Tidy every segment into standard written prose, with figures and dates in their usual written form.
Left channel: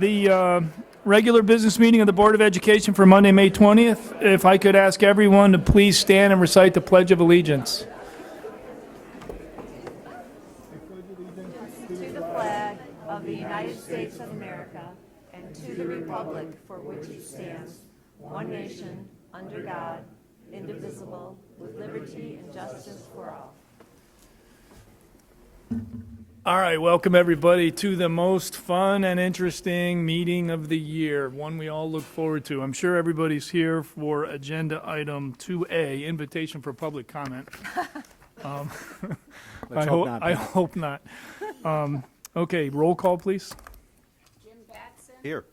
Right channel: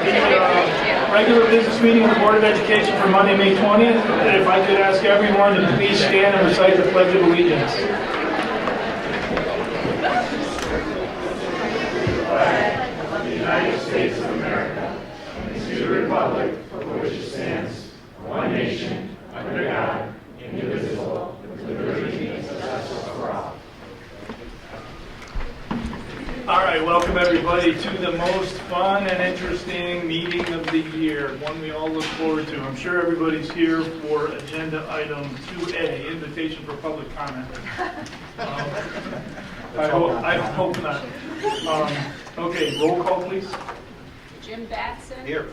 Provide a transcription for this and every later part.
the regular business meeting of the Board of Education for Monday, May 20th. If I could ask everyone to please stand and recite the Pledge of Allegiance. All right, welcome everybody to the most fun and interesting meeting of the year, one we all look forward to. I'm sure everybody's here for agenda item 2A, invitation for public comment. I hope not. Okay, roll call please. Jim Batson. Here.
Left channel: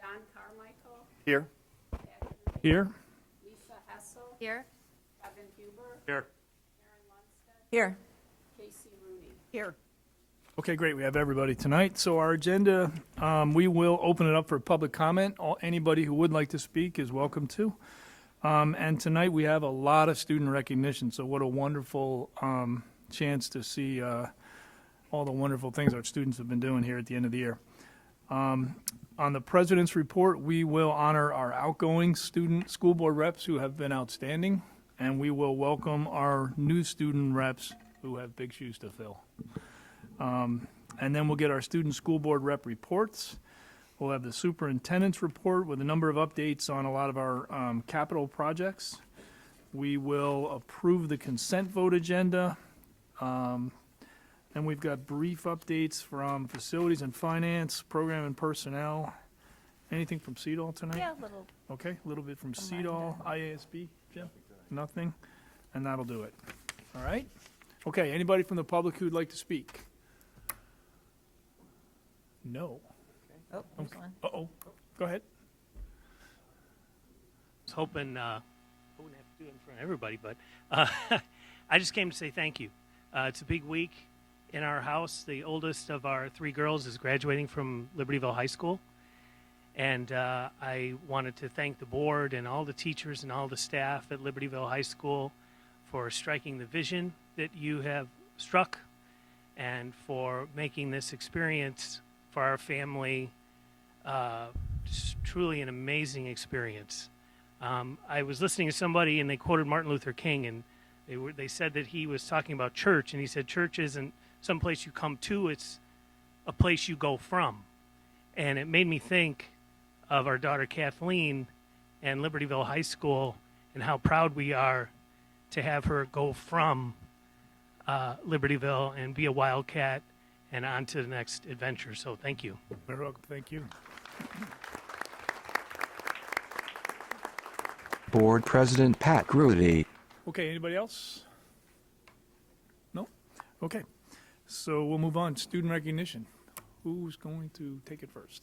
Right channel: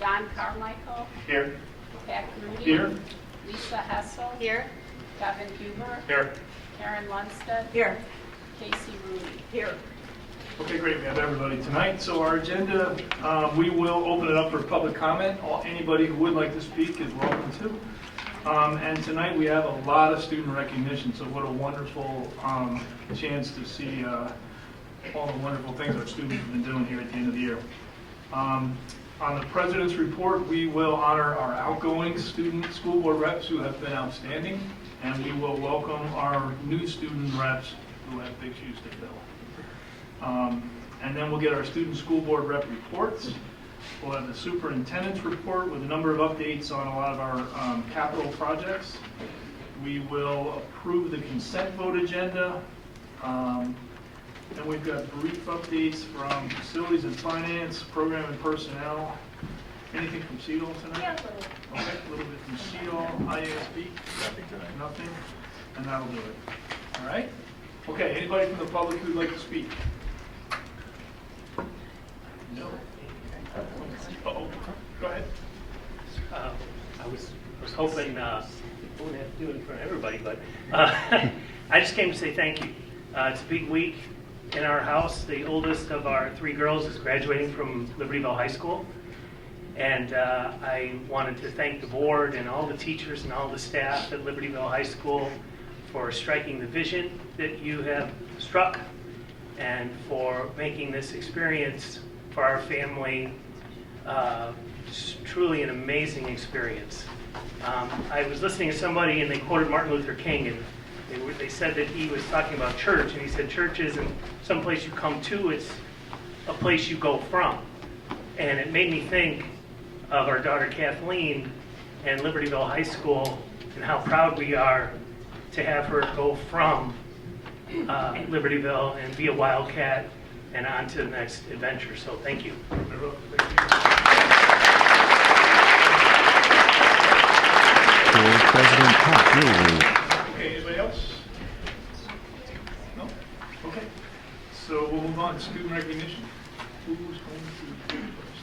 Don Carmichael. Here. Pat Grudy. Here. Lisa Hessel. Here. Kevin Huber. Here. Karen Lundstedt. Here. Casey Rooney. Here. Okay, great. We have everybody tonight. So our agenda, we will open it up for public comment. Anybody who would like to speak is welcome to. And tonight we have a lot of student recognition, so what a wonderful chance to see all the wonderful things our students have been doing here at the end of the year. On the President's Report, we will honor our outgoing student school board reps who have been outstanding, and we will welcome our new student reps who have big shoes to fill. And then we'll get our student school board rep reports. We'll have the superintendent's report with a number of updates on a lot of our capital projects. We will approve the consent vote agenda. And we've got brief updates from facilities and finance, program and personnel. Anything from CEDAL tonight? Yeah, Okay, a little bit from CEDAL, IASB, nothing, and that'll do it. All right? Okay, anybody from the public who'd like to speak? No. Uh-oh, go ahead. I was hoping, I wouldn't have to do it in front of everybody, but I just came to say thank you. It's a big week in our house. The oldest of our three girls is graduating from Libertyville High School. And I wanted to thank the board and all the teachers and all the staff at Libertyville High School for striking the vision that you have struck and for making this experience for our family truly an amazing experience. I was listening to somebody and they quoted Martin Luther King, and they said that he was talking about church, and he said church isn't some place you come to, it's a place you go from. And it made me think of our daughter Kathleen and Libertyville High School and how proud we are to have her go from Libertyville and be a Wildcat and on to the next adventure. So thank you. Board President Pat Grudy. Okay, anybody else? No? Okay. So we'll move on to student recognition. Who's going to do it first?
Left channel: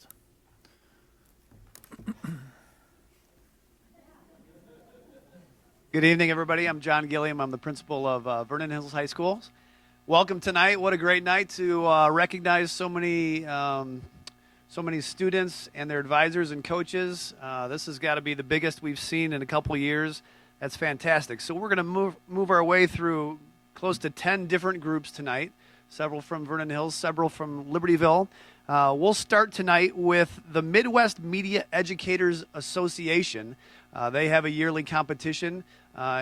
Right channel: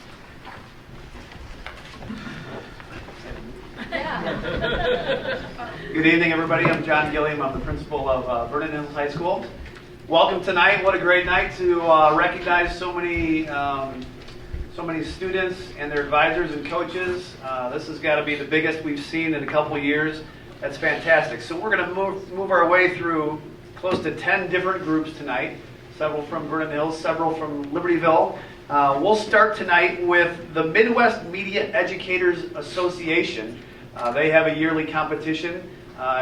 Good evening, everybody. I'm John Gilliam. I'm the principal of Vernon Hills High School. Welcome tonight. What a great night to recognize so many students and their advisors and coaches. This has got to be the biggest we've seen in a couple years. That's fantastic. So we're going to move our way through close to 10 different groups tonight. Several from Vernon Hills, several from Libertyville. We'll start tonight with the Midwest Media Educators Association. They have a yearly competition.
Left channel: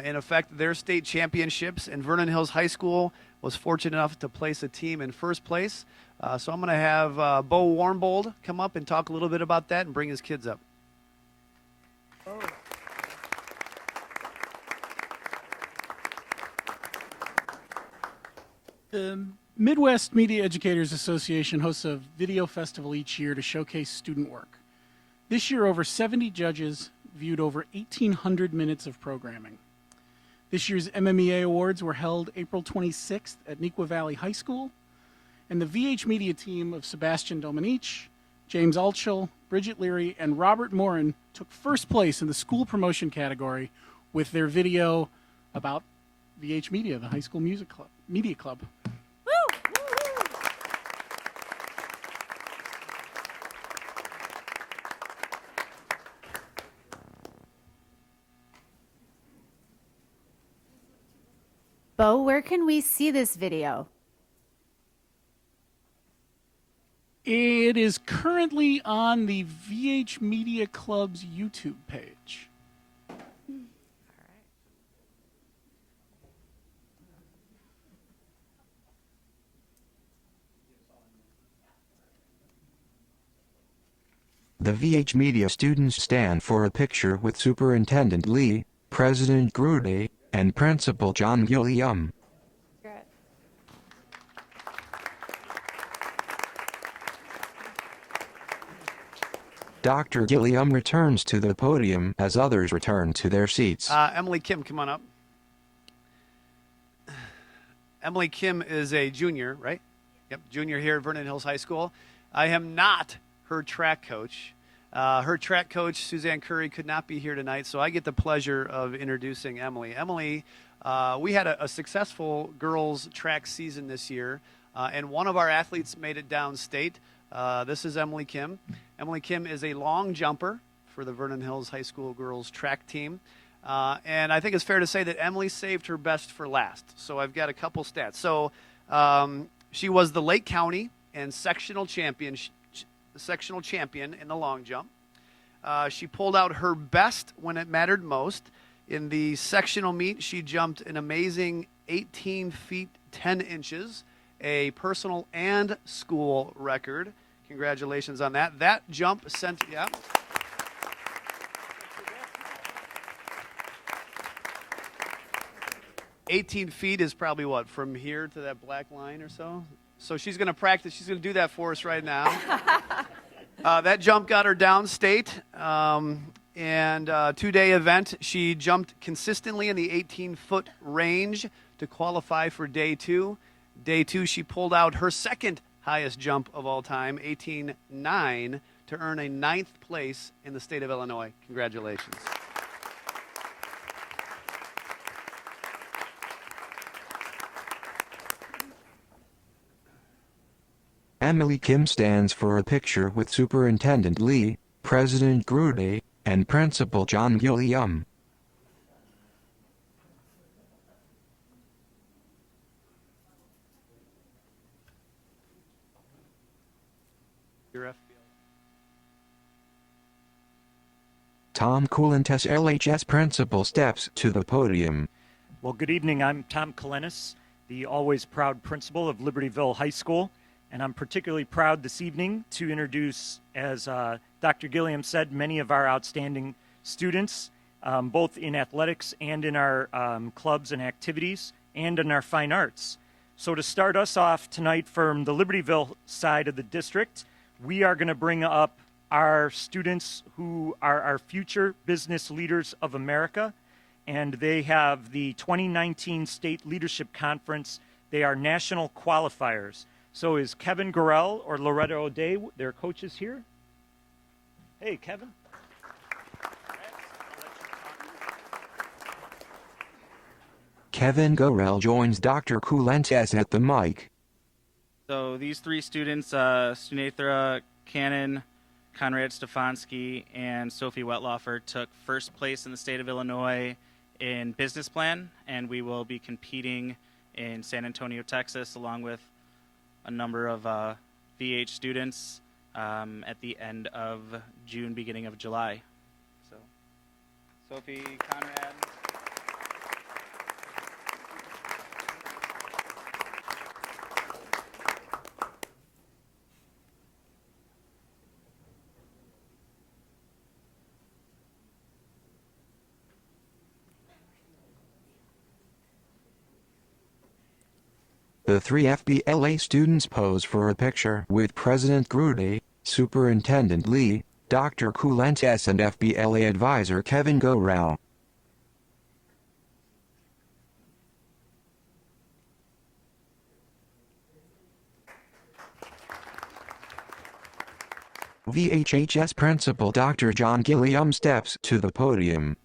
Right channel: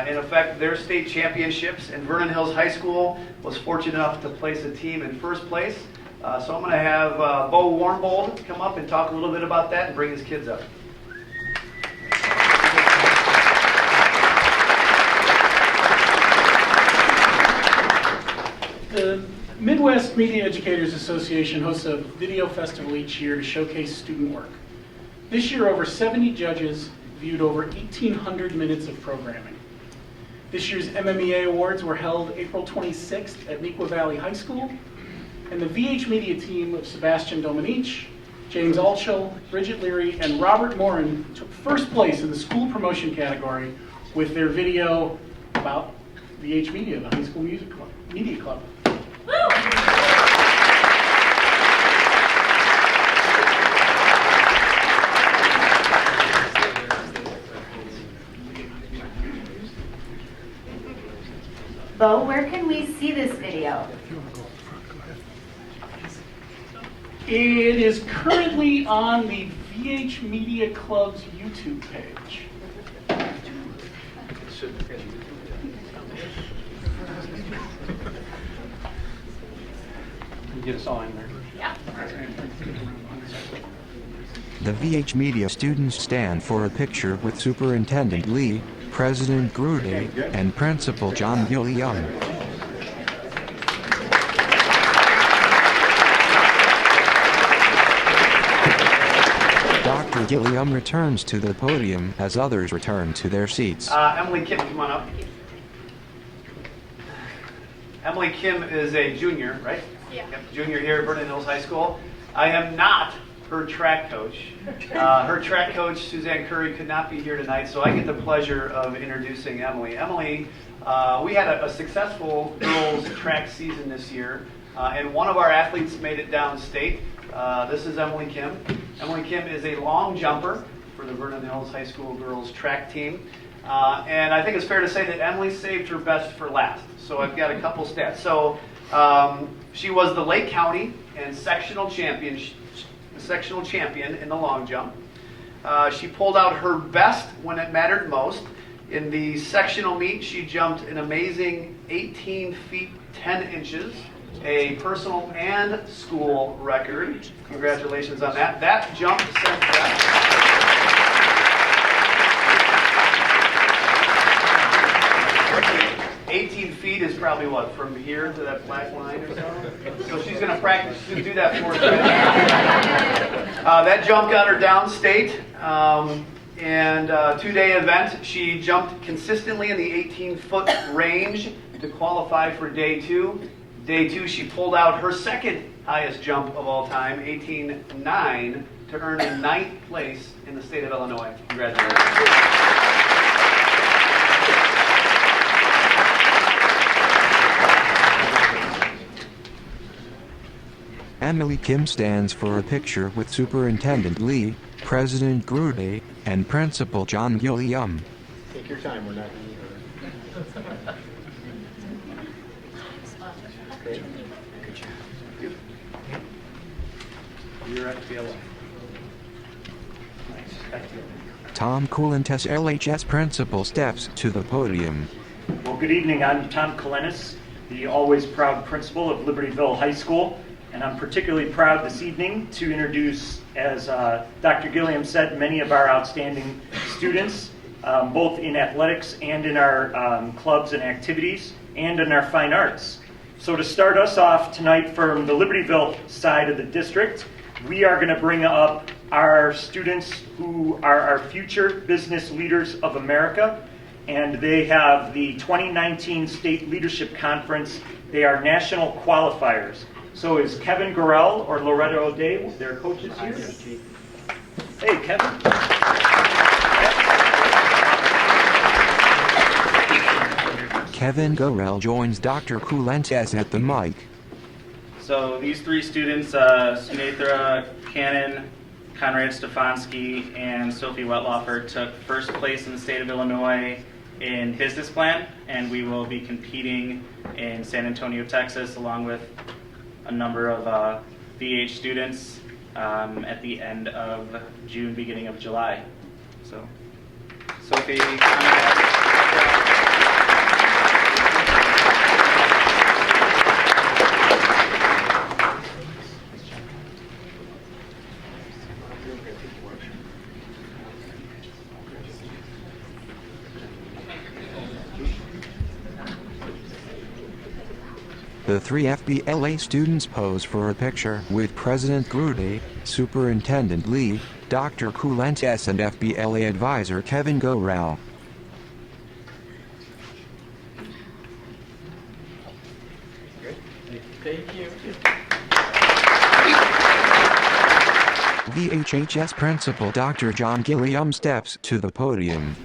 In effect, their state championships, and Vernon Hills High School was fortunate enough to place a team in first place. So I'm going to have Bo Warnbold come up and talk a little bit about that and bring his kids up. The Midwest Media Educators Association hosts a video festival each year to showcase student work. This year, over 70 judges viewed over 1,800 minutes of programming. This year's MMEA Awards were held April 26th at Neuqua Valley High School, and the VH Media team of Sebastian Dominique, James Altschul, Bridget Leary, and Robert Morin took first place in the school promotion category with their video about VH Media, the High School Media Club. Bo, where can we see this video? It is currently on the VH Media Club's YouTube page. Get us all in there. Yeah. The VH Media students stand for a picture with Superintendent Lee, President Grude, and Principal John Gilliam. Dr. Gilliam returns to the podium as others return to their seats. Emily Kim, come on up. Emily Kim is a junior, right? Yeah. Yep, junior here at Vernon Hills High School. I am not her track coach. Her track coach, Suzanne Curry, could not be here tonight, so I get the pleasure of introducing Emily. Emily, we had a successful girls track season this year, and one of our athletes made it downstate. This is Emily Kim. Emily Kim is a long jumper for the Vernon Hills High School girls track team. And I think it's fair to say that Emily saved her best for last. So I've got a couple stats. So she was the Lake County and sectional champion in the long jump. She pulled out her best when it mattered most. In the sectional meet, she jumped an amazing 18 feet 10 inches, a personal and school record. Congratulations on that. That jump sent that. 18 feet is probably what, from here to that black line or so? So she's going to practice, she's going to do that for us. That jump got her downstate. And two-day event, she jumped consistently in the 18-foot range to qualify for day two. Day two, she pulled out her second highest jump of all time, 18.9, to earn a 9th place in the state of Illinois. Congratulations. Emily Kim stands for a picture with Superintendent Lee, President Grude, and Principal John Gilliam. Take your time, we're not in Great. You're at PLA. Tom Coulantes, LHS Principal, steps to the podium. Well, good evening. I'm Tom Coulantes, the always proud principal of Libertyville High School, and I'm particularly proud this evening to introduce, as Dr. Gilliam said, many of our outstanding students, both in athletics and in our clubs and activities, and in our fine arts. So to start us off tonight from the Libertyville side of the district, we are going to bring up our students who are our future business leaders of America, and they have the 2019 State Leadership Conference. They are national qualifiers. So is Kevin Gorell or Loretta O'Day, their coaches here? Hey, Kevin. Kevin Gorell joins Dr. Coulantes at the mic. So these three students, Sunetra Cannon, Conrad Stefanski, and Sophie Wetlaufer, took first place in the state of Illinois in business plan, and we will be competing in San Antonio, Texas, along with a number of VH students at the end of June, beginning of July. So, Sophie, Conrad. The three FBLA students pose for a picture with President Grude, Superintendent Lee, Dr. Coulantes, and FBLA advisor Kevin Gorell. Thank you. VHHS Principal Dr. John Gilliam steps to the podium.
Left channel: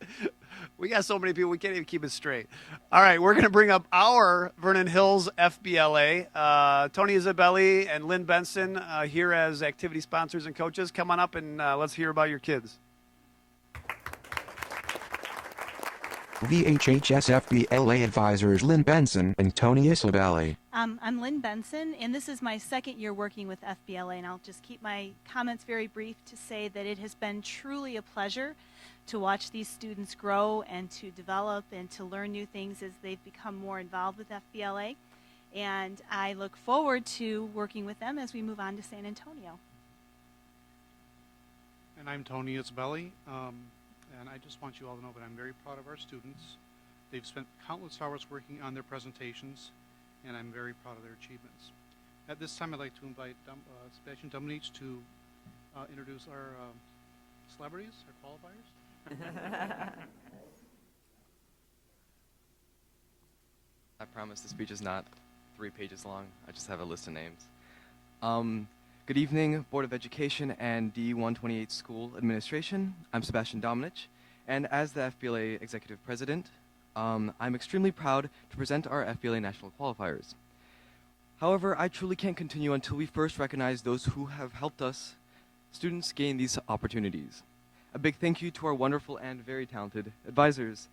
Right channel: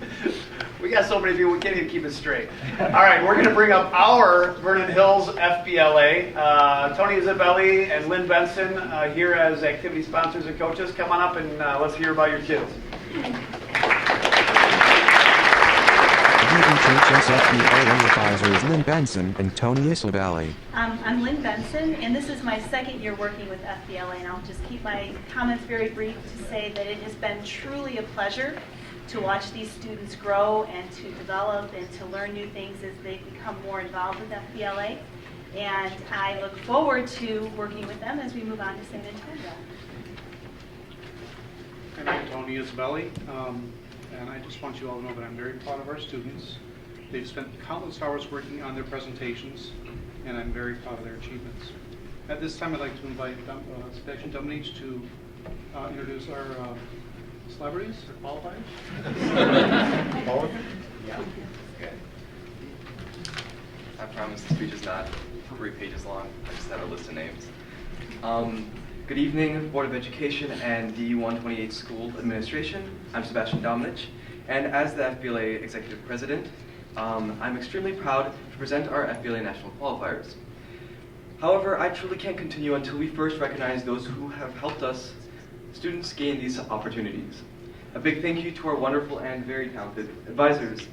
We got so many people, we can't even keep it straight. All right, we're going to bring up our Vernon Hills FBLA. Tony Isabelli and Lynn Benson here as activity sponsors and coaches. Come on up and let's hear about your kids. VHHS FBLA advisors Lynn Benson and Tony Isabelli. I'm Lynn Kristen Benson, and this is my second year working with FBLA, and I'll just keep my comments very brief to say that it has been truly a pleasure to watch these students grow and to develop and to learn new things as they become more involved with FBLA. And I look forward to working with them as we move on to San Antonio. And I'm Tony Isabelli, and I just want you all to know that I'm very proud of our students. They've spent countless hours working on their presentations, and I'm very proud of their achievements. At this time, I'd like to invite Sebastian Dominic to introduce our celebrities or qualifiers. Paul? Yeah. Okay. I promise the speech is not 3 pages long. I just have a list of names. Good evening, Board of Education and D128 School Administration. I'm Sebastian Dominic, and as the FBLA Executive President, I'm extremely proud to present our FBLA National Qualifiers. However, I truly can't continue until we first recognize those who have helped us, students, gain these opportunities. A big thank you to our wonderful and very talented advisors.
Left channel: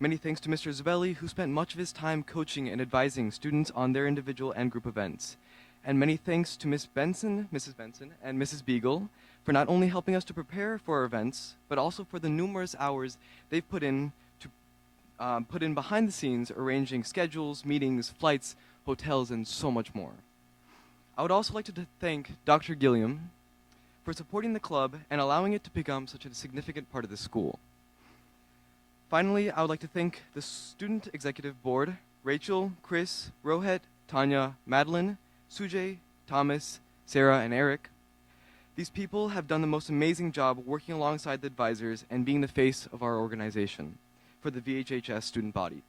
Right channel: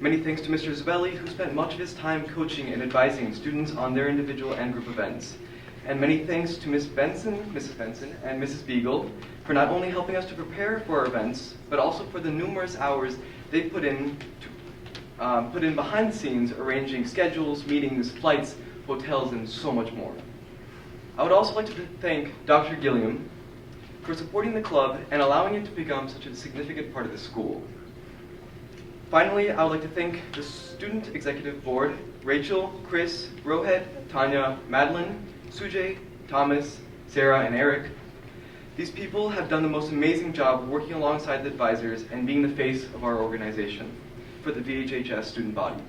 Many thanks to Mr. Zabelli, who spent much of his time coaching and advising students on their individual and group events. And many thanks to Mrs. Benson, and Mrs. Beagle for not only helping us to prepare for our events, but also for the numerous hours they put in behind the scenes, arranging schedules, meetings, flights, hotels, and so much more. I would also like to thank Dr. Gilliam for supporting the club and allowing it to become such a significant part of the school. Finally, I would like to thank the Student Executive Board, Rachel, Chris, Rohit, Tanya, Madeline, Sujay, Thomas, Sarah, and Eric. These people have done the most amazing job working alongside the advisors and being the face of our organization for the VHHS student body.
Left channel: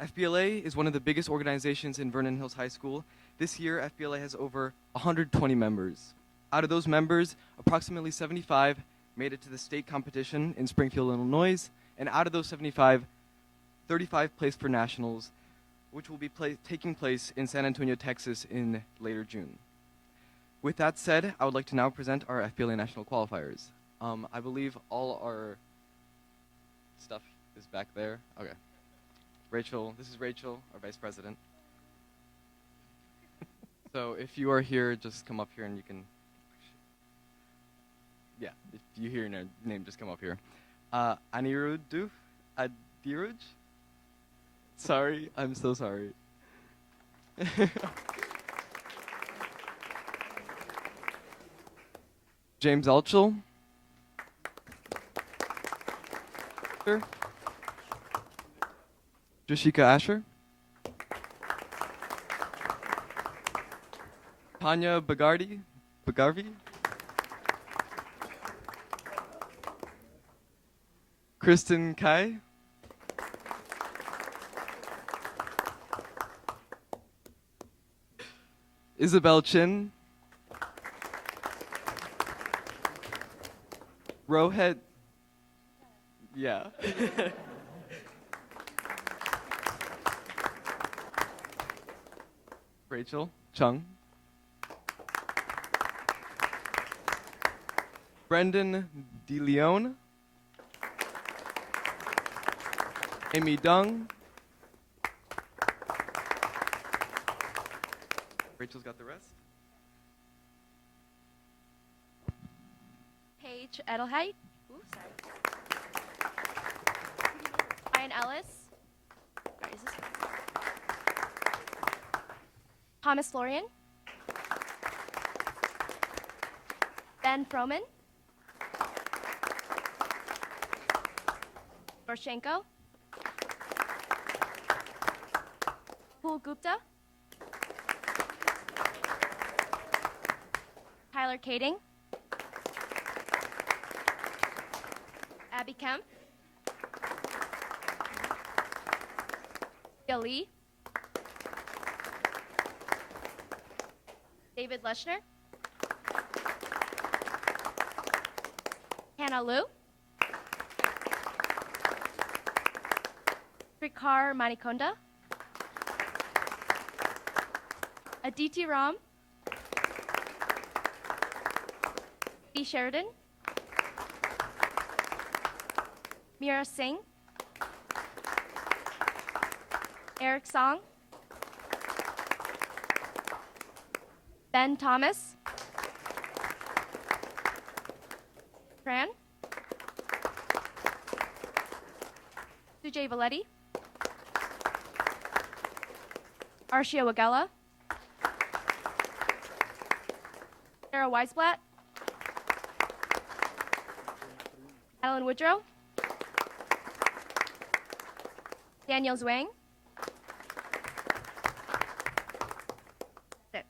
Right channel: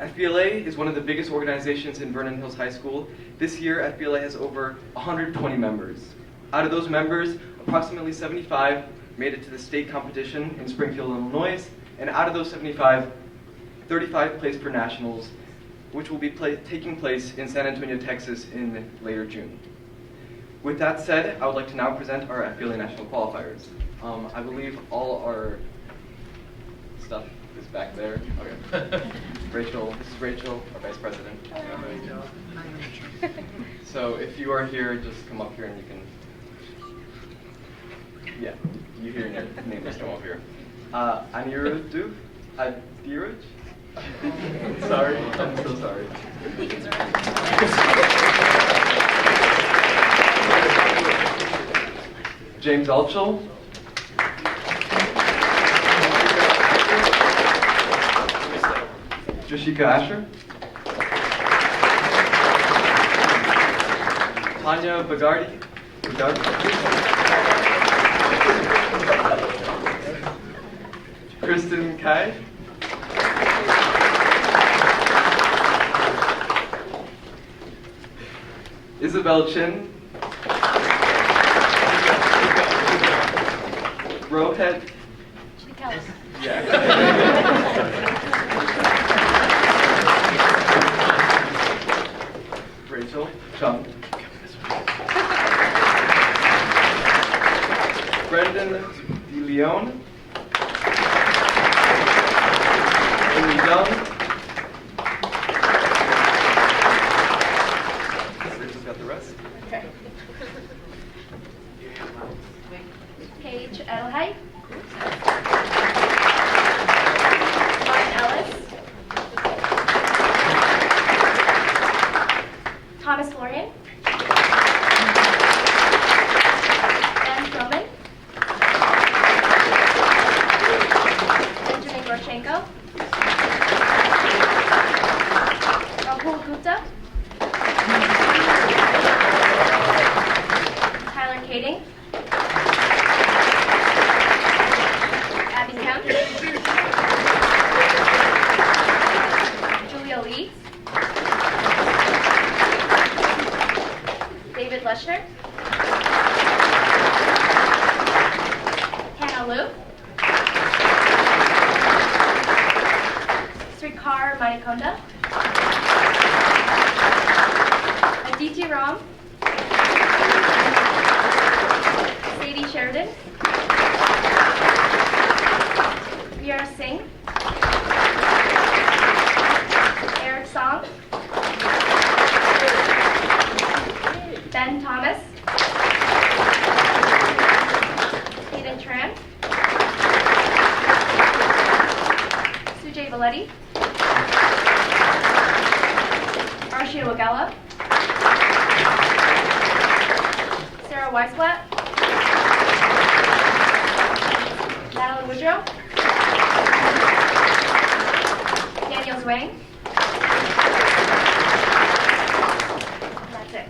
FBLA is one of the biggest organizations in Vernon Hills High School. This year, FBLA has over 120 members. Out of those members, approximately 75 made it to the state competition in Springfield, Illinois, and out of those 75, 35 placed for nationals, which will be taking place in San Antonio, Texas in later June. With that said, I would like to now present our FBLA National Qualifiers. I believe all our stuff is back there. Okay. Rachel, this is Rachel, our Vice President. So if you are here, just come up here and you can, yeah, you hear your name, just come up here. Anirudh, Adiraj? Sorry, I'm so sorry. James Altschul. Jashika Asher. Tanya Bagardi. Kristen Kai. Isabel Chin. Rohit. Yeah. Rachel Chung. Brendan DeLeon. Amy Dung. Rachel's got the rest. Okay. Paige Edelheit. Lauren Ellis. Thomas Florian. Ben Stroman. Benjamin Gorchenko. Rahul Gupta. Tyler Kading. Abby Kemp. Julia Lee. David Leschner. Hannah Liu. Srikar Manikonda. Aditi Ram. Sadie Sheridan. Veera Singh. Eric Song. Letty, Arshia Wagella, Sarah Weisblatt, Madeline Woodrow, Daniel Zwang. That's it.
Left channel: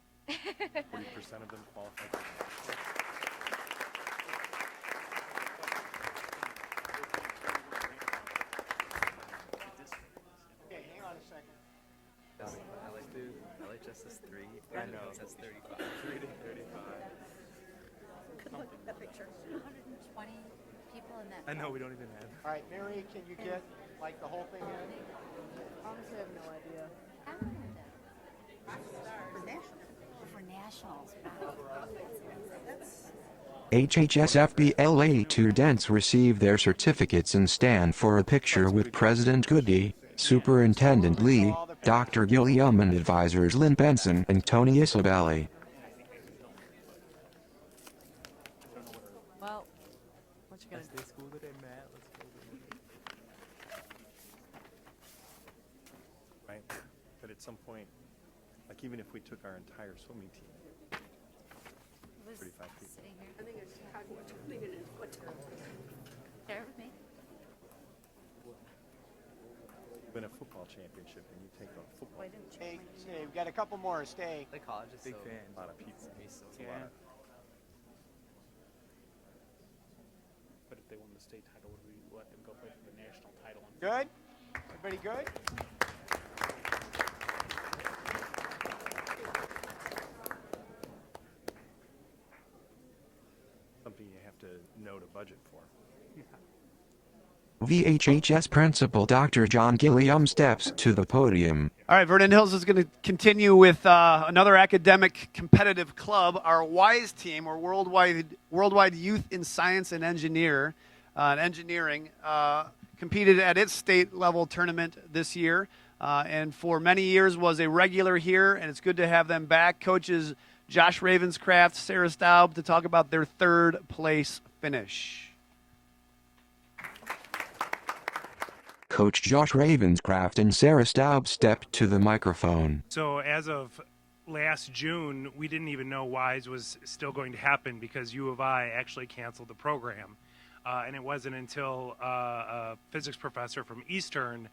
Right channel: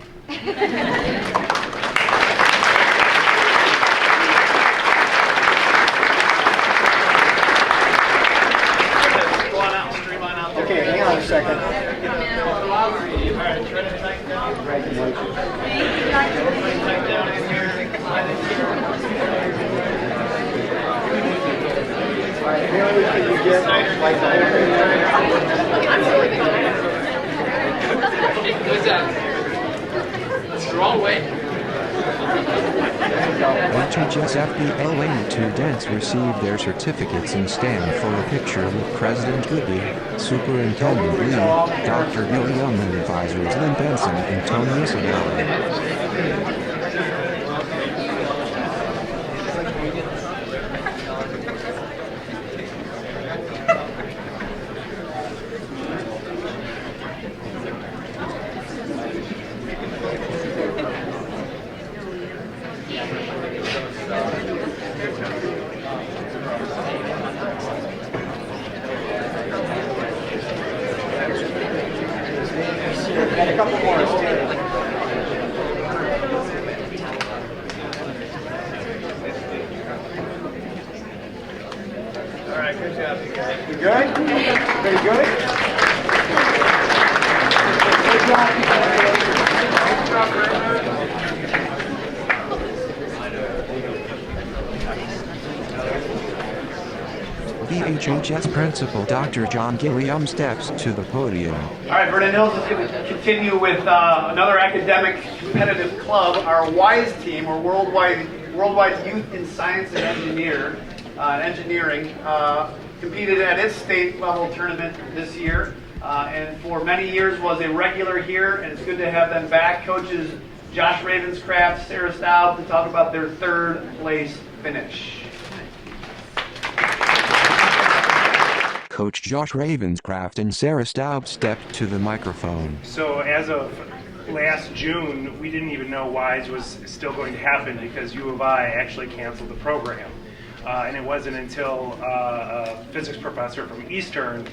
Go on out, stream on out there. Okay, hang on a second. All right, Haley, can you get like Who's that? It's the wrong way. HHSFBLA students receive their certificates and stand for a picture with President Goody, Superintendent Lee, Dr. Gilliam, and advisors Lynn Benson and Tony Isabelli. got a couple more? All right, good job, you guys. You good? Very good? Good job. VHHS Principal Dr. John Gilliam steps to the podium. All right, Vernon Hills is going to continue with another academic competitive club. Our WISE team, or Worldwide Youth in Science and Engineering, competed at its state level tournament this year, and for many years was a regular here, and it's good to have them back. Coaches Josh Ravenscraft, Sarah Staub, to talk about their third place finish. Coach Josh Ravenscraft and Sarah Staub stepped to the microphone. So as of last June, we didn't even know WISE was still going to happen because U of I actually canceled the program. And it wasn't until a physics professor from Eastern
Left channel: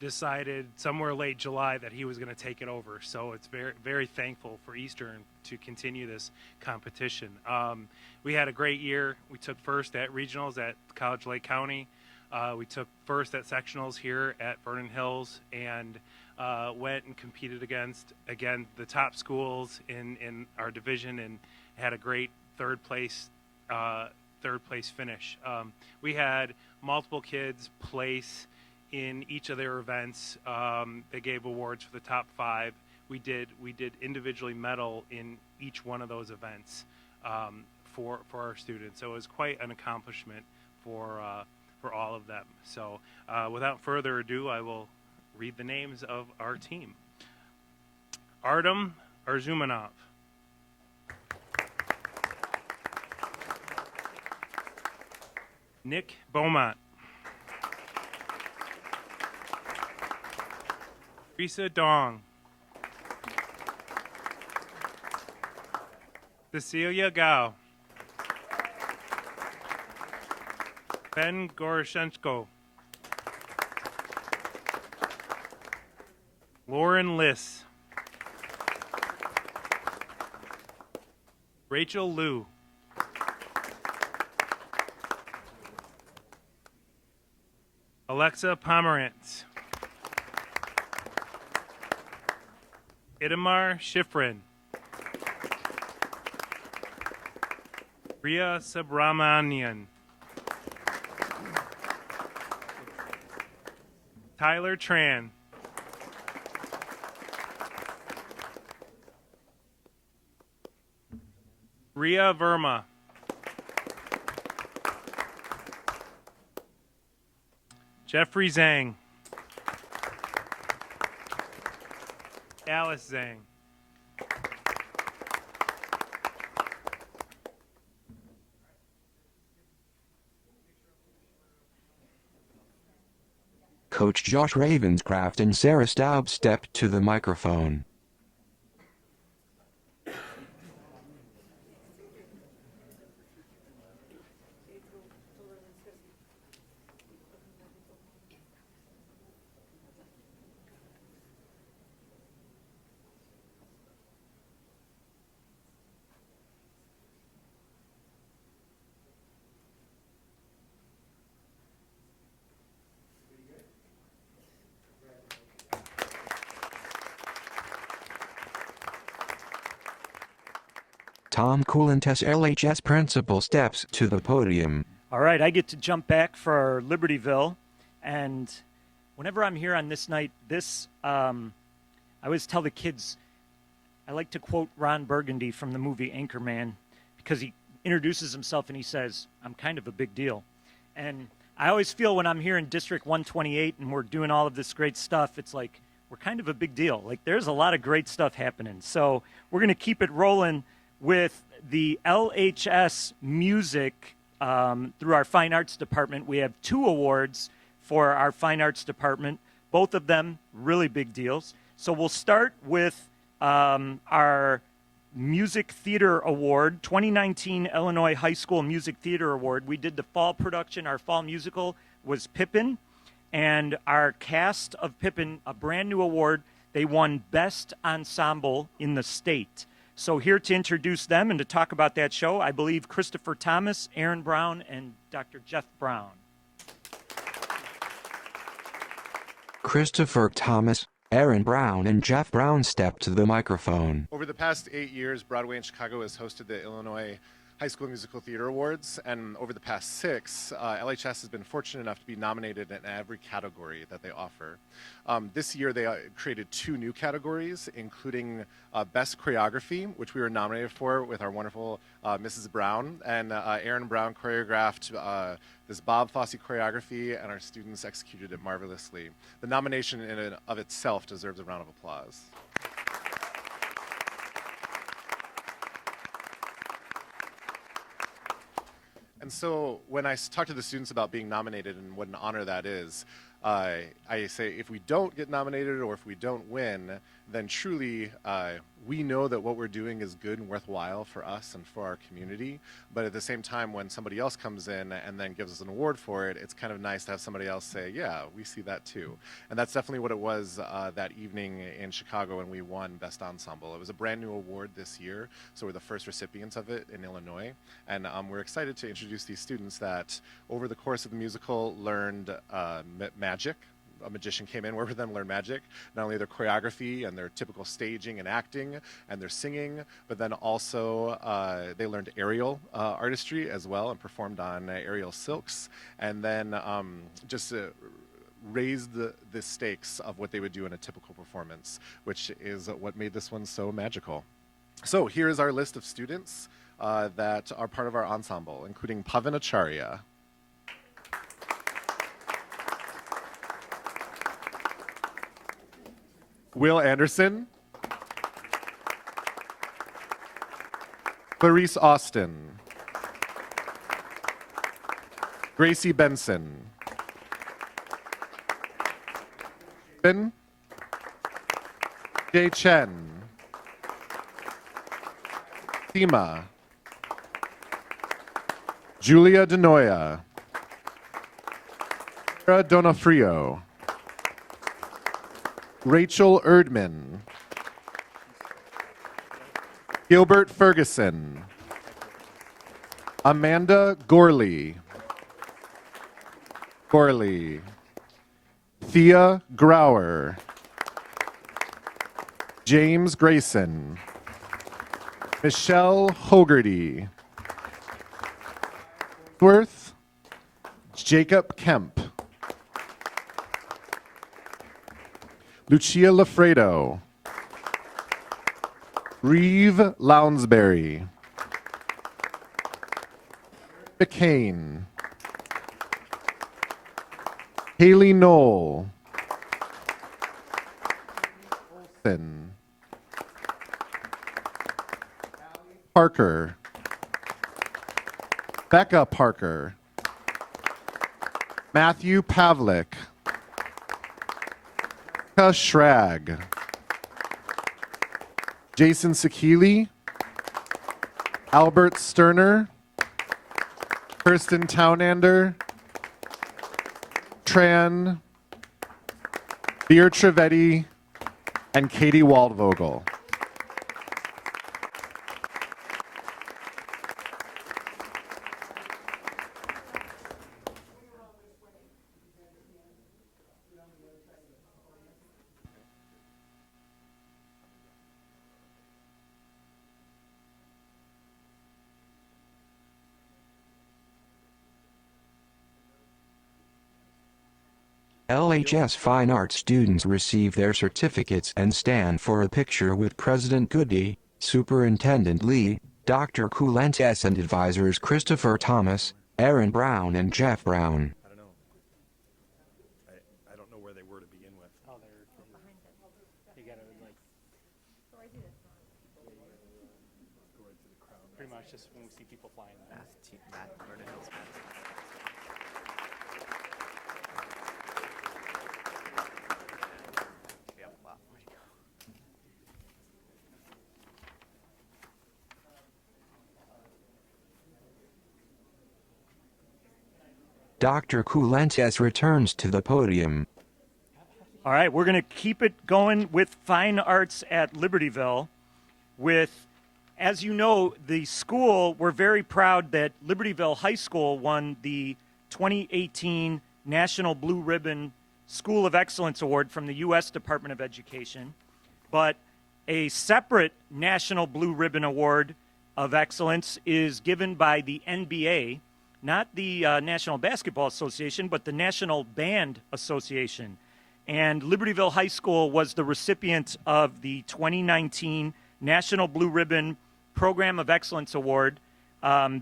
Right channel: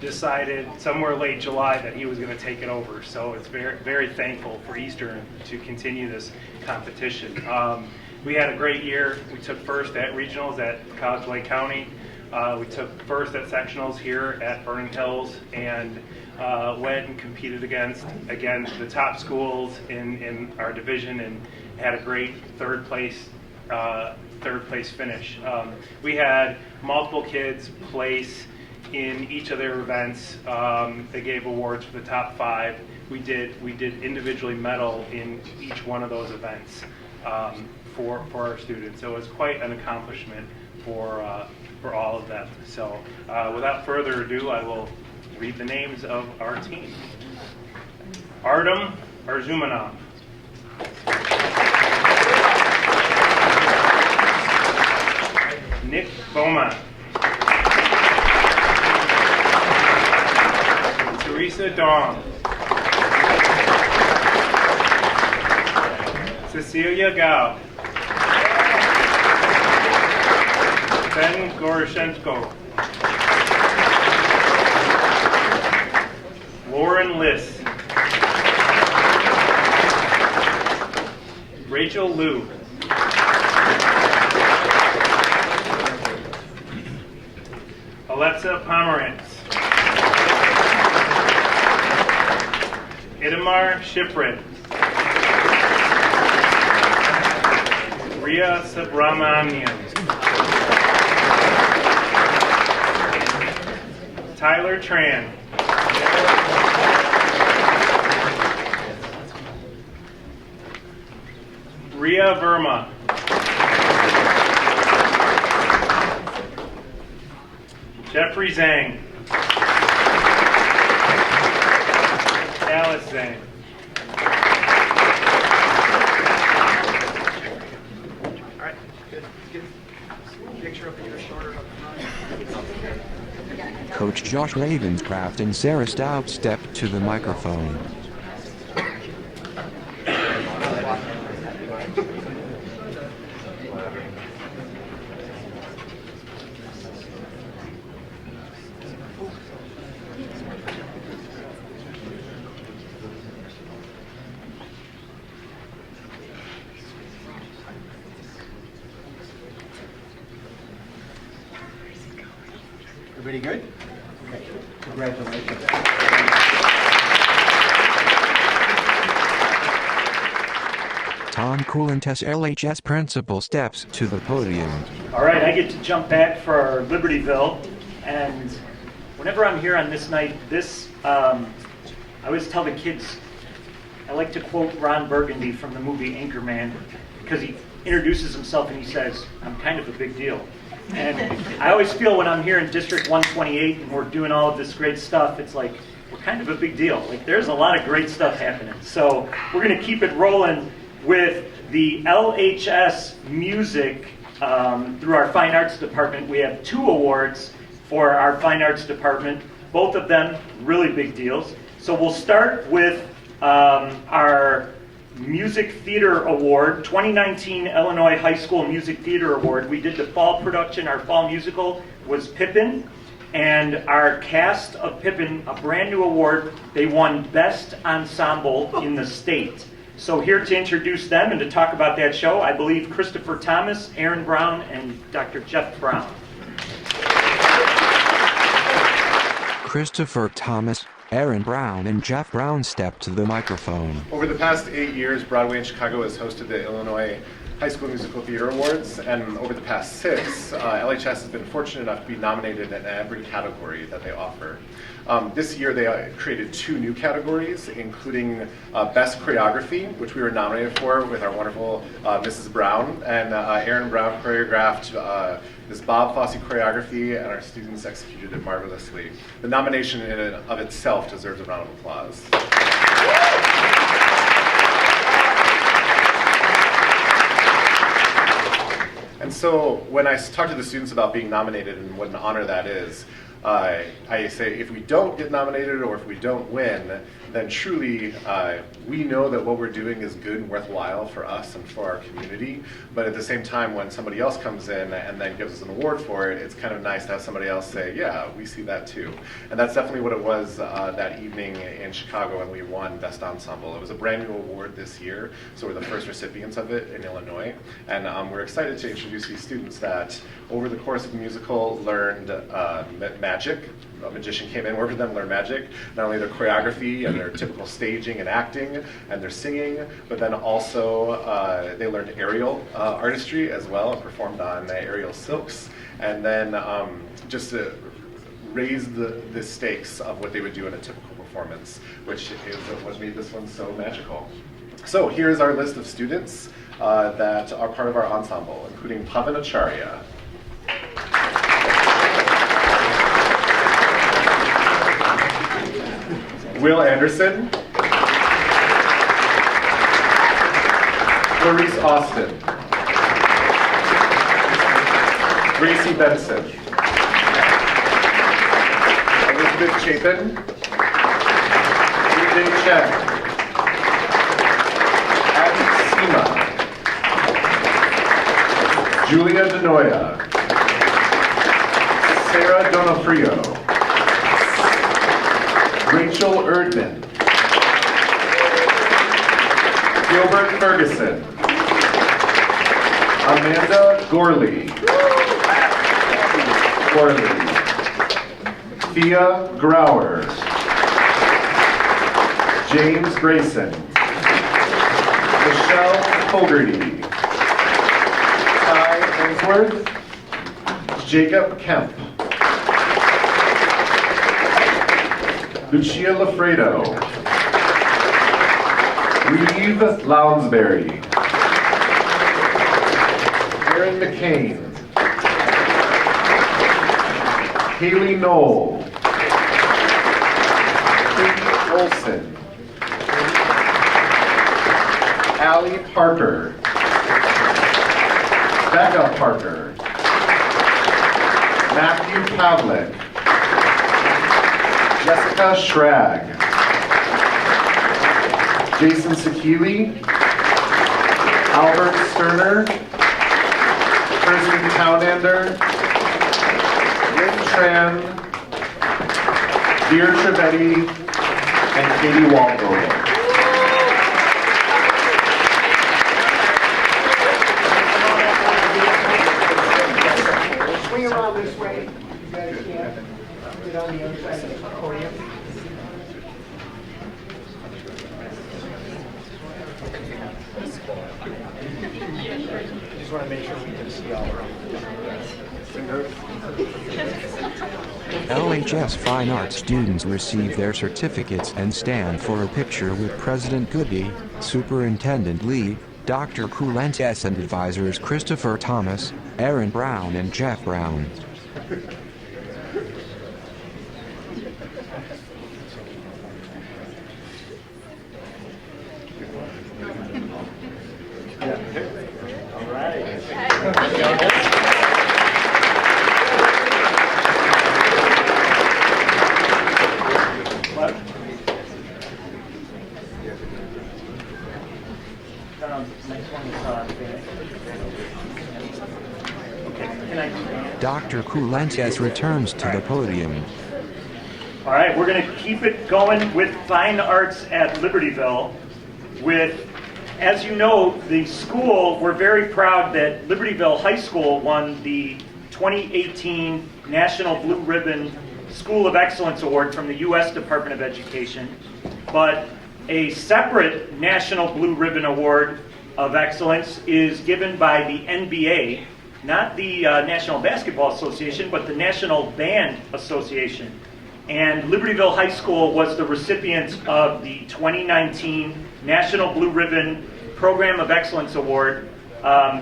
decided somewhere late July that he was going to take it over. So it's very, very thankful for Eastern to continue this competition. We had a great year. We took first at regionals at College Lake County. We took first at sectionals here at Vernon Hills, and went and competed against, again, the top schools in our division, and had a great third place finish. We had multiple kids place in each of their events. They gave awards for the top 5. We did individually medal in each one of those events for our students. So it was quite an accomplishment for all of them. So without further ado, I will read the names of our team. Artem Arzumanov. Nick Beaumont. Teresa Dong. Cecilia Gao. Ben Goroshenko. Lauren Liss. Rachel Liu. Alexa Pomerantz. Itamar Shifrin. Ria Subramanian. Tyler Tran. Ria Verma. Jeffrey Zhang. Alice Zhang. All right, good. Get a picture up here, shorter up front. Coach Josh Ravenscraft and Sarah Staub stepped to the microphone. Everybody good? Okay. Congratulations. Tom Coulantess, LHS principal, steps to the podium. All right, I get to jump back for Libertyville, and whenever I'm here on this night, I always tell the kids, I like to quote Ron Burgundy from the movie Anchorman, because he introduces himself and he says, "I'm kind of a big deal." And I always feel when I'm here in District 128 and we're doing all of this great stuff, it's like, we're kind of a big deal. Like, there's a lot of great stuff happening. So we're going to keep it rolling with the LHS music through our Fine Arts Department. We have 2 awards for our Fine Arts Department, both of them really big deals. So we'll start with our Music Theater Award, 2019 Illinois High School Music Theater Award. We did the fall production. Our fall musical was Pippin, and our cast of Pippin, a brand new award, they won Best Ensemble in the state. So here to introduce them and to talk about that show, I believe Christopher Thomas, Aaron Brown, and Dr. Jeff Brown. Christopher Thomas, Aaron Brown, and Jeff Brown stepped to the microphone. Over the past 8 years, Broadway in Chicago has hosted the Illinois High School Musical Theater Awards, and over the past 6, LHS has been fortunate enough to be nominated in every category that they offer. This year they created 2 new categories, including Best Choreography, which we were nominated for with our wonderful Mrs. Brown, and Aaron Brown choreographed this Bob Fosse choreography, and our students executed it marvelously. The nomination in and of itself deserves a round of applause. And so when I talk to the students about being nominated and what an honor that is, I say if we don't get nominated or if we don't win, then truly we know that what we're doing is good and worthwhile for us and for our community. But at the same time, when somebody else comes in and then gives us an award for it, it's kind of nice to have somebody else say, yeah, we see that too. And that's definitely what it was that evening in Chicago when we won Best Ensemble. It was a brand new award this year, so we're the first recipients of it in Illinois. And we're excited to introduce these students that over the course of the musical learned magic. A magician came in, worked with them, learned magic, not only their choreography and their typical staging and acting and their singing, but then also they learned aerial artistry as well and performed on aerial silks, and then just to raise the stakes of what they would do in a typical performance, which is what made this one so magical. So here's our list of students that are part of our ensemble, including Pavan Acharya, Will Anderson, Clarice Austin, Gracie Benson, Elizabeth Chapin, Vijay Chen, Abby Sima, Julia Denoya, Sarah Donofrio, Rachel Erdman, Gilbert Ferguson, Amanda Gorley, Thea Grauer, James Grayson, Michelle Fogarty, Ty Ainsworth, Jacob Kemp, Lucia Lafredo, Reeve Lounsbury, Aaron McCain, Haley Knoll, Katie Olson, Allie Parker, Becca Parker, Matthew Pavlik, Jessica Schrag. Jason Sakili. Albert Sterner. Kirsten Townander. Lynn Tran. Beer Trevetti. And Katie Waldvogel. Swing around this way. You guys can get on the other side of the podium. Just want to make sure we can see all around. LHS Fine Arts students receive their certificates and stand for a picture with President Goody, Superintendent Lee, Dr. Coulentes, and advisors Christopher Thomas, Aaron Brown, and Jeff Brown. Dr. Coulentes returns to the podium. All right, we're going to keep it going with Fine Arts at Libertyville. As you know, the school, we're very proud that Libertyville High School won the 2018 National Blue Ribbon School of Excellence Award from the U.S. Department of Education. But a separate National Blue Ribbon Award of Excellence is given by the NBA, not the National Basketball Association, but the National Band Association. And Libertyville High School was the recipient of the 2019 National Blue Ribbon Program of Excellence Award.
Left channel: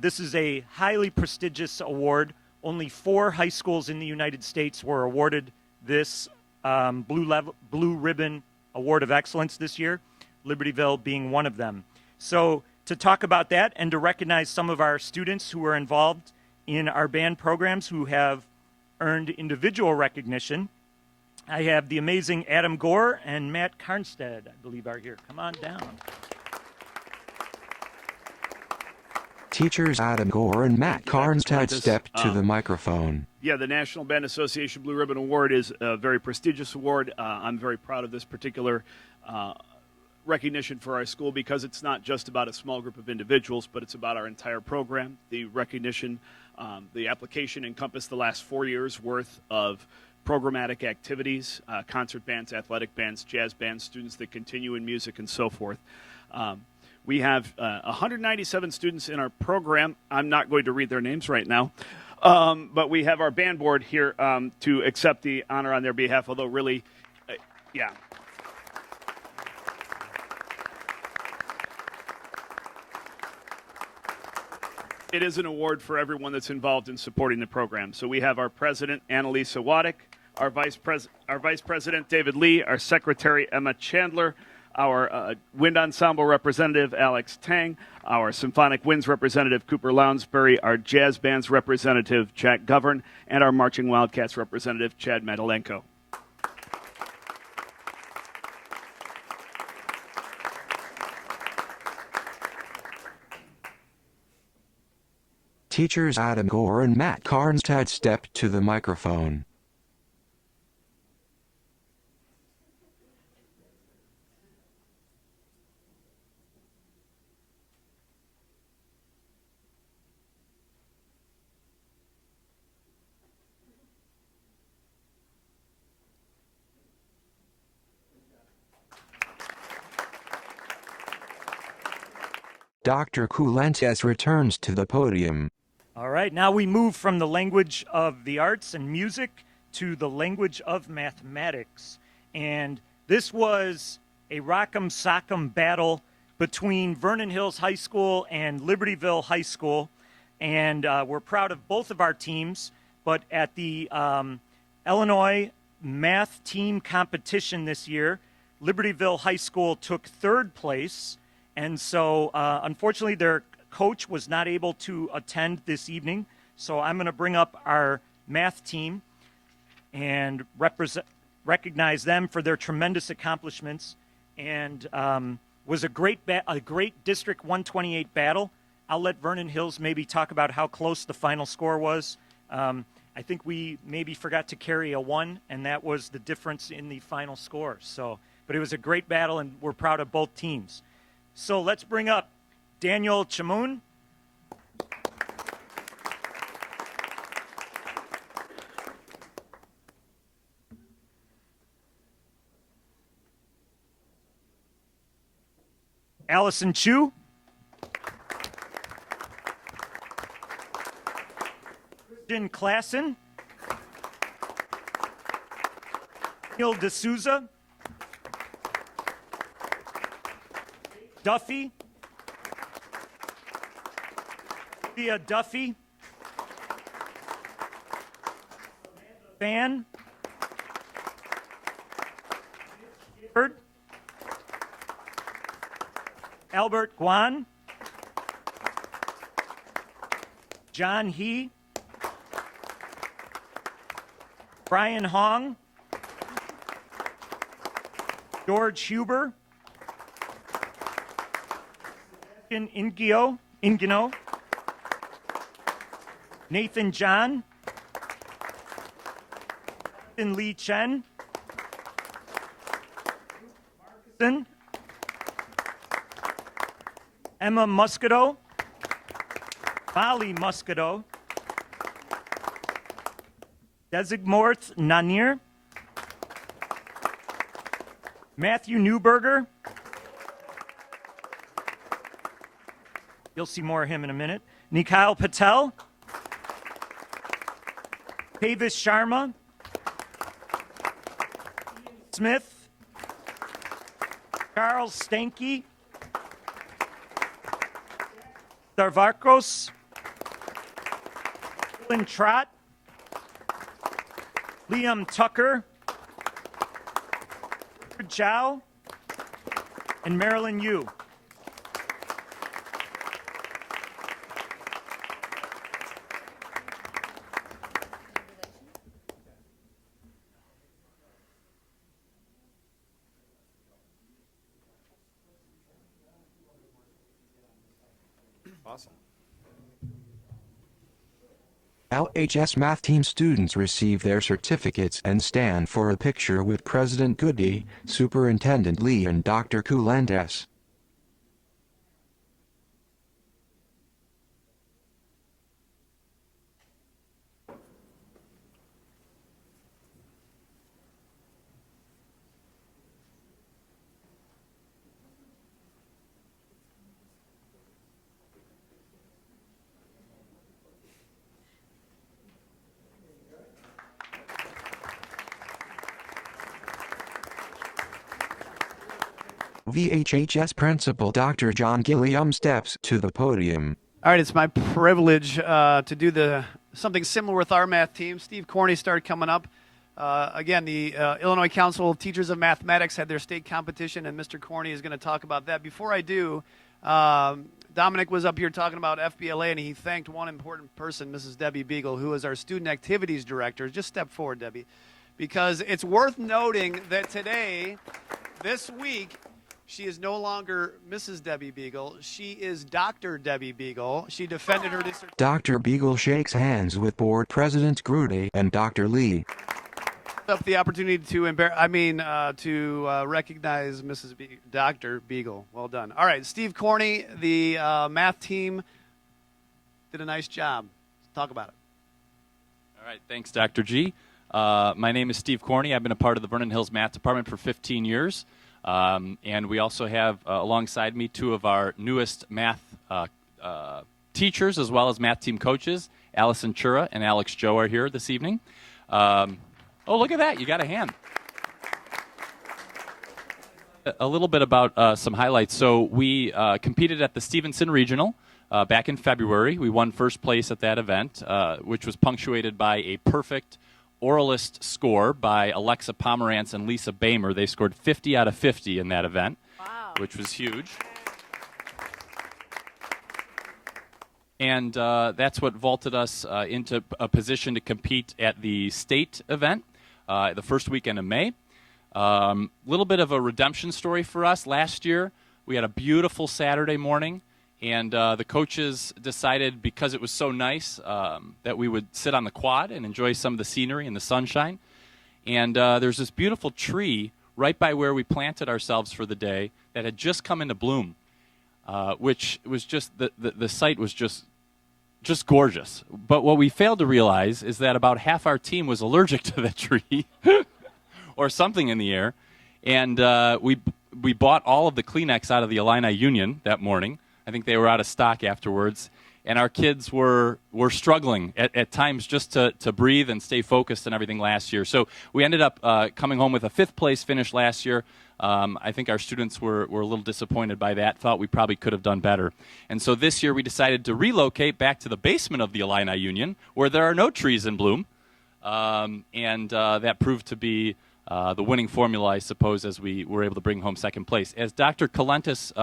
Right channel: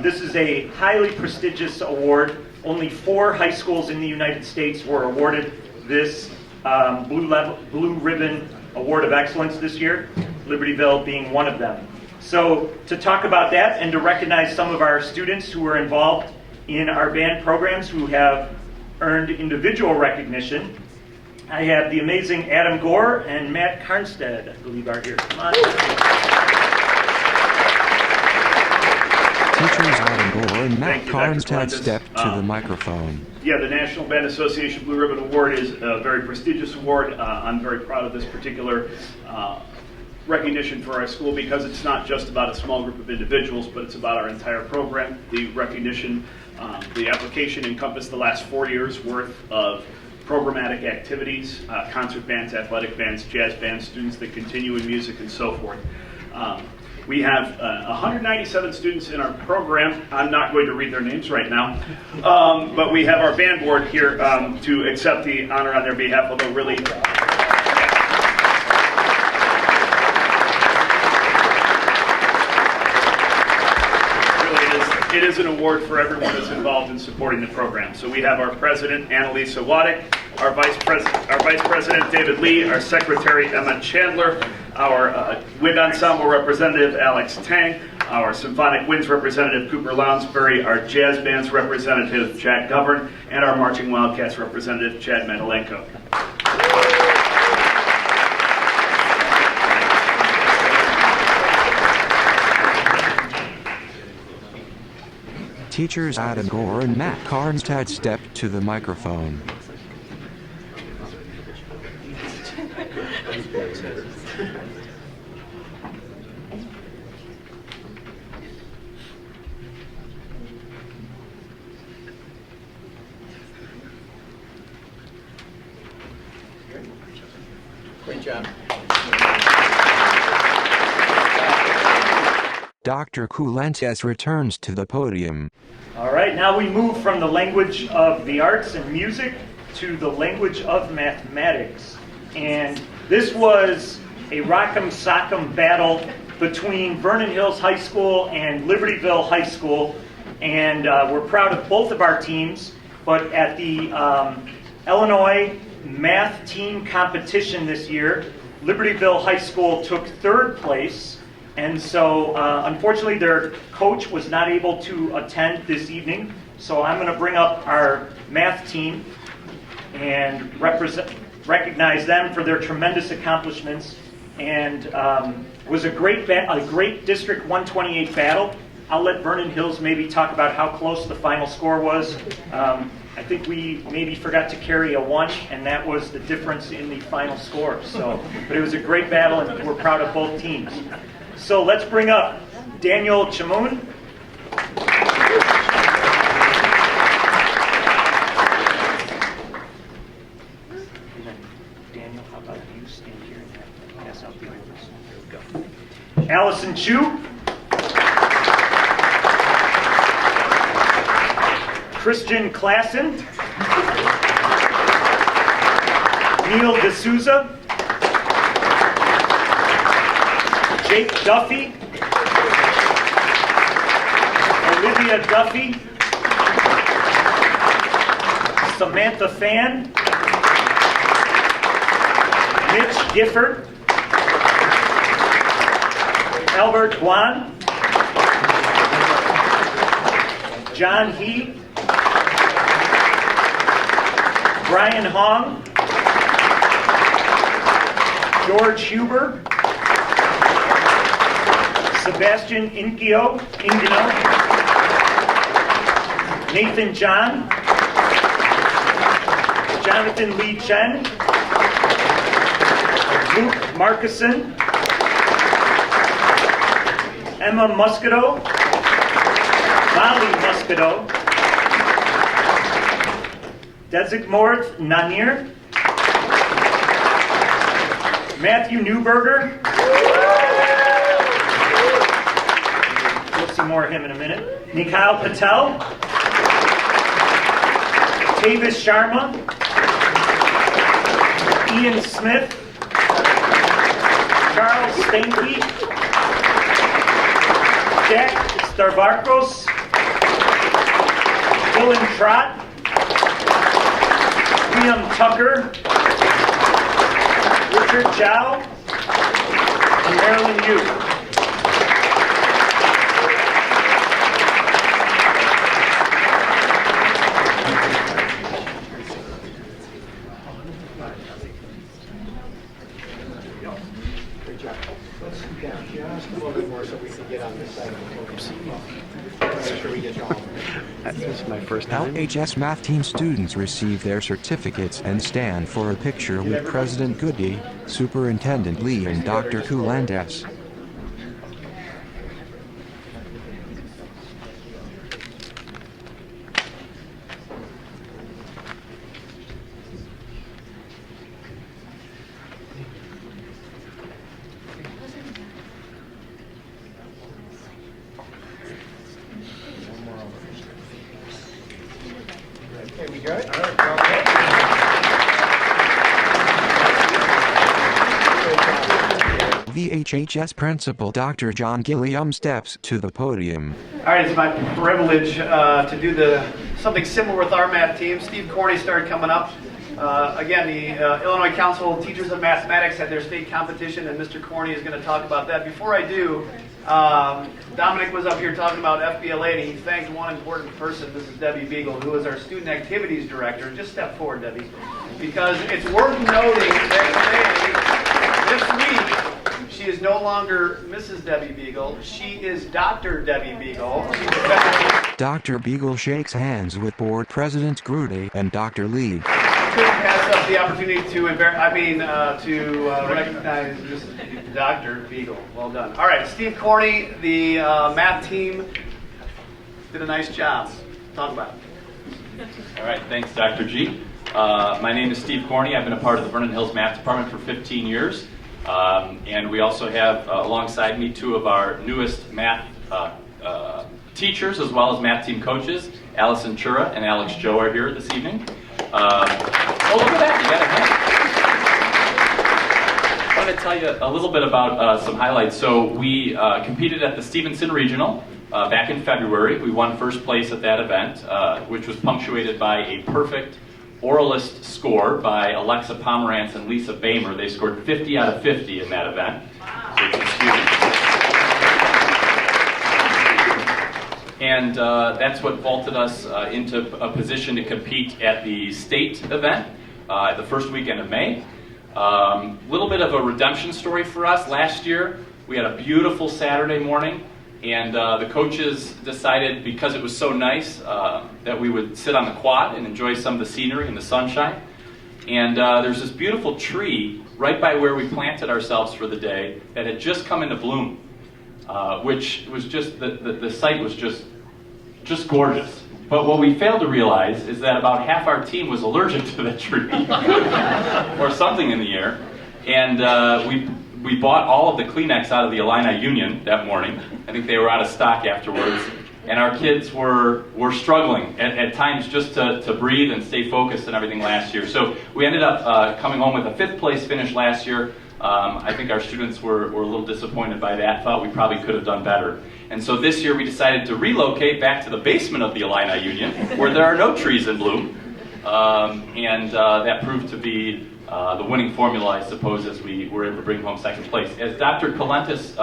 This is a highly prestigious award. Only 4 high schools in the United States were awarded this Blue Ribbon Award of Excellence this year, Libertyville being one of them. So to talk about that and to recognize some of our students who are involved in our band programs who have earned individual recognition, I have the amazing Adam Gore and Matt Carnstead, I believe, are here. Come on. Teachers Adam Gore and Matt Carnstead step to the microphone. Yeah, the National Band Association Blue Ribbon Award is a very prestigious award. I'm very proud of this particular recognition for our school because it's not just about a small group of individuals, but it's about our entire program. The recognition, the application encompassed the last 4 years worth of programmatic activities, concert bands, athletic bands, jazz bands, students that continue in music, and so forth. We have 197 students in our program. I'm not going to read their names right now, but we have our band board here to accept the honor on their behalf, although really, it is an award for everyone that's involved in supporting the program. So we have our president, Annalisa Waddick, our vice president, David Lee, our secretary, Emma Chandler, our wind ensemble representative, Alex Tang, our symphonic winds representative, Cooper Lounsbury, our jazz bands representative, Chad Govern, and our marching wildcats representative, Chad Mendelenko. Teachers Adam Gore and Matt Carnstead step to the microphone. Great job. Dr. Coulentes returns to the podium. All right, now we move from the language of the arts and music to the language of mathematics. And this was a rock'em sock'em battle between Vernon Hills High School and Libertyville High School. And we're proud of both of our teams. But at the Illinois math team competition this year, Libertyville High School took 3rd place. And so, unfortunately, their coach was not able to attend this evening. So I'm going to bring up our math team and recognize them for their tremendous accomplishments, and was a great District 128 battle. I'll let Vernon Hills maybe talk about how close the final score was. I think we maybe forgot to carry a 1, and that was the difference in the final score. So, but it was a great battle, and we're proud of both teams. So let's bring up Daniel Chamoun. Daniel, how about you stand here and pass out the awards? There we go. Allison Chu. Christian Klassen, Neil D'Souza, Jake Duffy, Olivia Duffy, Samantha Fan, Mitch Gifford, Albert Guan, John He, Brian Hong, George Huber, Sebastian Ingino, Nathan John, Jonathan Lee Chen, Luke Markison, Emma Muscato, Molly Muscato, Desigmorth Nanir, Matthew Newberger. We'll see more of him in a minute. Nikhil Patel, Tavis Sharma, Ian Smith, Charles Stanky, Jack Starvarkos, Dylan Trott, Liam Tucker, Richard Chow, and Marilyn Yu. Good job. Let's scoot down just a little bit more so we can get on this side of the podium. Make sure we get you all. This is my first LHS math team students receive their certificates and stand for a picture with President Goody, Superintendent Lee, and Dr. Kulandes. Okay, we good? VHHS Principal Dr. John Gilliam steps to the podium. All right, it's my privilege to do something similar with our math team. Steve Corney started coming up. Again, the Illinois Council of Teachers of Mathematics had their state competition, and Mr. Corney is going to talk about that. Before I do, Dominic was up here talking about FBLA, and he thanked one important person, Mrs. Debbie Beagle, who is our Student Activities Director. Just step forward, Debbie, because it's worth noting that today, this week, she is no longer Mrs. Debbie Beagle. She is Dr. Debbie Beagle. Dr. Beagle shakes hands with Board President Grudy and Dr. Lee. Couldn't pass up the opportunity to recognize Mrs. Dr. Beagle. Well done. All right, Steve Corney, the math team, did a nice job. Talk about it. All right, thanks, Dr. G. My name is Steve Corney. I've been a part of the Vernon Hills Math Department for 15 years. And we also have alongside me two of our newest math teachers as well as math team coaches. Allison Chura and Alex Joe are here this evening. Oh, look at that, you got a hand. I want to tell you a little bit about some highlights. So we competed at the Stevenson Regional back in February. We won first place at that event, which was punctuated by a perfect oralist score by Alexa Pomerantz and Lisa Bamer. They scored 50 out of 50 in that event, which was huge. And that's what vaulted us into a position to compete at the state event. the first weekend of May. Little bit of a redemption story for us. Last year, we had a beautiful Saturday morning, and the coaches decided, because it was so nice, that we would sit on the quad and enjoy some of the scenery and the sunshine. And there's this beautiful tree right by where we planted ourselves for the day that had just come into bloom, which was just, the site was just gorgeous. But what we failed to realize is that about half our team was allergic to the tree, or something in the air. And we bought all of the Kleenex out of the Illini Union that morning. I think they were out of stock afterwards. And our kids were struggling at times just to breathe and stay focused and everything last year. So we ended up coming home with a 5th place finish last year. I think our students were a little disappointed by that, thought we probably could have done better. And so this year we decided to relocate back to the basement of the Illini Union, where there are no trees in bloom. That proved to be the winning formula, I suppose, as we were able to bring home 2nd place. As Dr. Colentus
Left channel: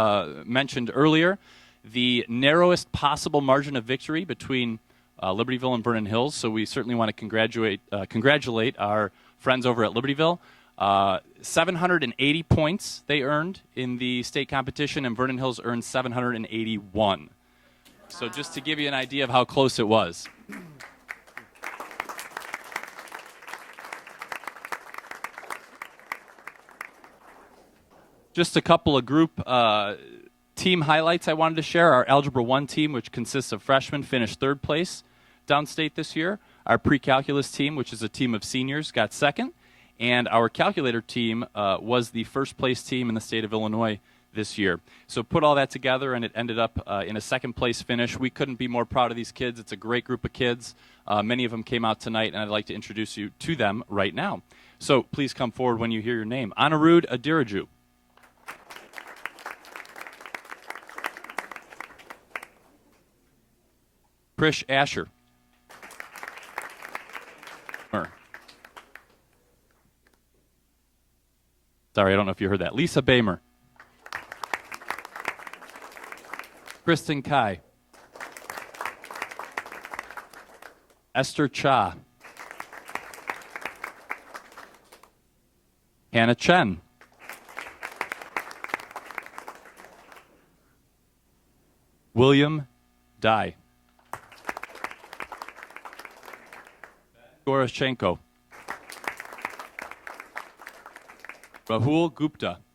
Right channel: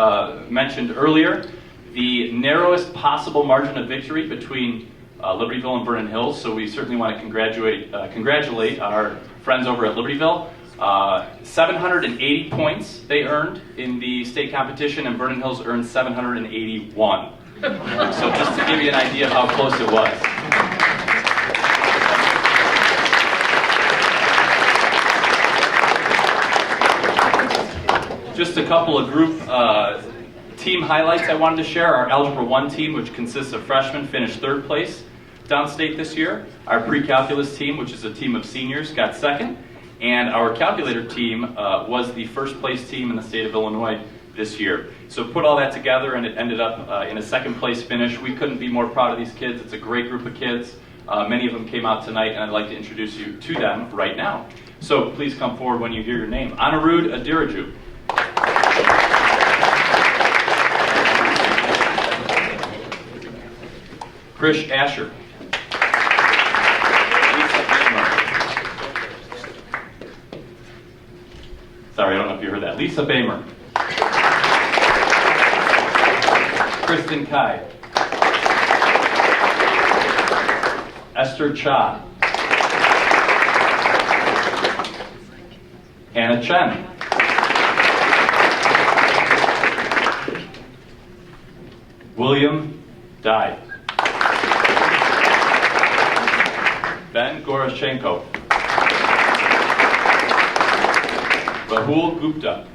mentioned earlier, the narrowest possible margin of victory between Libertyville and Vernon Hills, so we certainly want to congratulate our friends over at Libertyville. 780 points they earned in the state competition, and Vernon Hills earned 781. So just to give you an idea of how close it was. Just a couple of group team highlights I wanted to share. Our Algebra 1 team, which consists of freshmen, finished 3rd place downstate this year. Our pre-calculus team, which is a team of seniors, got 2nd. And our calculator team was the 1st place team in the state of Illinois this year. So put all that together, and it ended up in a 2nd place finish. We couldn't be more proud of these kids. It's a great group of kids. Many of them came out tonight, and I'd like to introduce you to them right now. So please come forward when you hear your name. Anirudh Adiraju. Krish Asher. Sorry, I don't know if you heard that. Lisa Bamer. Kristen Kai. Esther Cha. Hannah Chen. William Dye. Ben Goroschenko. Rahul Gupta.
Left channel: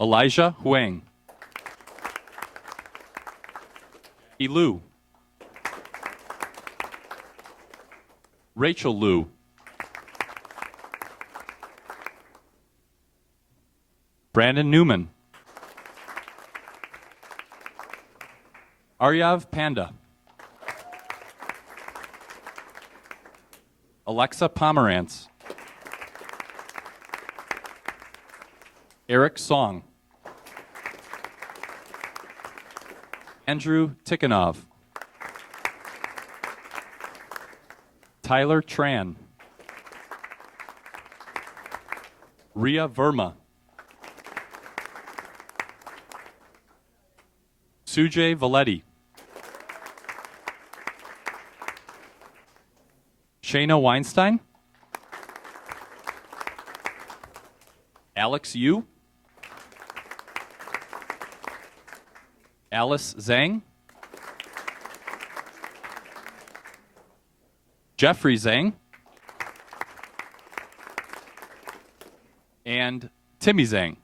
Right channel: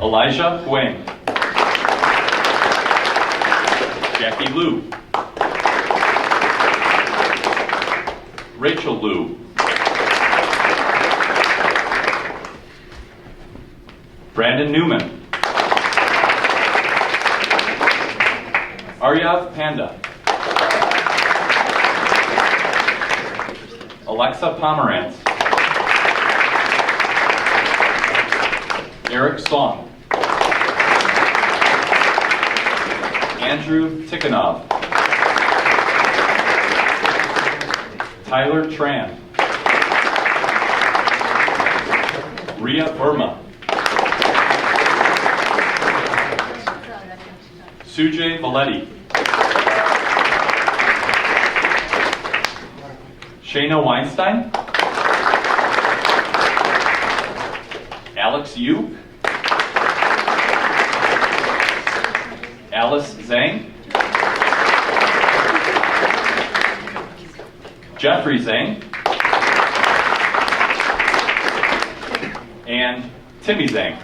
Elijah Huang. Jackie Liu. Rachel Liu. Brandon Newman. Aryav Panda. Alexa Pomerantz. Eric Song. Andrew Tikhonov. Tyler Tran. Ria Verma. Sujay Valetti. Shayna Weinstein. Alex Yu. Alice Zhang. Jeffrey Zhang. And Timmy Zhang.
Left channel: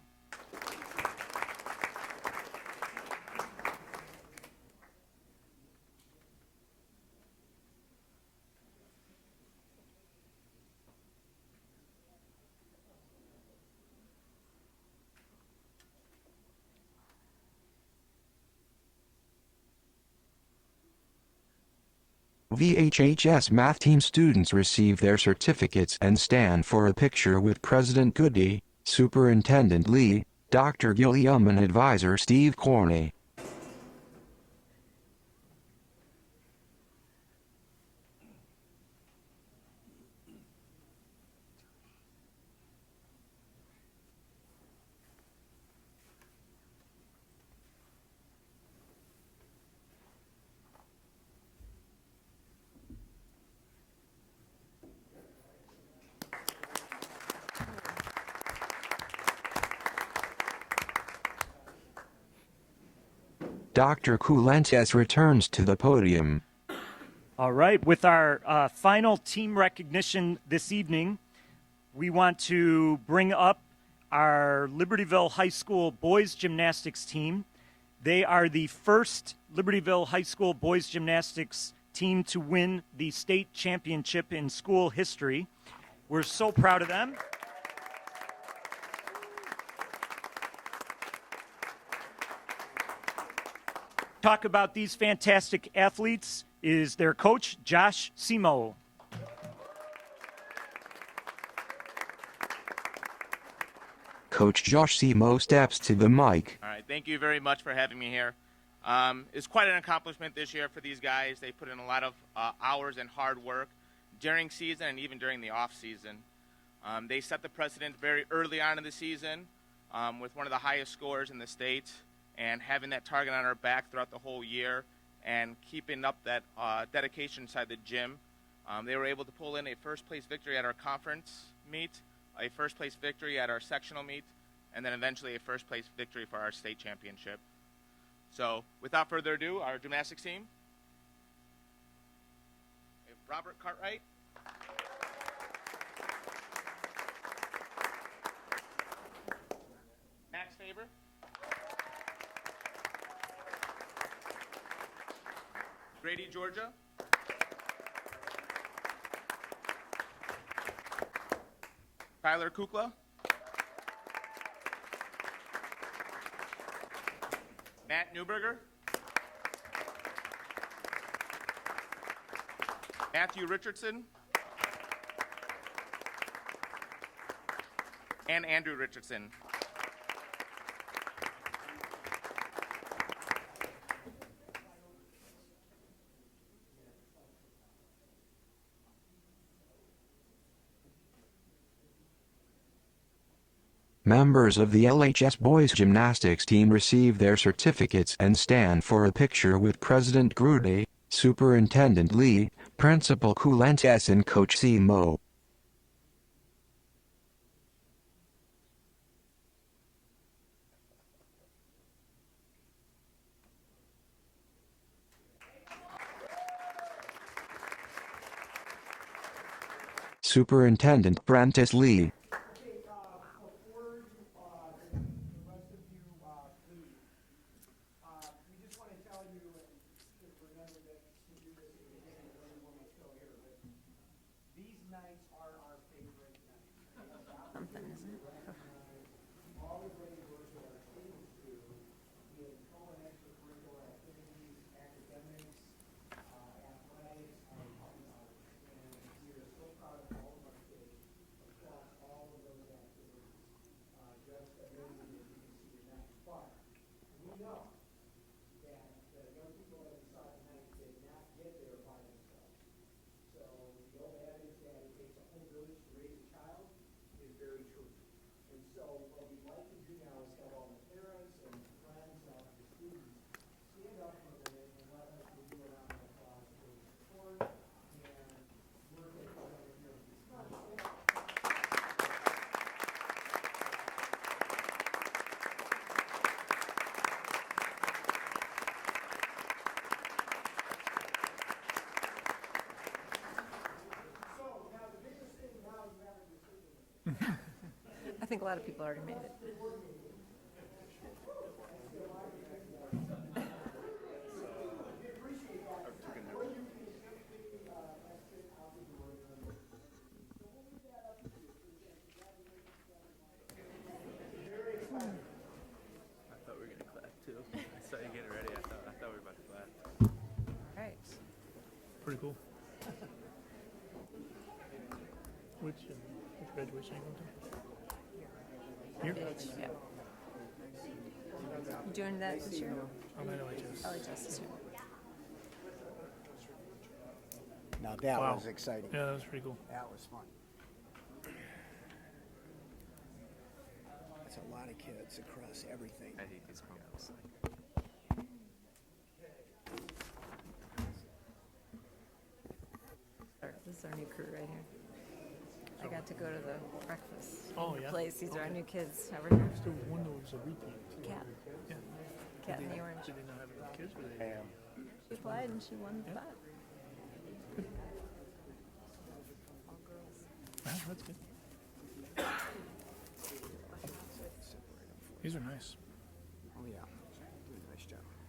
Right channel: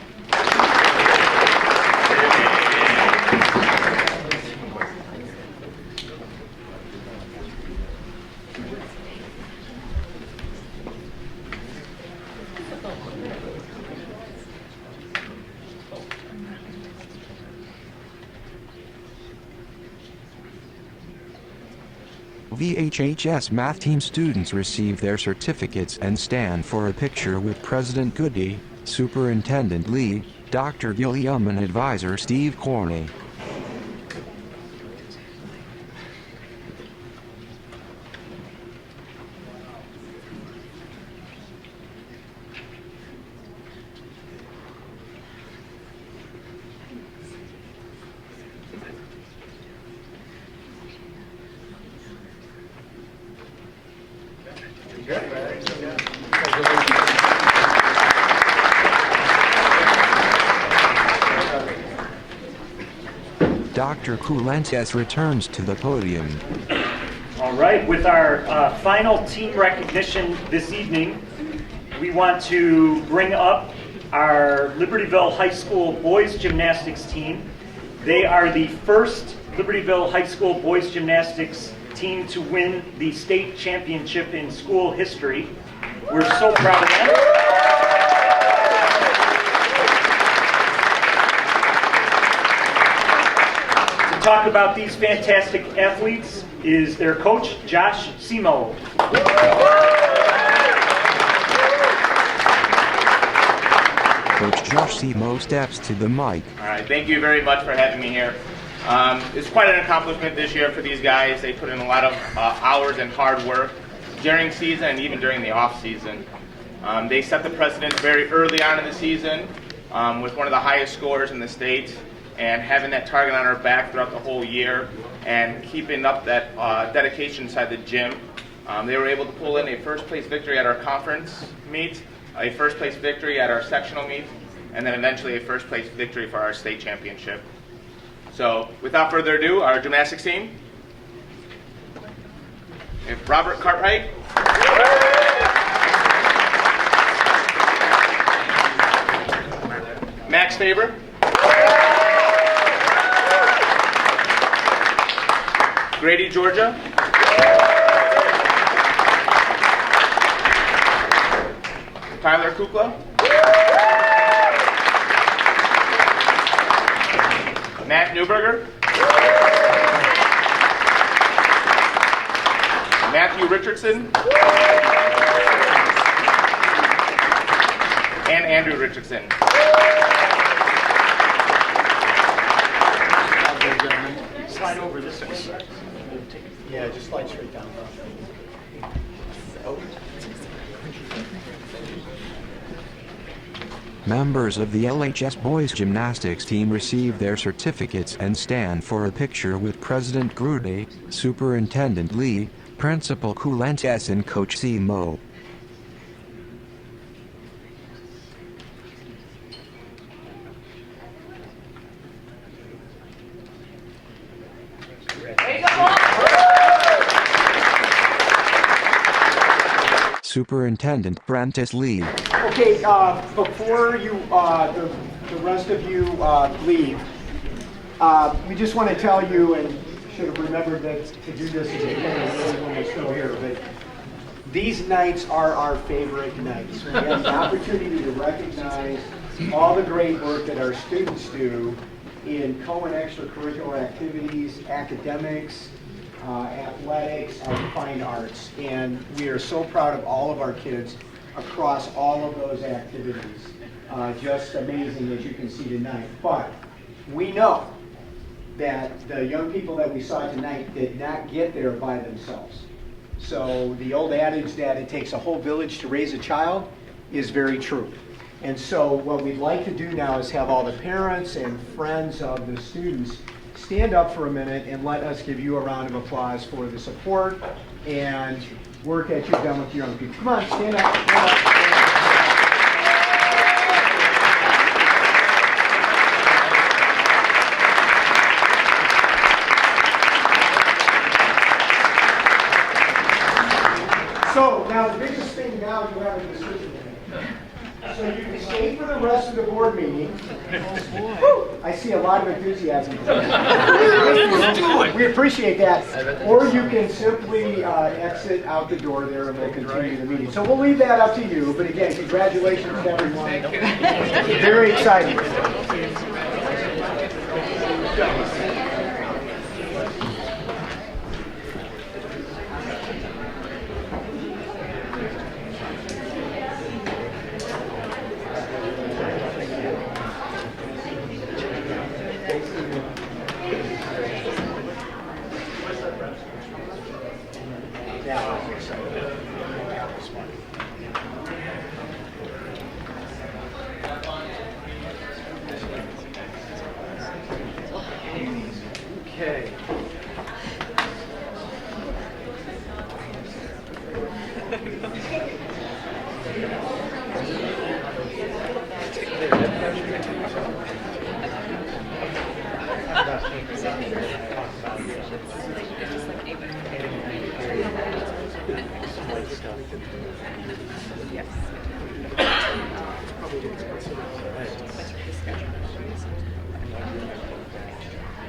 VHHS Math Team students receive their certificates and stand for a picture with President Goody, Superintendent Lee, Dr. Gilliam and Advisor Steve Corney. Dr. Kulentes returns to the podium. All right, with our final team recognition this evening, we want to bring up our Libertyville High School boys gymnastics team. They are the first Libertyville High School boys gymnastics team to win the state championship in school history. We're so proud of them. To talk about these fantastic athletes is their coach, Josh Simo. Coach Josh Simo steps to the mic. All right, thank you very much for having me here. It's quite an accomplishment this year for these guys. They put in a lot of hours and hard work during season and even during the off season. They set the precedent very early on in the season with one of the highest scorers in the state, and having that target on our back throughout the whole year and keeping up that dedication inside the gym. They were able to pull in a first place victory at our conference meet, a first place victory at our sectional meet, and then eventually a first place victory for our state championship. So without further ado, our gymnastics team. We have Robert Cartwright. Max Faber. Grady, Georgia. Tyler Kukla. Matt Newberger. Matthew Richardson. And Andrew Richardson. Slide over this way. Yeah, just slide straight down. Members of the LHS boys gymnastics team receive their certificates and stand for a picture with President Grude, Superintendent Lee, Principal Kulentes and Coach Simo. Superintendent Prentice Lee. Okay, before you, the rest of you leave, we just want to tell you, and should have remembered that to do this at the beginning when we're still here, but these nights are our favorite nights. We have the opportunity to recognize all the great work that our students do in co- and extracurricular activities, academics, athletics, and fine arts. And we are so proud of all of our kids across all of those activities. Just amazing, as you can see tonight. But we know that the young people that we saw tonight did not get there by themselves. So the old adage that it takes a whole village to raise a child is very true. And so what we'd like to do now is have all the parents and friends of the students stand up for a minute and let us give you a round of applause for the support and work that you've done with your young people. Come on, stand up. Stand up. So now the biggest thing now you have a decision to make. So you can stay for the rest of the board meeting. I see a lot of enthusiasm. We appreciate that. Or you can simply exit out the door there and we'll continue the meeting. So we'll leave that up to you. But again, congratulations to everyone. Very exciting.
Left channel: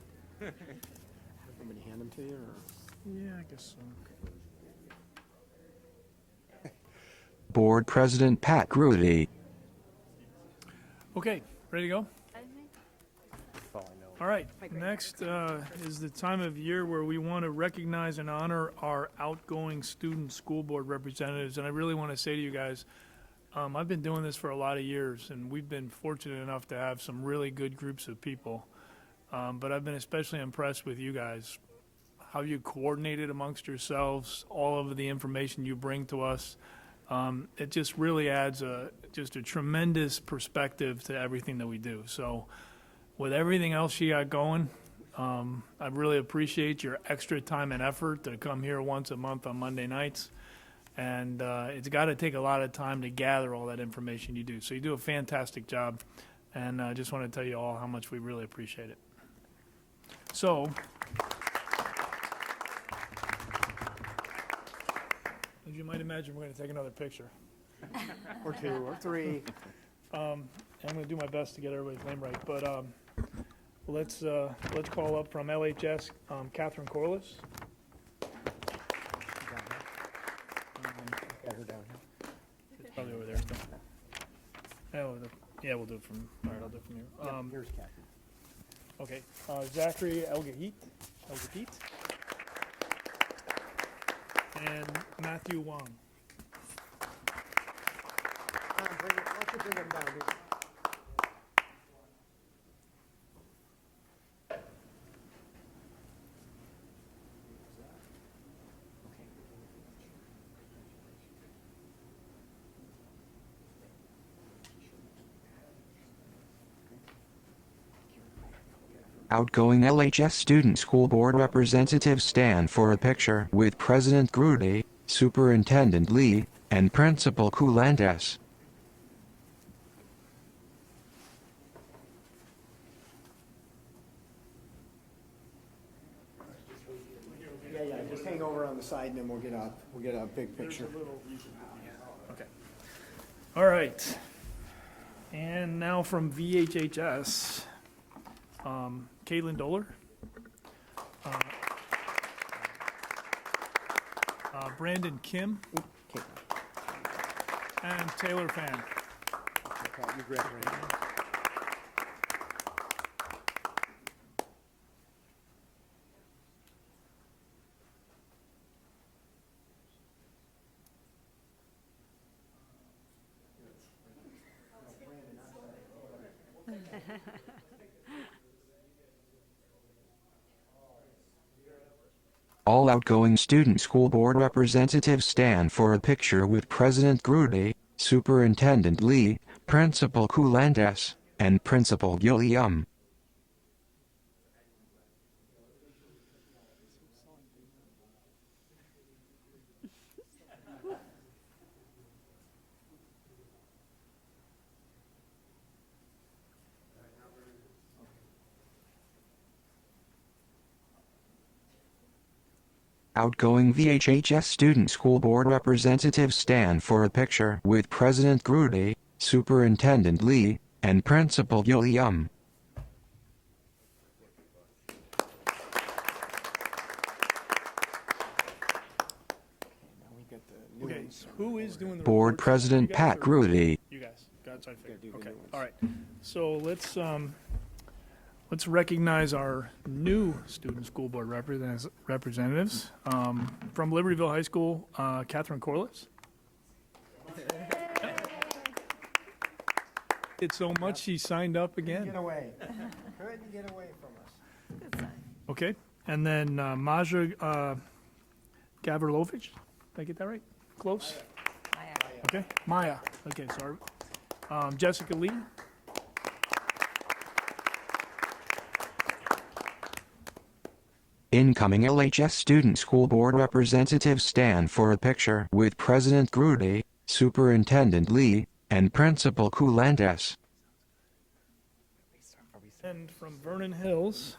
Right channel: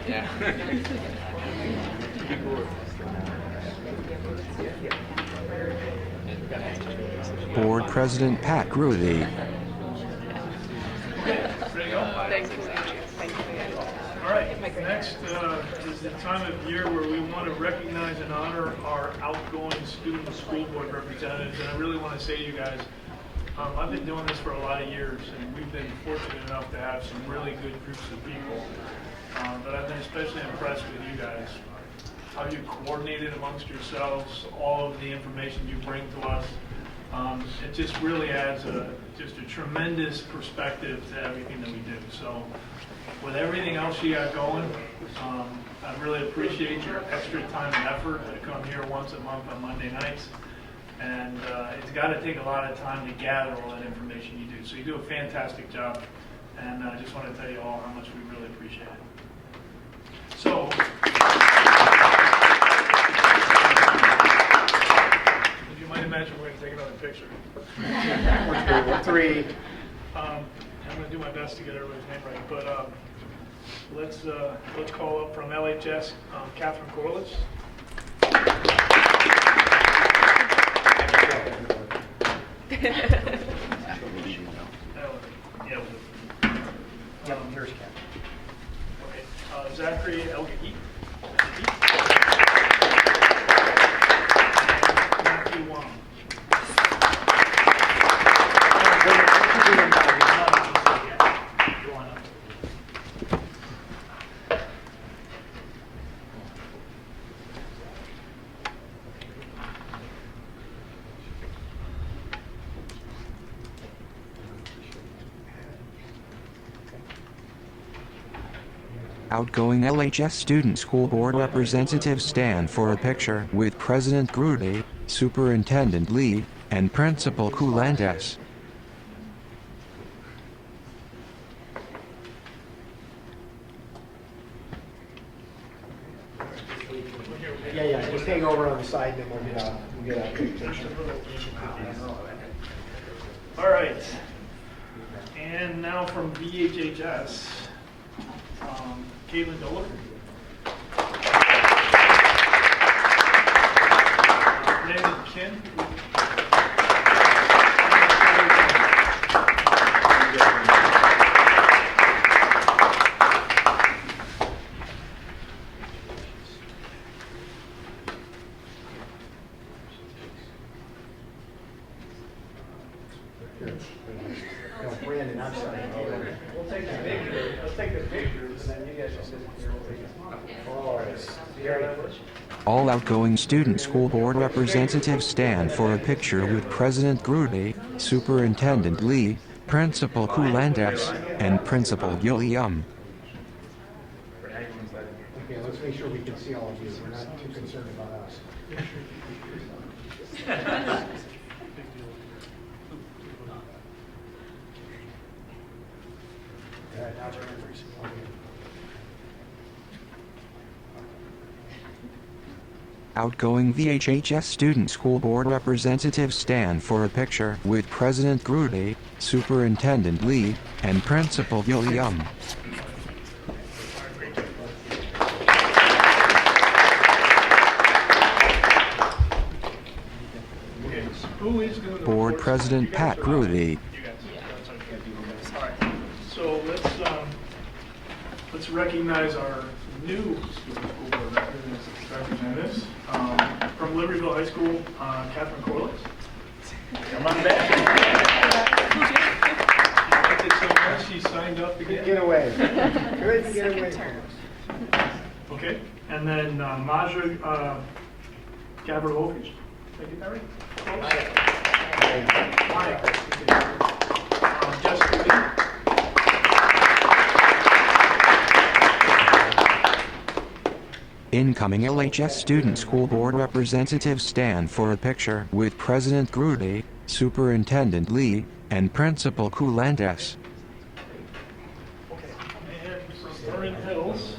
Yeah. Board President Pat Grudy. Okay, ready to go? All right, next is the time of year where we want to recognize and honor our outgoing student school board representatives. And I really want to say to you guys, I've been doing this for a lot of years, and we've been fortunate enough to have some really good groups of people. But I've been especially impressed with you guys. How you coordinated amongst yourselves, all of the information you bring to us. It just really adds just a tremendous perspective to everything that we do. So with everything else you got going, I really appreciate your extra time and effort to come here once a month on Monday nights. And it's got to take a lot of time to gather all that information you do. So you do a fantastic job. And I just want to tell you all how much we really appreciate it. So, as you might imagine, we're going to take another picture. Three. I'm going to do my best to get everybody's name right, but let's call up from LHS, Catherine Corliss. Zachary Elgahit. And Matthew Wong. Outgoing LHS Student School Board representatives stand for a picture with President Grudy, Superintendent Lee, and Principal Coulantes. Yeah, just hang over on the side, then we'll get a big picture. All right. And now from VHHS, Caitlin Dola. Brandon Kin. Brandon, I'm sorry. We'll take the picture. Let's take the pictures, and then you guys will sit here. We'll take it. All outgoing student school board representatives stand for a picture with President Grudy, Superintendent Lee, Principal Coulantes, and Principal Gilliam. Okay, let's make sure we can see all of you. We're not too concerned about us. Outgoing VHHS Student School Board representatives stand for a picture with President Grudy, Superintendent Lee, and Principal Gilliam. Board President Pat Grudy. So let's recognize our new student school board representatives. From Libertyville High School, Catherine Corliss. Come on back. I did so much, she signed up again. Get away. Good to get away from us. Okay, and then Maja Gavrilovich. Did I get that right? Close? Maya. Jessica Lee. Incoming LHS Student School Board representatives stand for a picture with President Grudy, Superintendent Lee, and Principal Coulantes. And from Vernon Hills,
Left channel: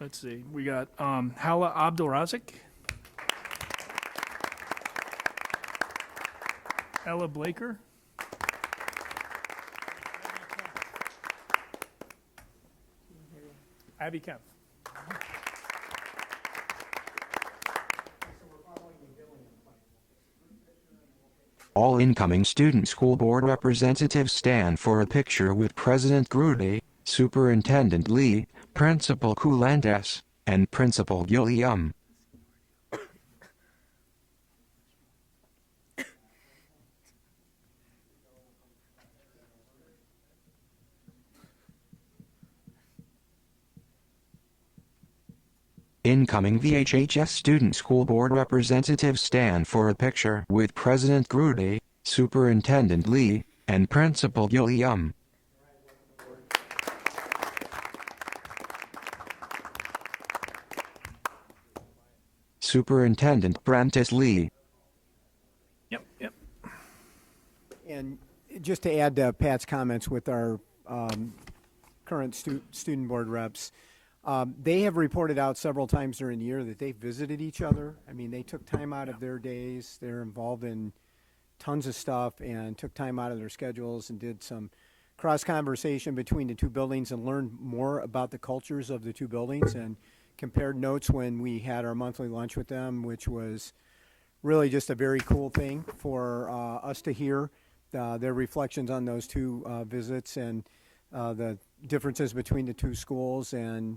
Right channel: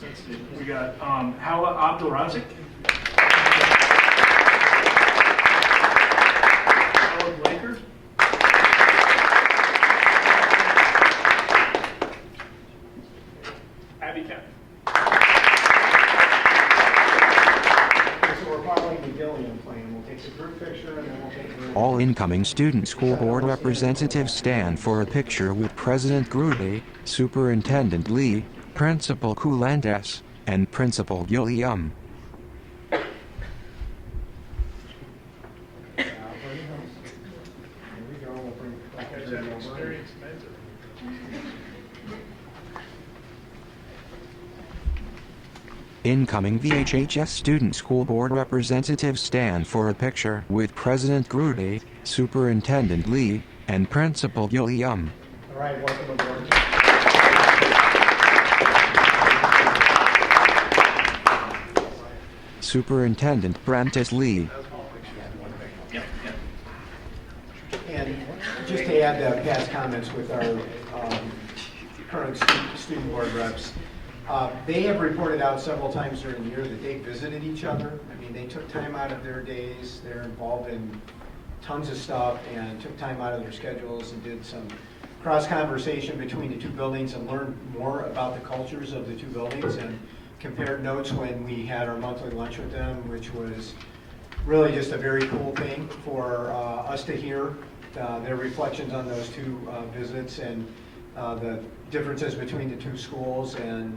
let's see, we got Hala Abdulrazik, Ella Blaker, All incoming student school board representatives stand for a picture with President Grudy, Superintendent Lee, Principal Coulantes, and Principal Gilliam. Incoming VHHS student school board representatives stand for a picture with President Grudy, Superintendent Lee, and Principal Gilliam. All right, welcome aboard. Superintendent Prentice Lee. And just to add to Pat's comments with our current student board reps, they have reported out several times during the year that they visited each other. I mean, they took time out of their days. They're involved in tons of stuff and took time out of their schedules and did some cross-conversation between the two buildings and learned more about the cultures of the two buildings and compared notes when we had our monthly lunch with them, which was really just a very cool thing for us to hear their reflections on those two visits and the differences between the two schools, and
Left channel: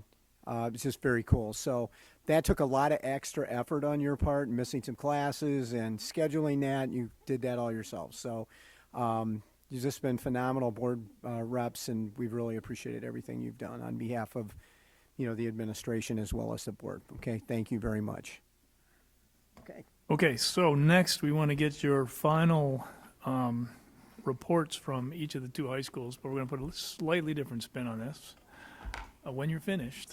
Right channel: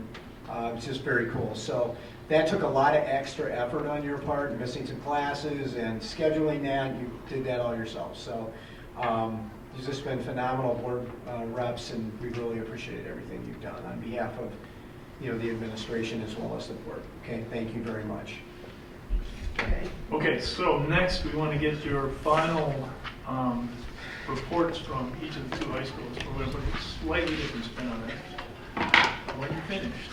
it's just very cool. So that took a lot of extra effort on your part, missing some classes and scheduling that. You did that all yourself. So you've just been phenomenal board reps, and we really appreciate everything you've done on behalf of the administration as well as the board. Okay, thank you very much. Okay, so next we want to get your final reports from each of the two high schools. We're going to put a slightly different spin on this when you're finished,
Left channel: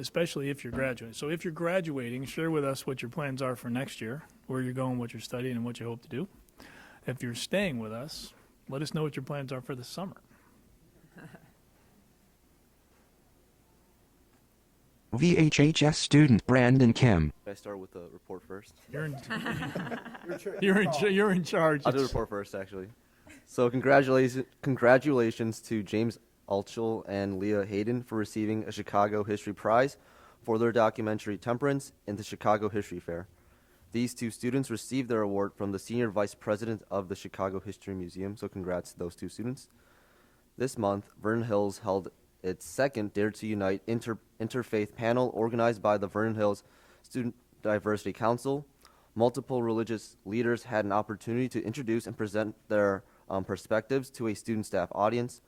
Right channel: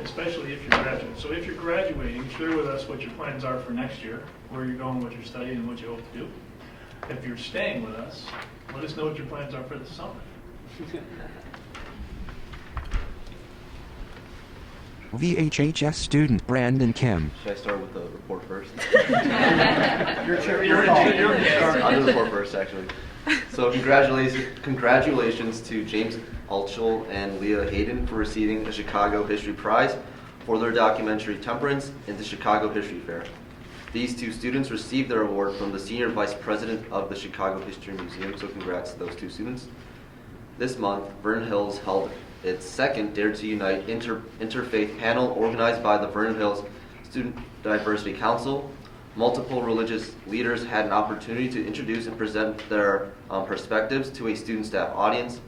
especially if you're graduating. So if you're graduating, share with us what your plans are for next year, where you're going, what you're studying, and what you hope to do. If you're staying with us, let us know what your plans are for the summer. VHHS student Brandon Kim. Should I start with the report first? You're in charge. I'll do the report first, actually. So congratulations to James Altschul and Leah Hayden for receiving a Chicago History Prize for their documentary Temperance in the Chicago History Fair. These two students received their award from the Senior Vice President of the Chicago History Museum, so congrats to those two students. This month, Vernon Hills held its second Dare to Unite interfaith panel organized by the Vernon Hills Student Diversity Council. Multiple religious leaders had an opportunity to introduce and present their perspectives to a student staff audience.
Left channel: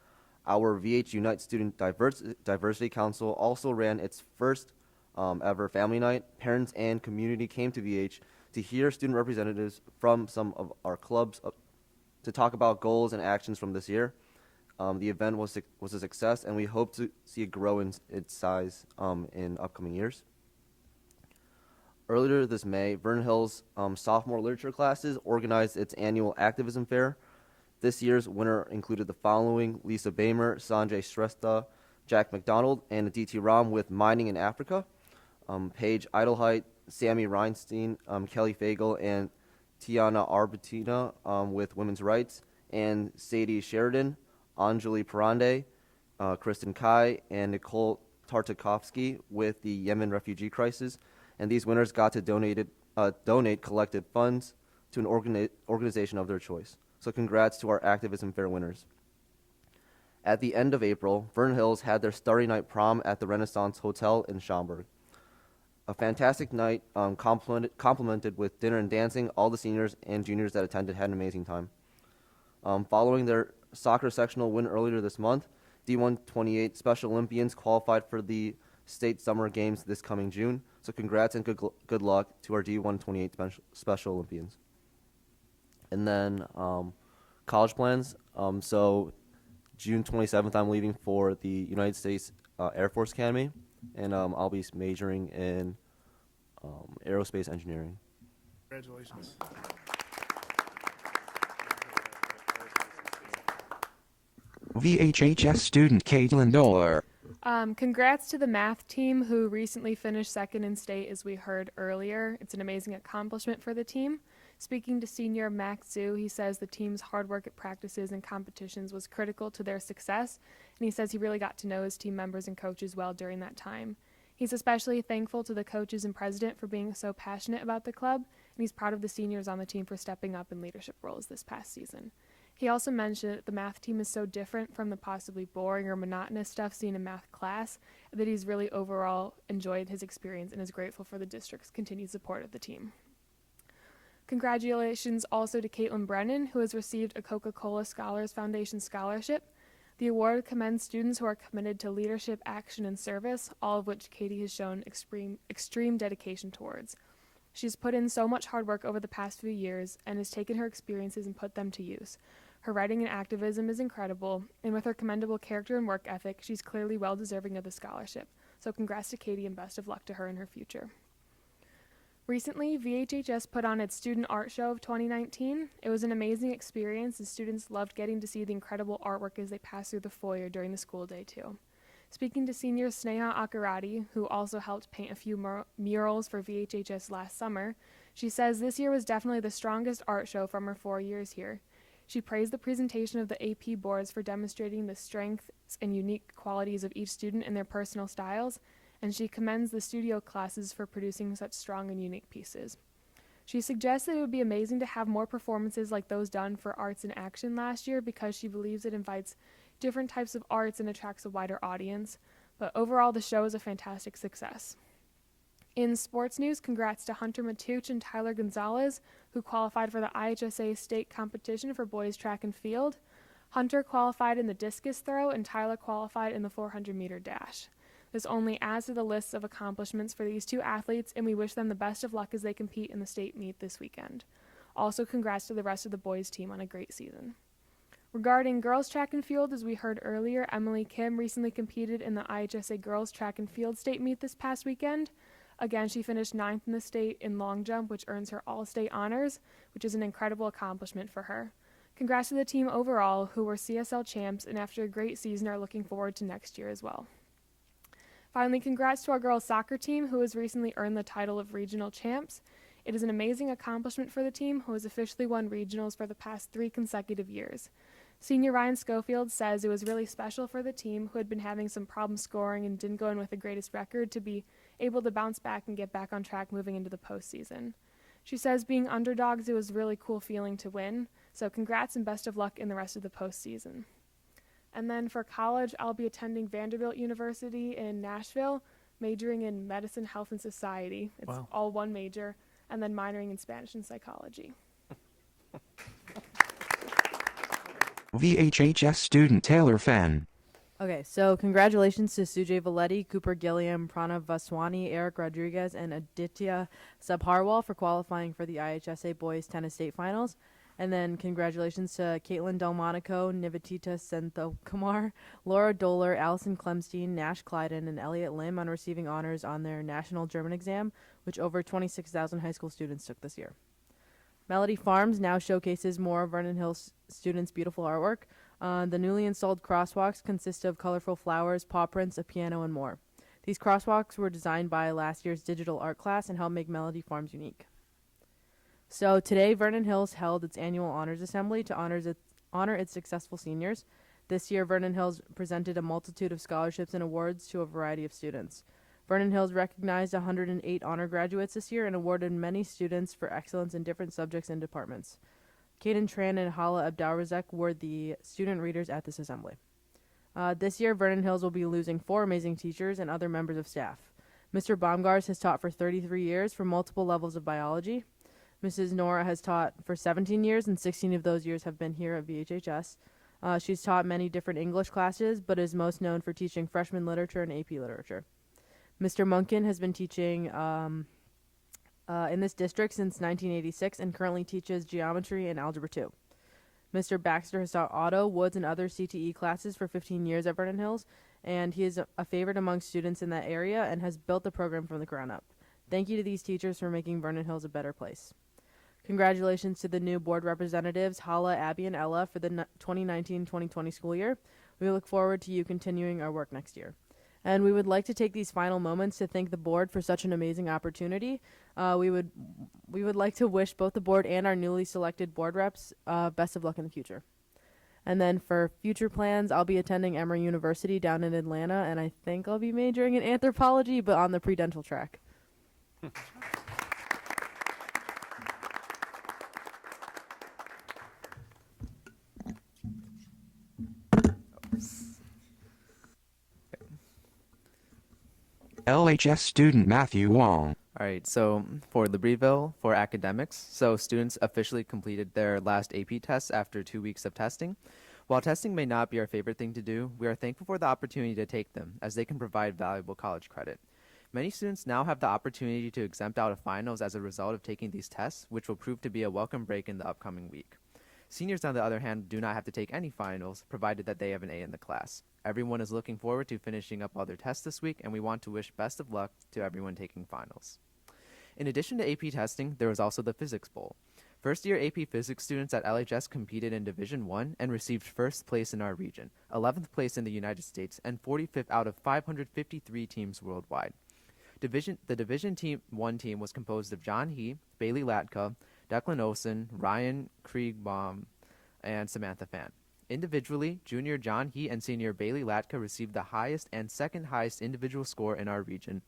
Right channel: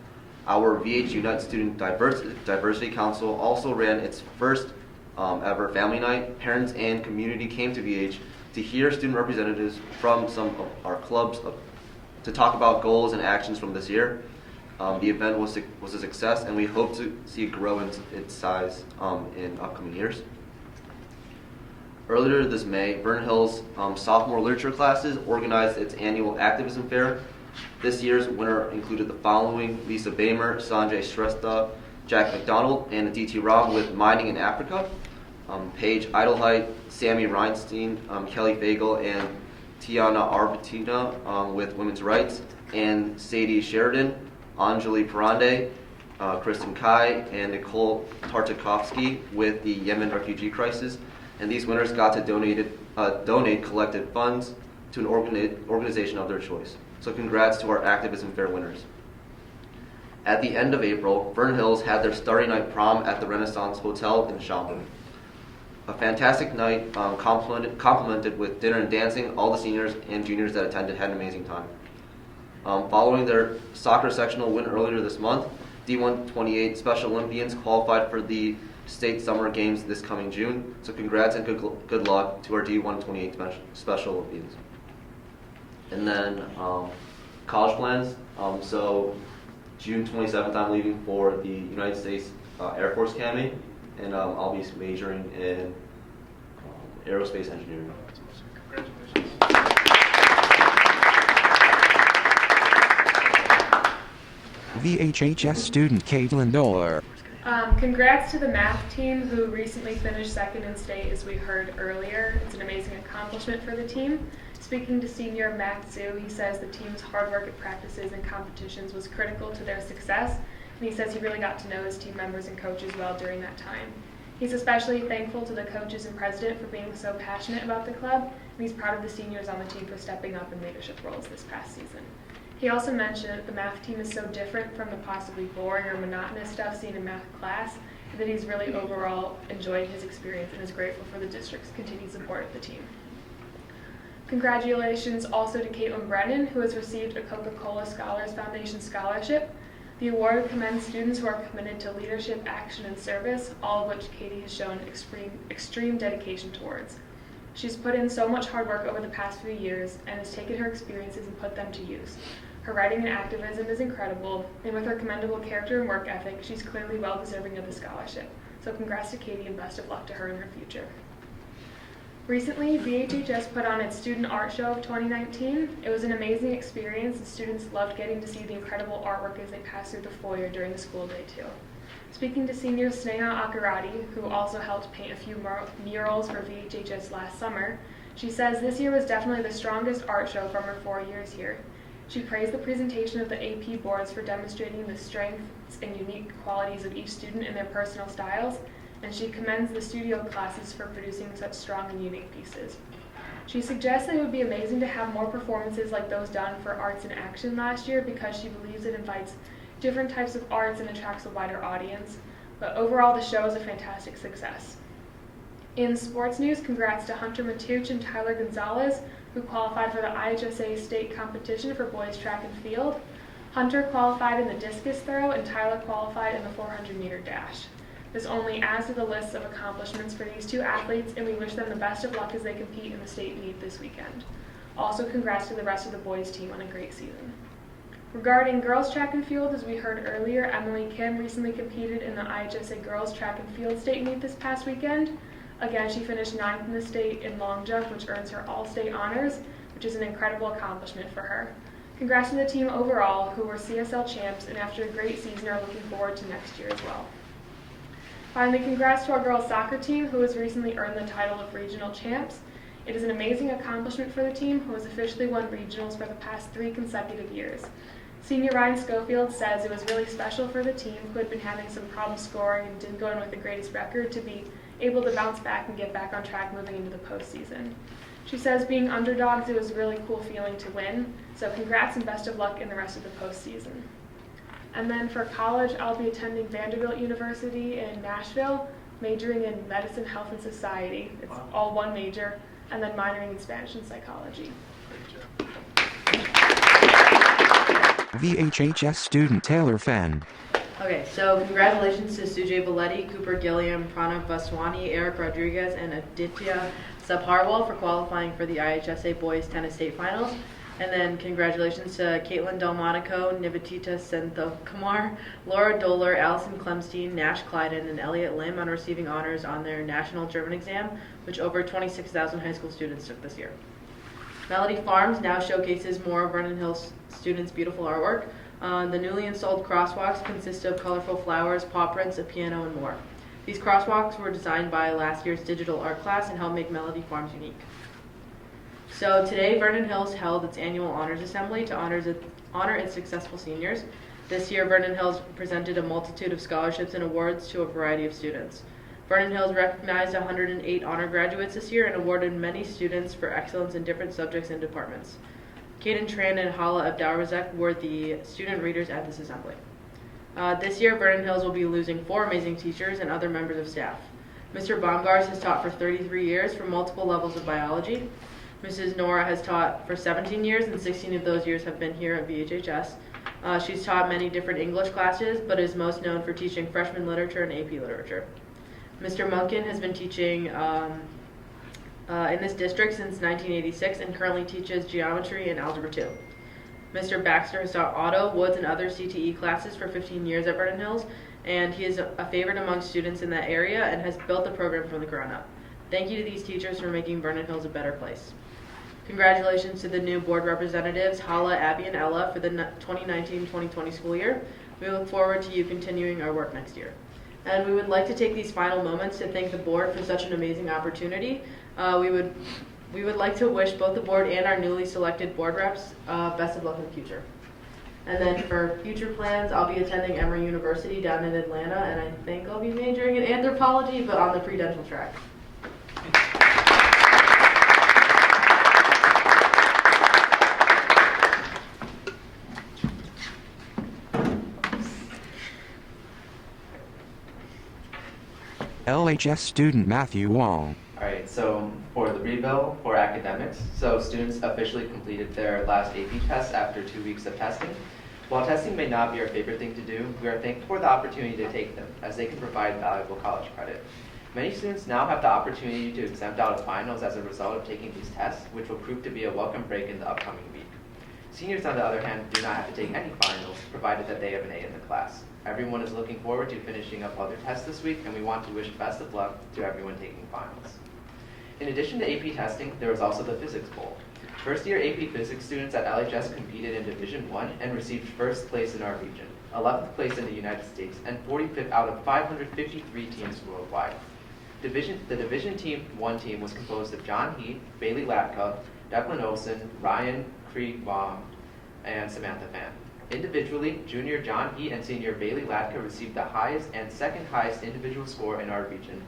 Our VH Unite Student Diversity Council also ran its first ever family night. Parents and community came to VH to hear student representatives from some of our clubs to talk about goals and actions from this year. The event was a success, and we hope to see it grow in its size in upcoming years. Earlier this May, Vernon Hills sophomore literature classes organized its annual activism fair. This year's winner included the following: Lisa Bamer, Sanjay Shrestha, Jack McDonald, and Aditi Ram with Mining in Africa, Paige Idelheit, Sammy Reinstein, Kelly Fagel, and Tiana Arbutina with Women's Rights, and Sadie Sheridan, Anjali Parande, Kristen Kai, and Nicole Tartakovsky with the Yemen refugee crisis. And these winners got to donate collected funds to an organization of their choice. So congrats to our activism fair winners. At the end of April, Vernon Hills had their Starry Night prom at the Renaissance Hotel in Schaumburg. A fantastic night, complemented with dinner and dancing. All the seniors and juniors that attended had an amazing time. Following their soccer sectional win earlier this month, D128 Special Olympians qualified for the state summer games this coming June. So congrats and good luck to our D128 Special Olympians. And then college plans. So June 27th, I'm leaving for the United States Air Force Academy, and I'll be majoring in aerospace engineering. Congratulations. VHHS student Caitlin Doller. Congrats to the math team who recently finished second in state, as we heard earlier. It's an amazing accomplishment for the team. Speaking to senior Max Zhu, he says the team's hard work at practices and competitions was critical to their success, and he says he really got to know his team members and coaches well during that time. He's especially thankful to the coaches and president for being so passionate about the club, and he's proud of the seniors on the team for stepping up in leadership roles this past season. He also mentioned that the math team is so different from the possibly boring or monotonous stuff seen in math class that he's really overall enjoyed his experience and is grateful for the district's continued support of the team. Congratulations also to Caitlin Brennan, who has received a Coca-Cola Scholars Foundation scholarship. The award commends students who are committed to leadership, action, and service, all of which Katie has shown extreme dedication towards. She's put in so much hard work over the past few years and has taken her experiences and put them to use. Her writing and activism is incredible, and with her commendable character and work ethic, she's clearly well deserving of the scholarship. So congrats to Katie and best of luck to her in her future. Recently, VHHS put on its Student Art Show of 2019. It was an amazing experience, and students loved getting to see the incredible artwork as they passed through the foyer during the school day too. Speaking to senior Sneha Akarati, who also helped paint a few murals for VHHS last summer, she says this year was definitely the strongest art show from her 4 years here. She praised the presentation of the AP boards for demonstrating the strengths and unique qualities of each student and their personal styles, and she commends the studio classes for producing such strong and unique pieces. She suggests that it would be amazing to have more performances like those done for Arts in Action last year because she believes it invites different types of arts and attracts a wider audience, but overall the show is a fantastic success. In sports news, congrats to Hunter Matuch and Tyler Gonzalez, who qualified for the IHSA state competition for boys track and field. Hunter qualified in the discus throw and Tyler qualified in the 400-meter dash. This only adds to the list of accomplishments for these two athletes, and we wish them the best of luck as they compete in the state meet this weekend. Also, congrats to the rest of the boys team on a great season. Regarding girls track and field, as we heard earlier, Emily Kim recently competed in the IHSA girls track and field state meet this past weekend. Again, she finished 9th in the state in long jump, which earns her all-state honors, which is an incredible accomplishment for her. Congrats to the team overall, who were CSL champs, and after a great season are looking forward to next year as well. Finally, congrats to our girls soccer team, who has recently earned the title of regional champs. It is an amazing accomplishment for the team, who has officially won regionals for the past 3 consecutive years. Senior Ryan Schofield says it was really special for the team, who had been having some problems scoring and didn't go in with the greatest record, to be able to bounce back and get back on track moving into the postseason. She says being underdogs, it was a really cool feeling to win, so congrats and best of luck in the rest of the postseason. And then for college, I'll be attending Vanderbilt University in Nashville, majoring in medicine, health, and society. It's all one major, and then minoring in Spanish and psychology. VHHS student Taylor Fenn. Okay, so congratulations to Sujay Valetti, Cooper Gilliam, Pranav Vaswani, Eric Rodriguez, and Aditya Sabharwal for qualifying for the IHSA Boys Tennis State Finals. And then congratulations to Caitlin Delmonico, Nivetita Senthokumar, Laura Doler, Allison Clemstein, Nash Clyden, and Elliot Lim on receiving honors on their national German exam, which over 26,000 high school students took this year. Melody Farms now showcases more of Vernon Hills students' beautiful artwork. The newly installed crosswalks consist of colorful flowers, paw prints, a piano, and more. These crosswalks were designed by last year's digital art class and help make Melody Farms unique. So today, Vernon Hills held its annual honors assembly to honor its successful seniors. This year, Vernon Hills presented a multitude of scholarships and awards to a variety of students. Vernon Hills recognized 108 honor graduates this year and awarded many students for excellence in different subjects and departments. Kaden Tran and Hala Abdalrazek were the student readers at this assembly. This year, Vernon Hills will be losing 4 amazing teachers and other members of staff. Mr. Baumgars has taught for 33 years for multiple levels of biology. Mrs. Nora has taught for 17 years, and 16 of those years have been here at VHHS. She's taught many different English classes, but is most known for teaching freshman literature and AP literature. Mr. Munkin has been teaching in this district since 1986 and currently teaches geometry and algebra 2. Mr. Baxter has taught auto, woods, and other CTE classes for 15 years at Vernon Hills, and he is a favorite among students in that area and has built the program from the ground up. Thank you to these teachers for making Vernon Hills a better place. Congratulations to the new board representatives, Hala, Abby, and Ella, for the 2019-2020 school year. We look forward to you continuing our work next year. And we would like to take these final moments to thank the board for such an amazing opportunity. We would like to wish both the board and our newly selected board reps best of luck in the future. And then for future plans, I'll be attending Emory University down in Atlanta, and I think I'll be majoring in anthropology, but on the pre-dental track. LHS student Matthew Wong. Alright, so for the Breedville for academics, so students officially completed their last AP tests after 2 weeks of testing. While testing may not be our favorite thing to do, we are thankful for the opportunity to take them, as they can provide valuable college credit. Many students now have the opportunity to exempt out of finals as a result of taking these tests, which will prove to be a welcome break in the upcoming week. Seniors, on the other hand, do not have to take any finals, provided that they have an A in the class. Everyone is looking forward to finishing up all their tests this week, and we want to wish best of luck to everyone taking finals. In addition to AP testing, there was also the Physics Bowl. First-year AP Physics students at LHS competed in Division I and received first place in our region, 11th place in the United States, and 45th out of 553 teams worldwide. The Division I team was composed of John Heat, Bailey Latka, Declan Olsen, Ryan Kriegbaum, and Samantha Fan. Individually, junior John Heat and senior Bailey Latka received the highest and second highest individual score in our region,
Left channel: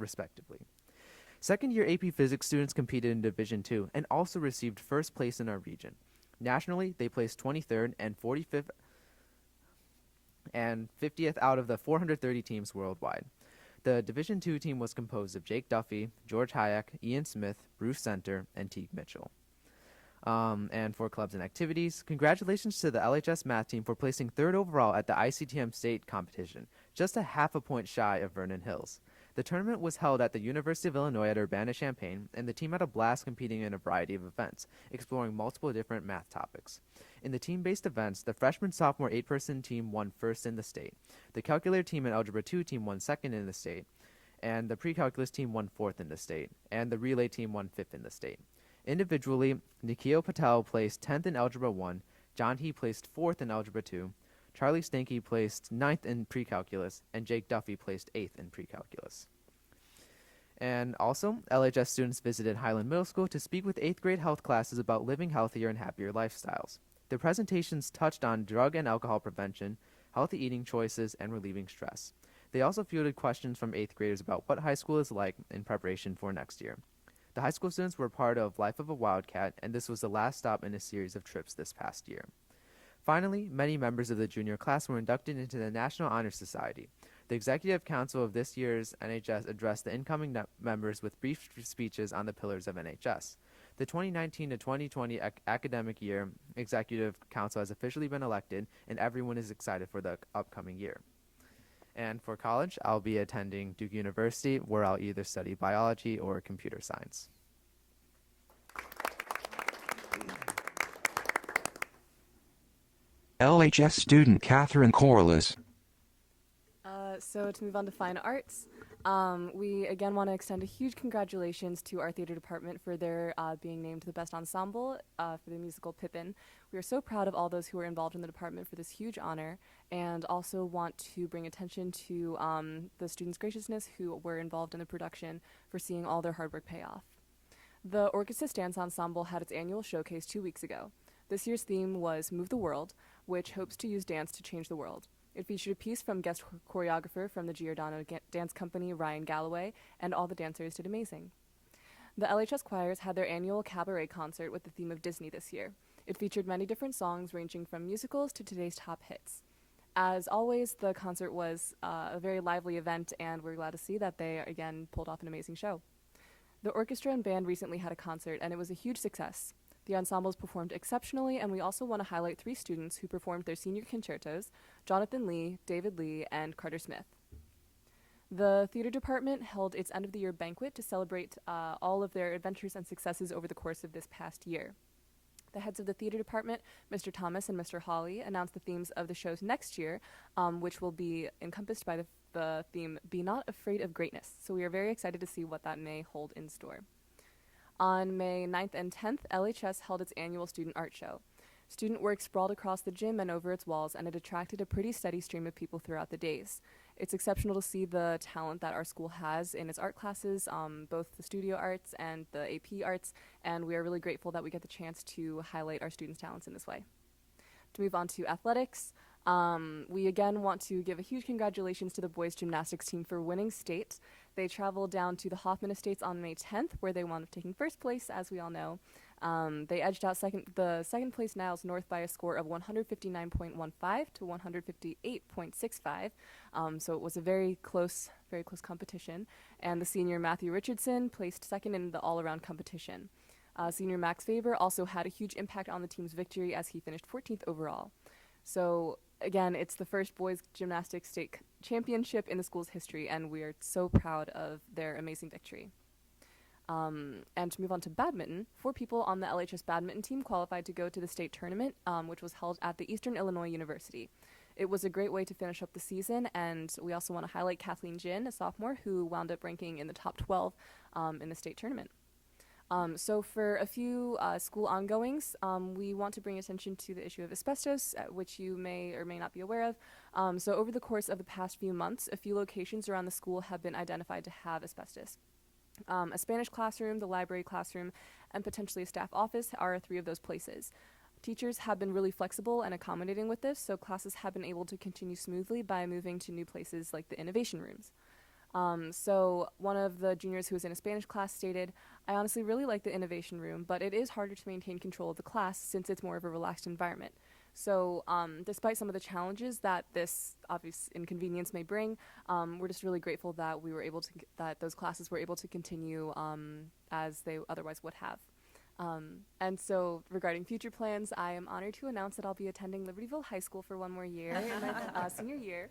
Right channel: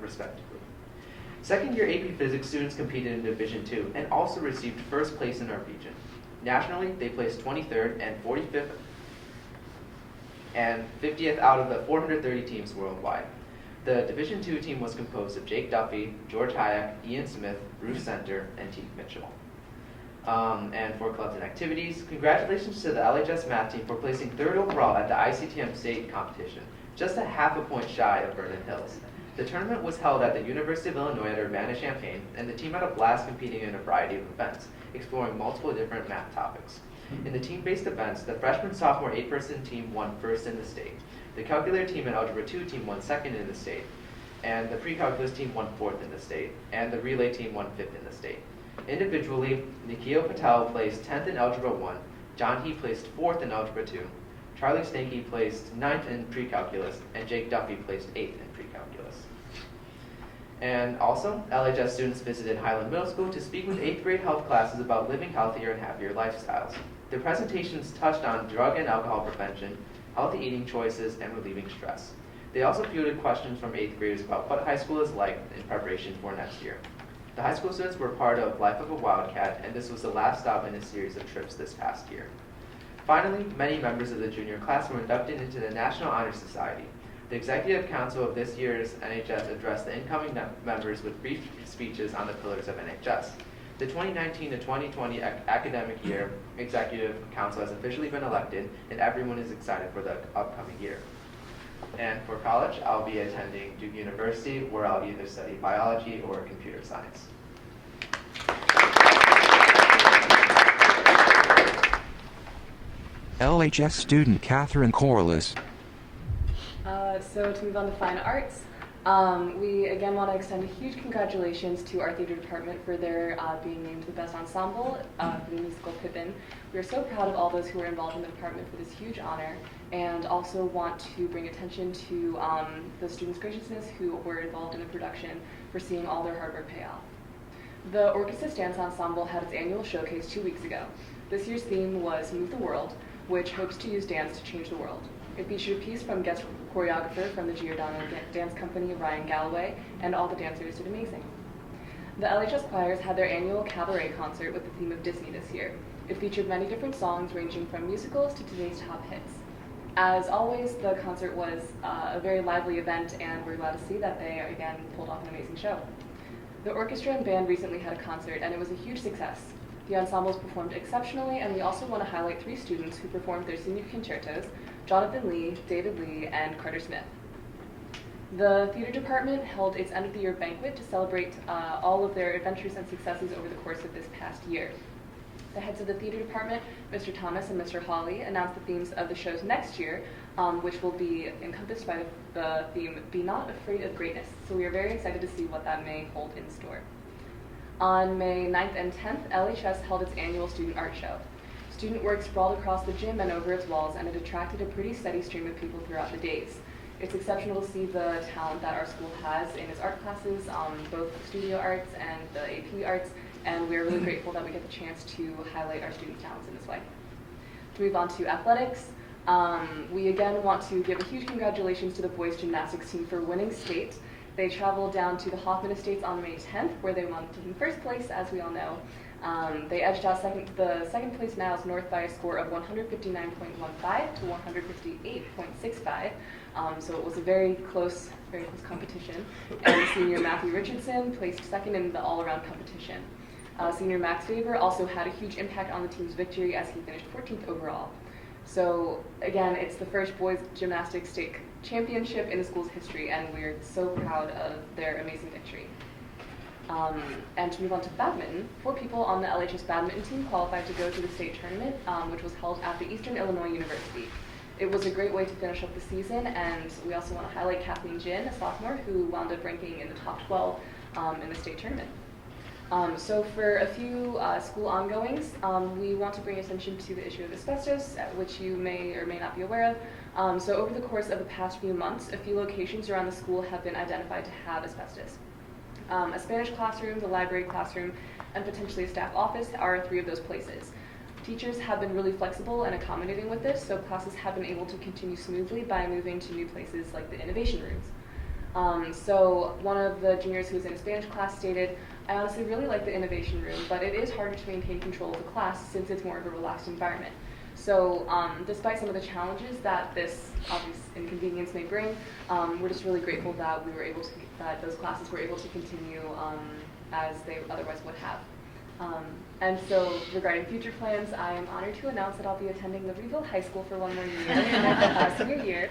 respectively. Second-year AP Physics students competed in Division II and also received first place in our region. Nationally, they placed 23rd and 45th and 50th out of the 430 teams worldwide. The Division II team was composed of Jake Duffy, George Hayek, Ian Smith, Bruce Center, and Teague Mitchell. And for clubs and activities, congratulations to the LHS math team for placing 3rd overall at the ICTM state competition, just a half a point shy of Vernon Hills. The tournament was held at the University of Illinois at Urbana-Champaign, and the team had a blast competing in a variety of events, exploring multiple different math topics. In the team-based events, the freshman-sophomore 8-person team won first in the state. The calculator team and algebra 2 team won second in the state, and the pre-calculus team won 4th in the state, and the relay team won 5th in the state. Individually, Nikhil Patel placed 10th in Algebra 1, John He placed 4th in Algebra 2, Charlie Stanky placed 9th in Pre-Calculus, and Jake Duffy placed 8th in Pre-Calculus. And also, LHS students visited Highland Middle School to speak with 8th grade health classes about living healthier and happier lifestyles. Their presentations touched on drug and alcohol prevention, healthy eating choices, and relieving stress. They also fielded questions from 8th graders about what high school is like in preparation for next year. The high school students were part of Life of a Wildcat, and this was the last stop in a series of trips this past year. Finally, many members of the junior class were inducted into the National Honor Society. The Executive Council of this year's NHS addressed the incoming members with brief speeches on the pillars of NHS. The 2019 to 2020 academic year Executive Council has officially been elected, and everyone is excited for the upcoming year. And for college, I'll be attending Duke University, where I'll either study biology or computer science. LHS student Catherine Corliss. So to move on to fine arts, we again want to extend a huge congratulations to our theater department for their being named the best ensemble for the musical Pippin. We are so proud of all those who were involved in the department for this huge honor, and also want to bring attention to the students' graciousness who were involved in the production for seeing all their hard work pay off. The Orchesis Dance Ensemble had its annual showcase 2 weeks ago. This year's theme was Move the World, which hopes to use dance to change the world. It featured a piece from guest choreographer from the Giordano Dance Company, Ryan Galloway, and all the dancers did amazing. The LHS choirs had their annual cabaret concert with the theme of Disney this year. It featured many different songs ranging from musicals to today's top hits. As always, the concert was a very lively event, and we're glad to see that they, again, pulled off an amazing show. The orchestra and band recently had a concert, and it was a huge success. The ensembles performed exceptionally, and we also want to highlight 3 students who performed their senior concertos: Jonathan Lee, David Lee, and Carter Smith. The theater department held its end-of-the-year banquet to celebrate all of their adventures and successes over the course of this past year. The heads of the theater department, Mr. Thomas and Mr. Hawley, announced the themes of the shows next year, which will be encompassed by the theme, Be Not Afraid of Greatness. So we are very excited to see what that may hold in store. On May 9th and 10th, LHS held its annual student art show. Student work sprawled across the gym and over its walls, and it attracted a pretty steady stream of people throughout the days. It's exceptional to see the talent that our school has in its art classes, both the studio arts and the AP arts, and we're really grateful that we get the chance to highlight our students' talents in this way. To move on to athletics, we again want to give a huge congratulations to the boys gymnastics team for winning state. They traveled down to the Hoffman Estates on May 10th, where they wound up taking first place, as we all know. They edged out the second place Niles North by a score of 159.15 to 158.65. So it was a very close competition. And the senior Matthew Richardson placed second in the all-around competition. Senior Max Faber also had a huge impact on the team's victory as he finished 14th overall. So again, it's the first boys gymnastics state championship in the school's history, and we're so proud of their amazing victory. And to move on to badminton, 4 people on the LHS badminton team qualified to go to the state tournament, which was held at the Eastern Illinois University. It was a great way to finish up the season, and we also want to highlight Kathleen Jin, a sophomore, who wound up ranking in the top 12 in the state tournament. So for a few school ongoings, we want to bring attention to the issue of asbestos, which you may or may not be aware of. So over the course of the past few months, a few locations around the school have been identified to have asbestos. A Spanish classroom, the library classroom, and potentially a staff office are 3 of those places. Teachers have been really flexible and accommodating with this, so classes have been able to continue smoothly by moving to new places like the innovation rooms. So one of the juniors who was in a Spanish class stated, "I honestly really like the innovation room, but it is harder to maintain control of the class since it's more of a relaxed environment." So despite some of the challenges that this obvious inconvenience may bring, we're just really grateful that that those classes were able to continue as they otherwise would have. And so regarding future plans, I am honored to announce that I'll be attending Libertyville High School for 1 more year in my senior year.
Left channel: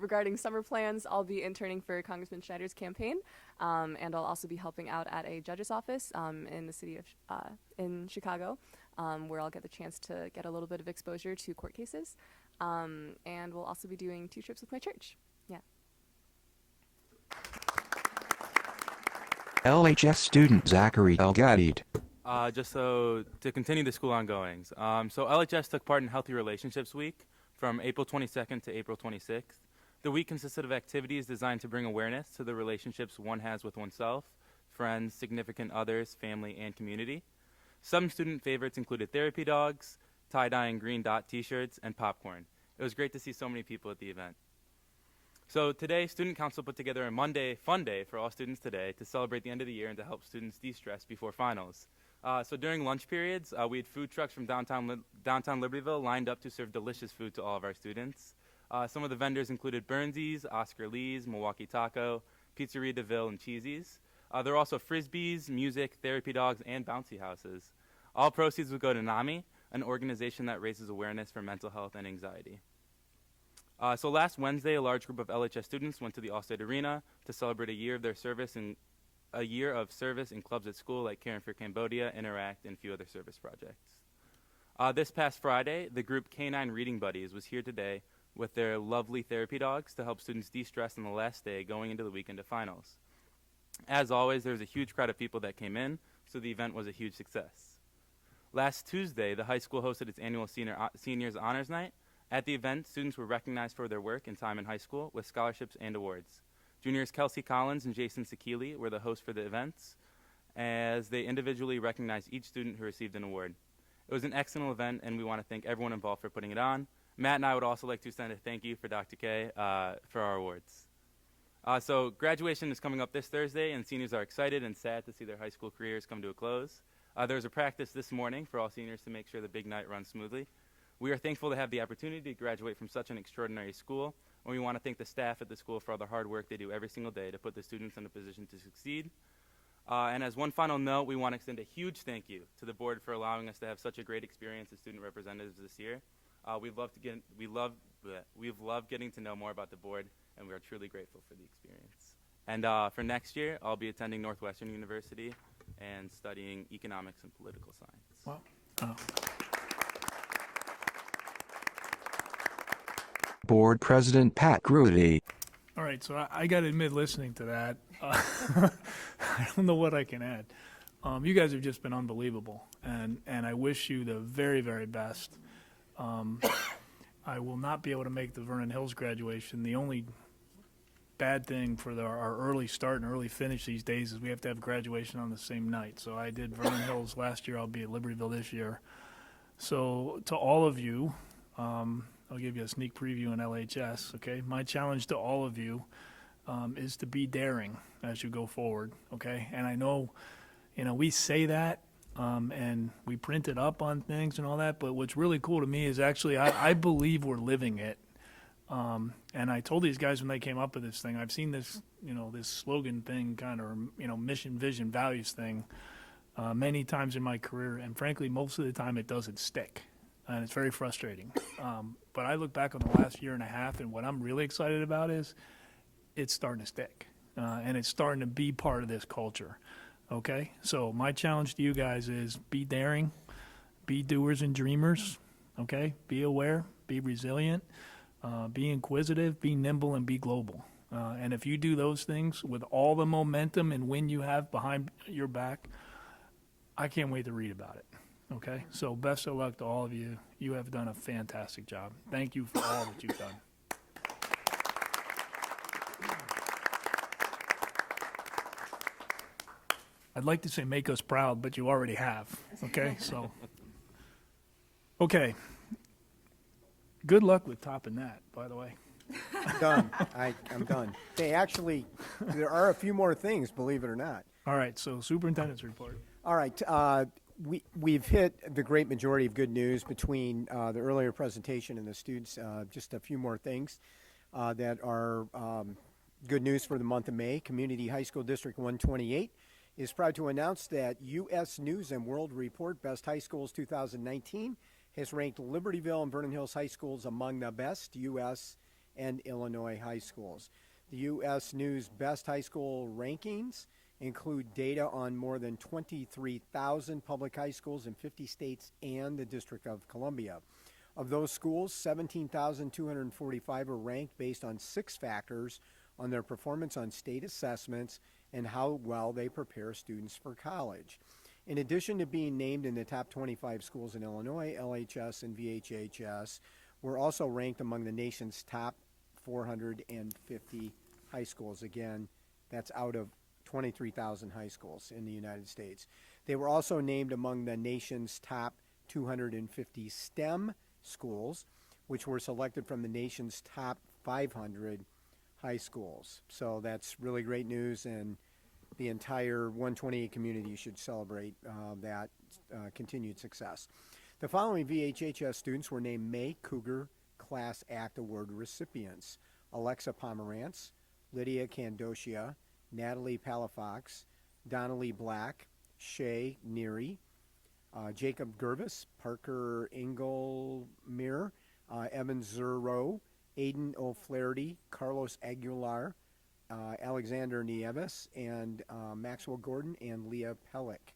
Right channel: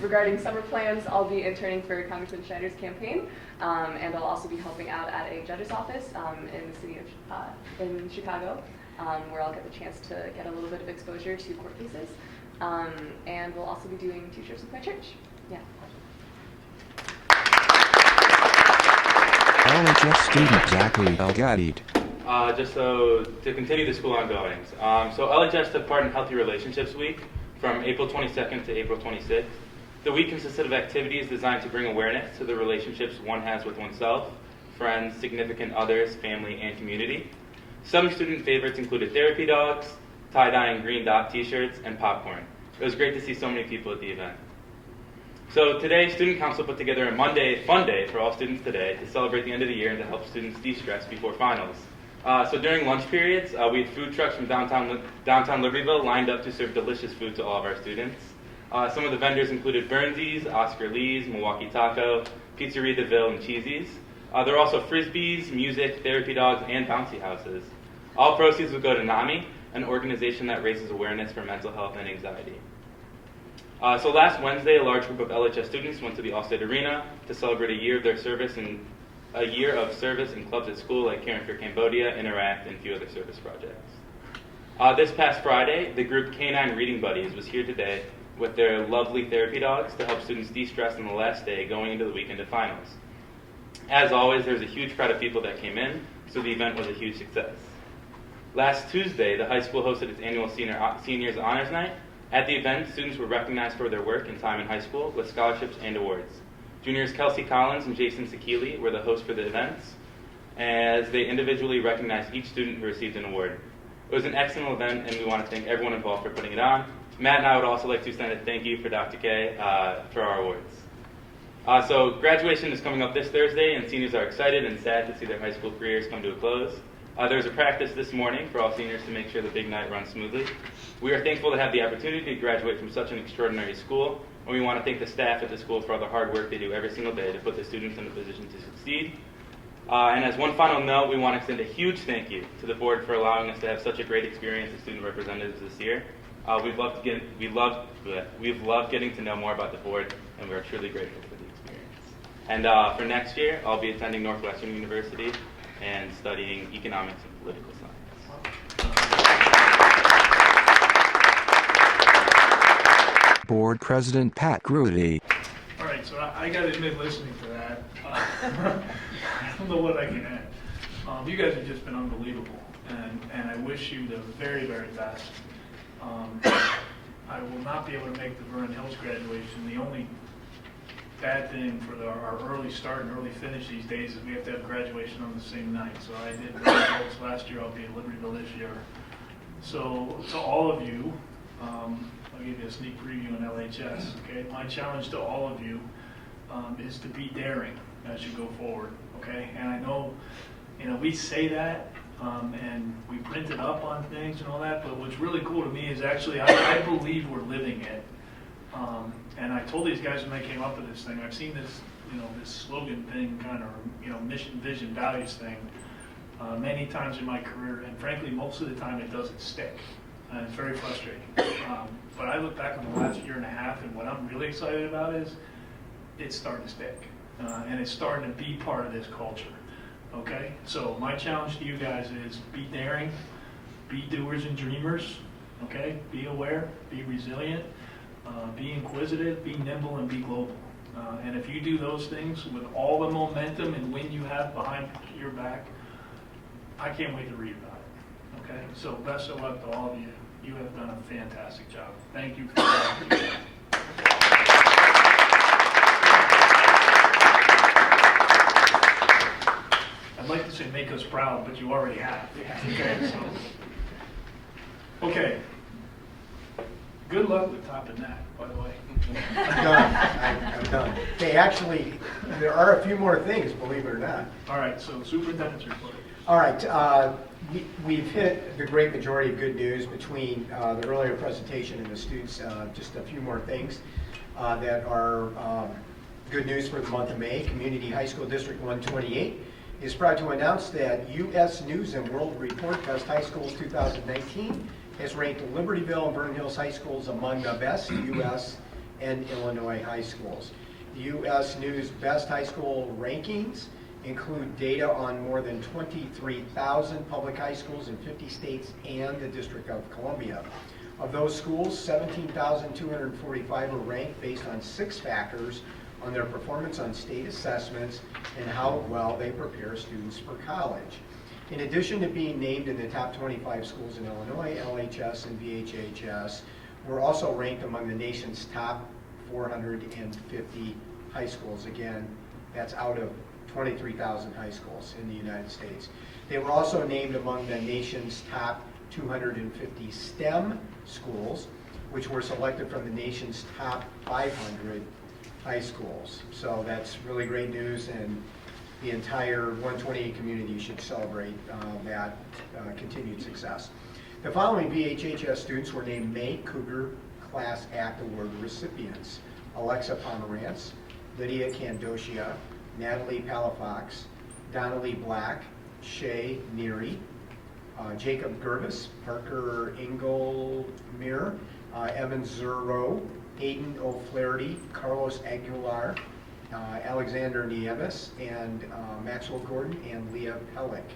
Regarding summer plans, I'll be interning for Congressman Schneider's campaign, and I'll also be helping out at a judge's office in the city of in Chicago, where I'll get the chance to get a little bit of exposure to court cases, and we'll also be doing 2 trips with my church. Yeah. LHS student Zachary Elgadid. Just so to continue the school ongoings. So LHS took part in Healthy Relationships Week from April 22nd to April 26th. The week consisted of activities designed to bring awareness to the relationships one has with oneself, friends, significant others, family, and community. Some student favorites included therapy dogs, tie-dye and green dot t-shirts, and popcorn. It was great to see so many people at the event. So today, Student Council put together a fun day for all students today to celebrate the end of the year and to help students de-stress before finals. So during lunch periods, we had food trucks from downtown Libertyville lined up to serve delicious food to all of our students. Some of the vendors included Burnsies, Oscar Lee's, Milwaukee Taco, Pizzeria DeVille, and Cheesy's. There were also Frisbees, music, therapy dogs, and bouncy houses. All proceeds would go to NAMI, an organization that raises awareness for mental health and anxiety. So last Wednesday, a large group of LHS students went to the Allstate Arena to celebrate a year of service in clubs at school like Caring for Cambodia, Interact, and a few other service projects. This past Friday, the group Canine Reading Buddies was here today with their lovely therapy dogs to help students de-stress on the last day going into the weekend of finals. As always, there was a huge crowd of people that came in, so the event was a huge success. Last Tuesday, the high school hosted its annual Seniors Honors Night. At the event, students were recognized for their work and time in high school with scholarships and awards. Juniors Kelsey Collins and Jason Sakili were the hosts for the events, as they individually recognized each student who received an award. It was an excellent event, and we want to thank everyone involved for putting it on. Matt and I would also like to send a thank you for Dr. K for our awards. So graduation is coming up this Thursday, and seniors are excited and sad to see their high school careers come to a close. There was a practice this morning for all seniors to make sure the big night runs smoothly. We are thankful to have the opportunity to graduate from such an extraordinary school, and we want to thank the staff at the school for all the hard work they do every single day to put the students in a position to succeed. And as one final note, we want to extend a huge thank you to the board for allowing us to have such a great experience as student representatives this year. We've loved getting to know more about the board, and we're truly grateful for the experience. And for next year, I'll be attending Northwestern University and studying economics and political science. Board President Pat Grudy. All right, so I got to admit, listening to that, I don't know what I can add. You guys have just been unbelievable, and I wish you the very, very best. I will not be able to make the Vernon Hills graduation. The only bad thing for our early start and early finish these days is we have to have graduation on the same night. So I did Vernon Hills last year. I'll be in Libertyville this year. So to all of you, I'll give you a sneak preview on LHS, okay? My challenge to all of you is to be daring as you go forward, okay? And I know, we say that, and we print it up on things and all that, but what's really cool to me is actually, I believe we're living it. And I told these guys when they came up with this thing, I've seen this, this slogan thing, kind of, mission, vision, values thing, many times in my career, and frankly, most of the time it doesn't stick. It's very frustrating. But I look back on the last year and a half, and what I'm really excited about is it's starting to stick. And it's starting to be part of this culture. Okay? So my challenge to you guys is be daring, be doers and dreamers. Okay? Be aware, be resilient, be inquisitive, be nimble, and be global. And if you do those things with all the momentum and wind you have behind your back, I can't wait to read about it. Okay? So best of luck to all of you. You have done a fantastic job. Thank you for that. I'd like to say make us proud, but you already have. Okay, so. Okay. Good luck with topping that, by the way. I'm done. I'm done. Hey, actually, there are a few more things, believe it or not. All right, so superintendent's report. All right, we've hit the great majority of good news between the earlier presentation and the students. Just a few more things that are good news for the month of May. Community High School District 128 is proud to announce that U.S. News and World Report Best High Schools 2019 has ranked Libertyville and Vernon Hills High Schools among the best U.S. and Illinois high schools. The U.S. News Best High School rankings include data on more than 23,000 public high schools in 50 states and the District of Columbia. Of those schools, 17,245 are ranked based on 6 factors on their performance on state assessments and how well they prepare students for college. In addition to being named in the top 25 schools in Illinois, LHS and VHHS were also ranked among the nation's top 450 high schools. Again, that's out of 23,000 high schools in the United States. They were also named among the nation's top 250 STEM schools, which were selected from the nation's top 500 high schools. So that's really great news, and the entire 128 community should celebrate that continued success. The following VHHS students were named May Cougar Class Act Award recipients: Alexa Pomerantz, Lydia Candocia, Natalie Palafox, Donnelly Black, Shay Neary, Jacob Gervis, Parker Engelmere, Evan Zuro, Aiden O'Flaherty, Carlos Aguilar, Alexander Niemes, and Maxwell Gordon, and Leah Pellick.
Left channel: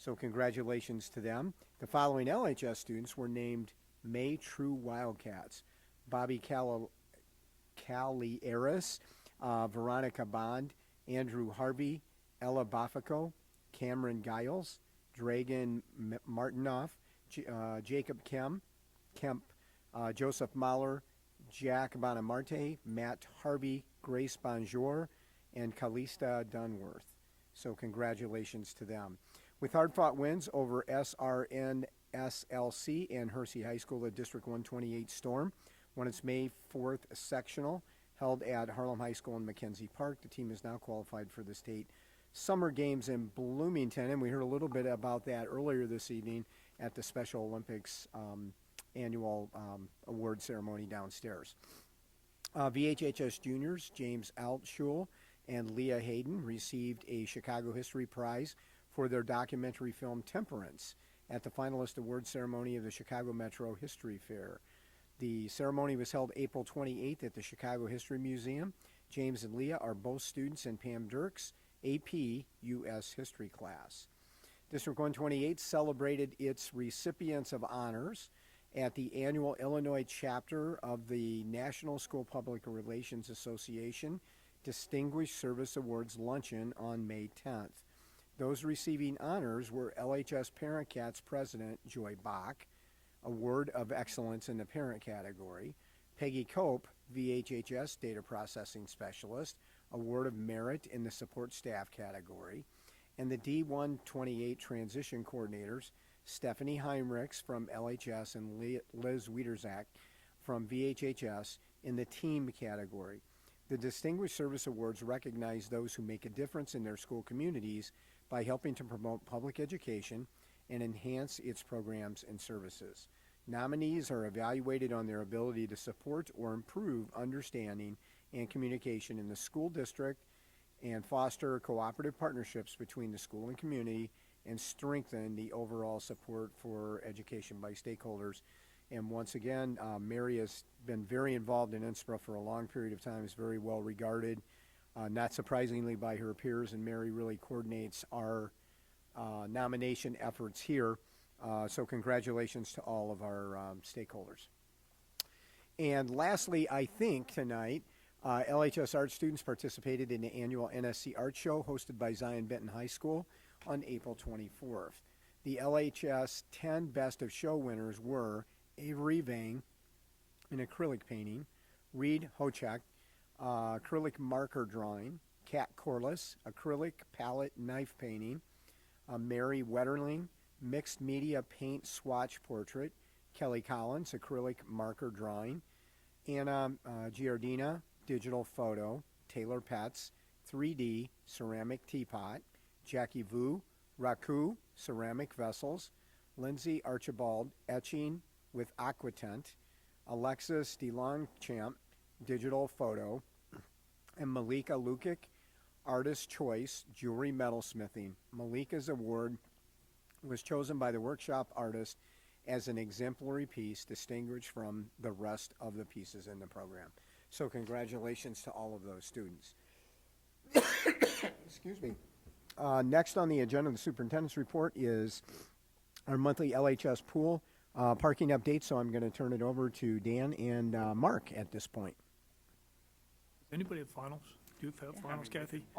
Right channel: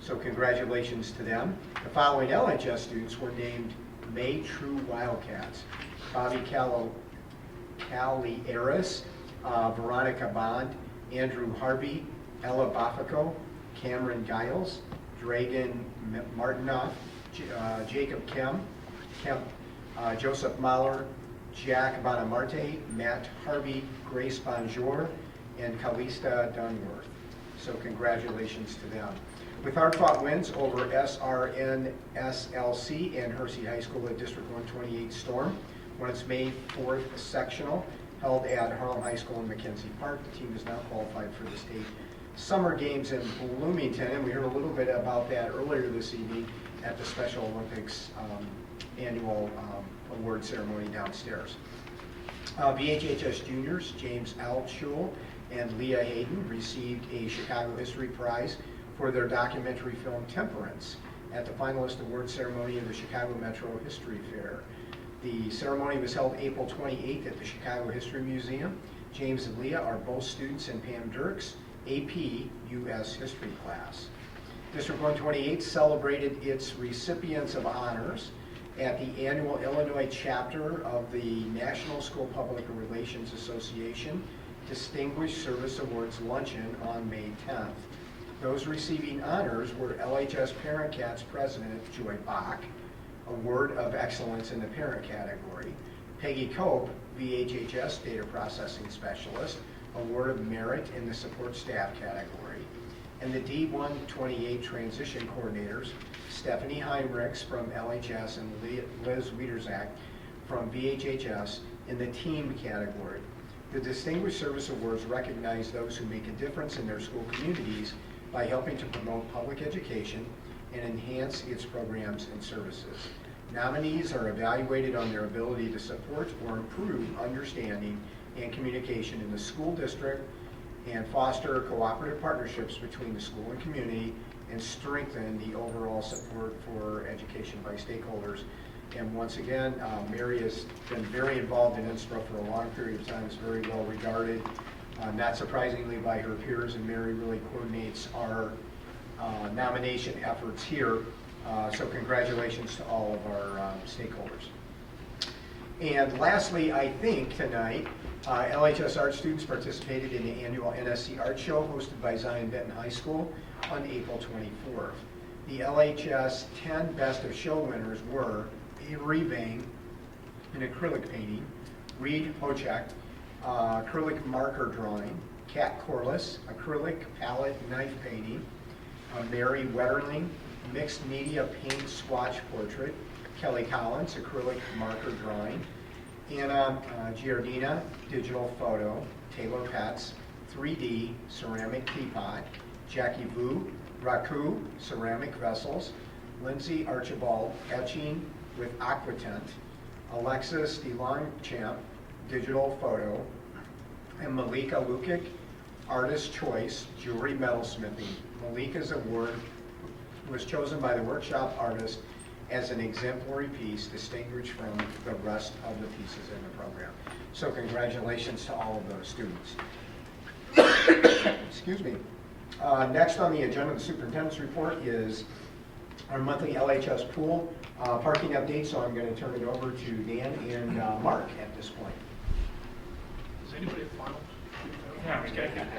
So congratulations to them. The following LHS students were named May True Wildcats: Bobby Calieris, Veronica Bond, Andrew Harvey, Ella Bafico, Cameron Giles, Dragan Martinoff, Jacob Kemp, Joseph Mahler, Jack Bonamarte, Matt Harvey, Grace Bonjour, and Calista Dunworth. So congratulations to them. With hard-fought wins over SRN, SLC, and Hersey High School at District 128 Storm, when its May 4th sectional held at Harlem High School in Mackenzie Park, the team is now qualified for the state summer games in Bloomington, and we heard a little bit about that earlier this evening at the Special Olympics annual award ceremony downstairs. VHHS juniors James Altschul and Leah Hayden received a Chicago History Prize for their documentary film Temperance at the finalist award ceremony of the Chicago Metro History Fair. The ceremony was held April 28th at the Chicago History Museum. James and Leah are both students in Pam Dirk's AP U.S. History class. District 128 celebrated its recipients of honors at the annual Illinois chapter of the National School Public Relations Association Distinguished Service Awards Luncheon on May 10th. Those receiving honors were LHS Parent Cats President Joy Bach, Award of Excellence in the Parent category; Peggy Cope, VHHS Data Processing Specialist, Award of Merit in the Support Staff category; and the D128 transition coordinators, Stephanie Heinrichs from LHS and Liz Wiederzak from VHHS in the team category. The Distinguished Service Awards recognize those who make a difference in their school communities by helping to promote public education and enhance its programs and services. Nominees are evaluated on their ability to support or improve understanding and communication in the school district and foster cooperative partnerships between the school and community and strengthen the overall support for education by stakeholders. And once again, Mary has been very involved in INSTRA for a long period of time. It's very well regarded, not surprisingly by her peers, and Mary really coordinates our nomination efforts here. So congratulations to all of our stakeholders. And lastly, I think tonight, LHS art students participated in the annual NSC Art Show hosted by Zion Benton High School on April 24th. The LHS 10 Best of Show winners were Avery Vane in acrylic painting, Reed Hojek, acrylic marker drawing, Kat Corliss, acrylic palette knife painting, Mary Wetterling, mixed media paint swatch portrait, Kelly Collins, acrylic marker drawing, Anna Giardina, digital photo, Taylor Petz, 3D ceramic teapot, Jackie Vu, Raku, ceramic vessels, Lindsay Archibald, etching with aquatent, Alexis DeLongchamp, digital photo, and Malika Lukic, artist choice, jewelry metalsmithing. Malika's award was chosen by the workshop artist as an exemplary piece distinguished from the rest of the pieces in the program. So congratulations to all of those students. Excuse me. Next on the agenda, the superintendent's report is our monthly LHS pool parking update, so I'm going to turn it over to Dan and Mark at this point. Is anybody at finals?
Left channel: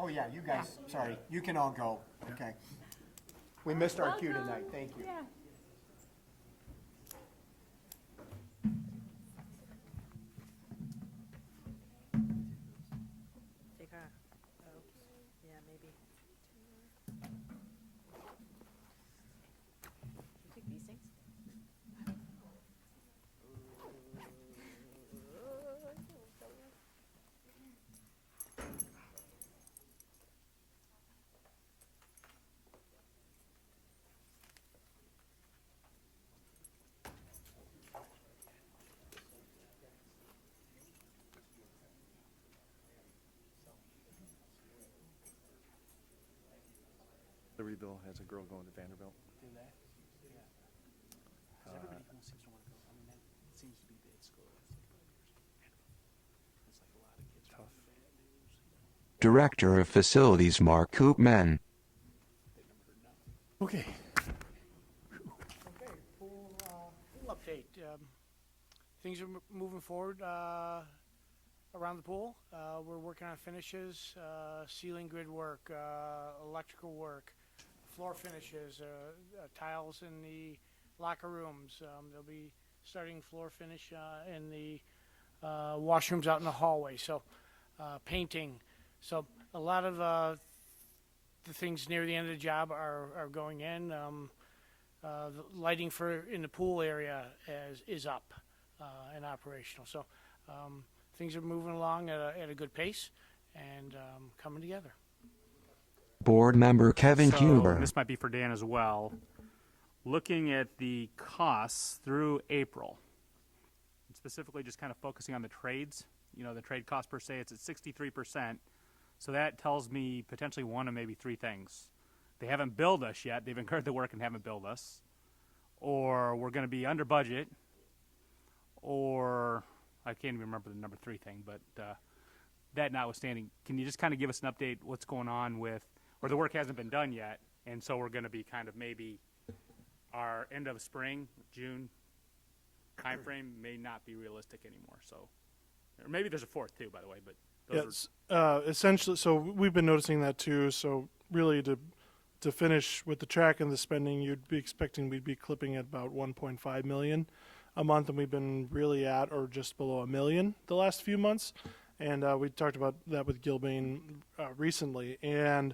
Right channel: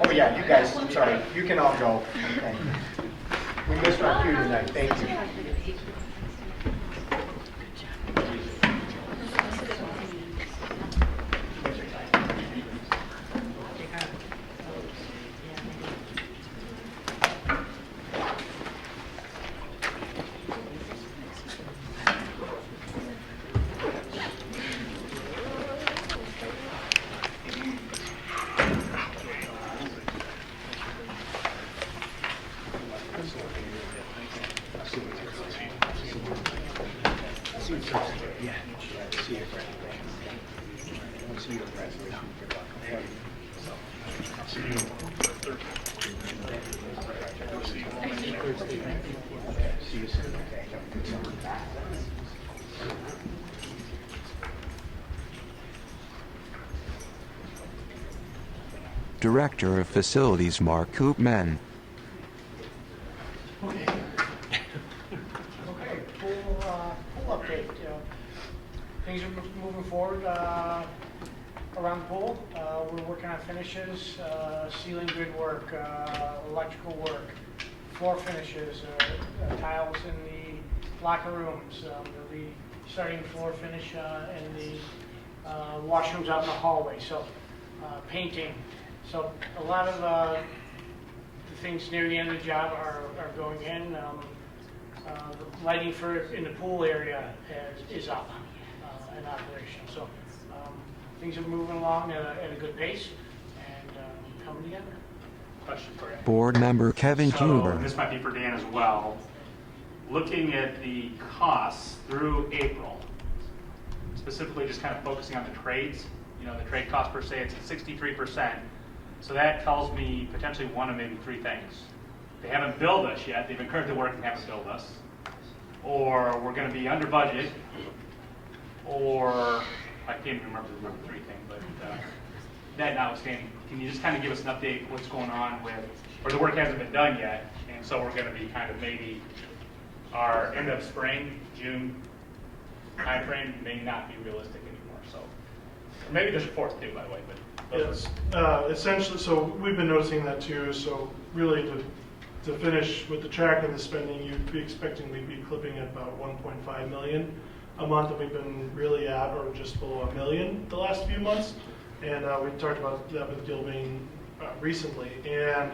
Oh yeah, you guys, I'm sorry, you can all go. Okay. We missed our cue tonight, thank you. Director of Facilities Mark Koopman. Okay, pool update. Things are moving forward around the pool. We're working on finishes, ceiling grid work, electrical work, floor finishes, tiles in the locker rooms. They'll be starting floor finish in the washrooms out in the hallway. So painting. So a lot of the things near the end of the job are going in. The lighting in the pool area is up and operational. So things are moving along at a good pace and coming together. Question for you. Board Member Kevin Huber. This might be for Dan as well. Looking at the costs through April, specifically just kind of focusing on the trades, the trade cost per se, it's at 63%. So that tells me potentially one of maybe three things. They haven't billed us yet. They've been currently working and haven't billed us. Or we're going to be under budget. Or I can't even remember the number three thing, but that notwithstanding, can you just kind of give us an update what's going on with, or the work hasn't been done yet, and so we're going to be kind of maybe our end of spring, June timeframe may not be realistic anymore. So maybe there's a fourth too, by the way, but. It's essentially, so we've been noticing that too, so really to finish with the track and the spending, you'd be expecting we'd be clipping at about 1.5 million a month, and we've been really at or just below $1 million the last few months, and we talked about that with Gilbane recently, and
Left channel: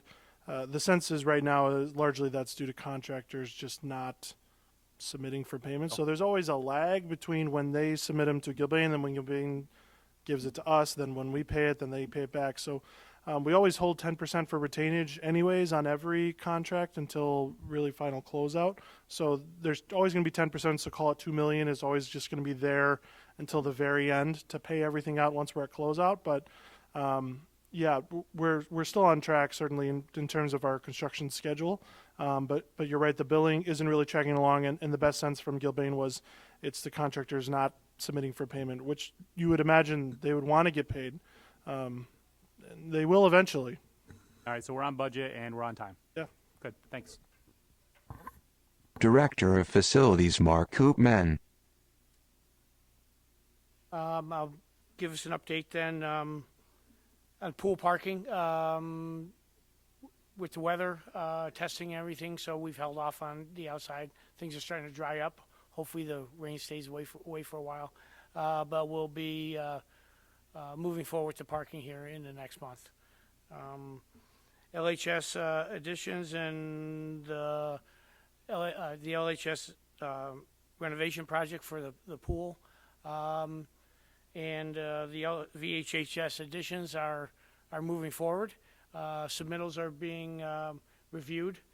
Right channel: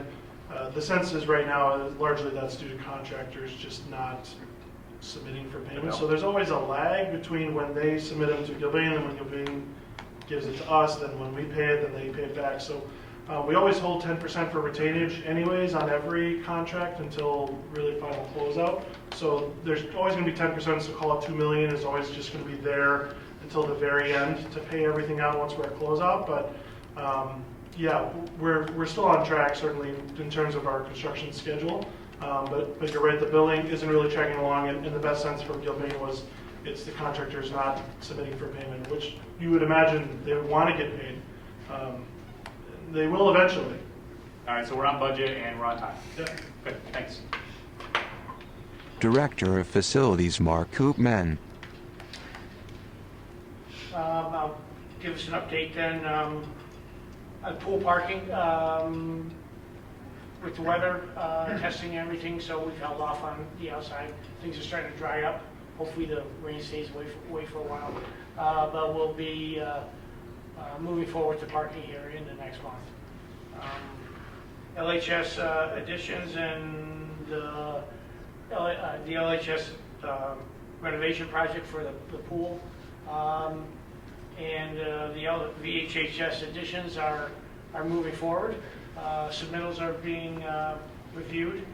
The sense is right now, largely that's due to contractors just not submitting for payment. So there's always a lag between when they submit them to Gilbane and when Gilbane gives it to us, then when we pay it, then they pay it back. So we always hold 10% for retainage anyways on every contract until really final closeout. So there's always going to be 10%, so call it $2 million is always just going to be there until the very end to pay everything out once we're at closeout. But yeah, we're still on track, certainly in terms of our construction schedule. But you're right, the billing isn't really tracking along in the best sense from Gilbane was it's the contractors not submitting for payment, which you would imagine they would want to get paid. They will eventually. All right, so we're on budget and we're on time. Yep. Good, thanks. Director of Facilities Mark Koopman. I'll give us an update then. Pool parking, with the weather, testing everything, so we've held off on the outside. Things are starting to dry up. Hopefully the rain stays away for a while. But we'll be moving forward to parking here in the next month. LHS additions and the LHS renovation project for the pool. And the VHHS additions are moving forward. Submittals are being reviewed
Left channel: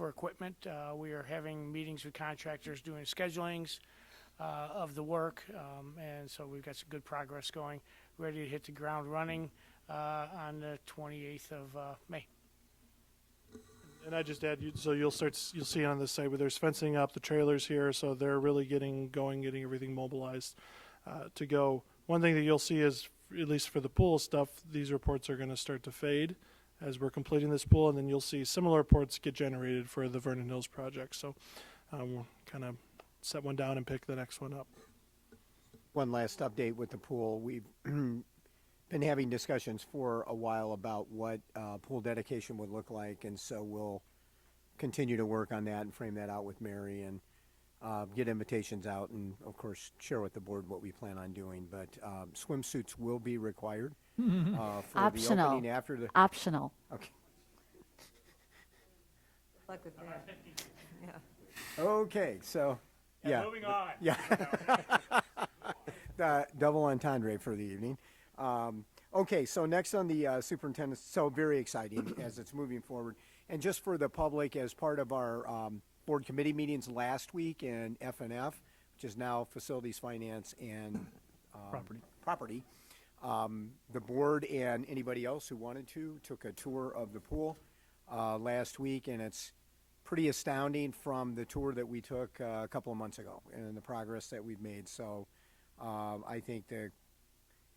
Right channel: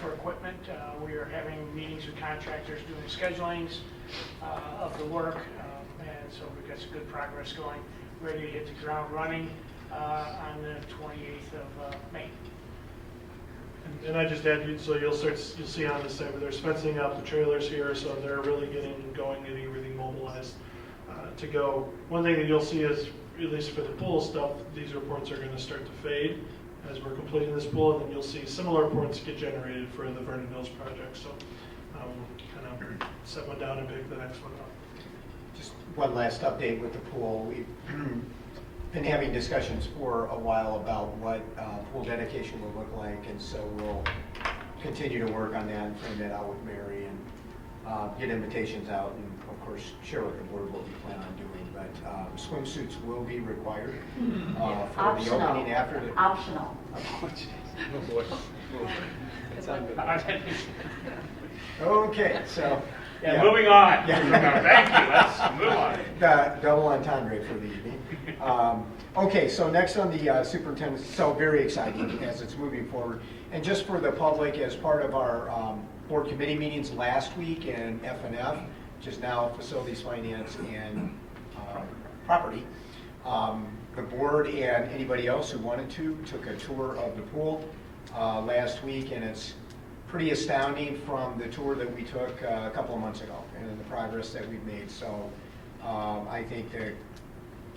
for equipment. We are having meetings with contractors doing schedulings of the work, and so we've got some good progress going. Ready to hit the ground running on the 28th of May. And I just add, so you'll see on the site, but there's fencing out the trailers here, so they're really getting going, getting everything mobilized to go. One thing that you'll see is, at least for the pool stuff, these reports are going to start to fade as we're completing this pool, and then you'll see similar reports get generated for the Vernon Hills project. So kind of set one down and pick the next one up. Just one last update with the pool. We've been having discussions for a while about what pool dedication will look like, and so we'll continue to work on that and frame that out with Mary and get invitations out and, of course, share with the board what we plan on doing. But swimsuits will be required for Optional. the opening after the... Optional. Oh, boy. Okay, so... Yeah, moving on. Yeah. Thank you. Let's move on. Double entendre for the evening. Okay, so next on the superintendent, so very exciting as it's moving forward. And just for the public, as part of our board committee meetings last week in FNF, just now facilities, finance, and property, the board and anybody else who wanted to took a tour of the pool last week, and it's pretty astounding from the tour that we took a couple of months ago and the progress that we've made. So I think the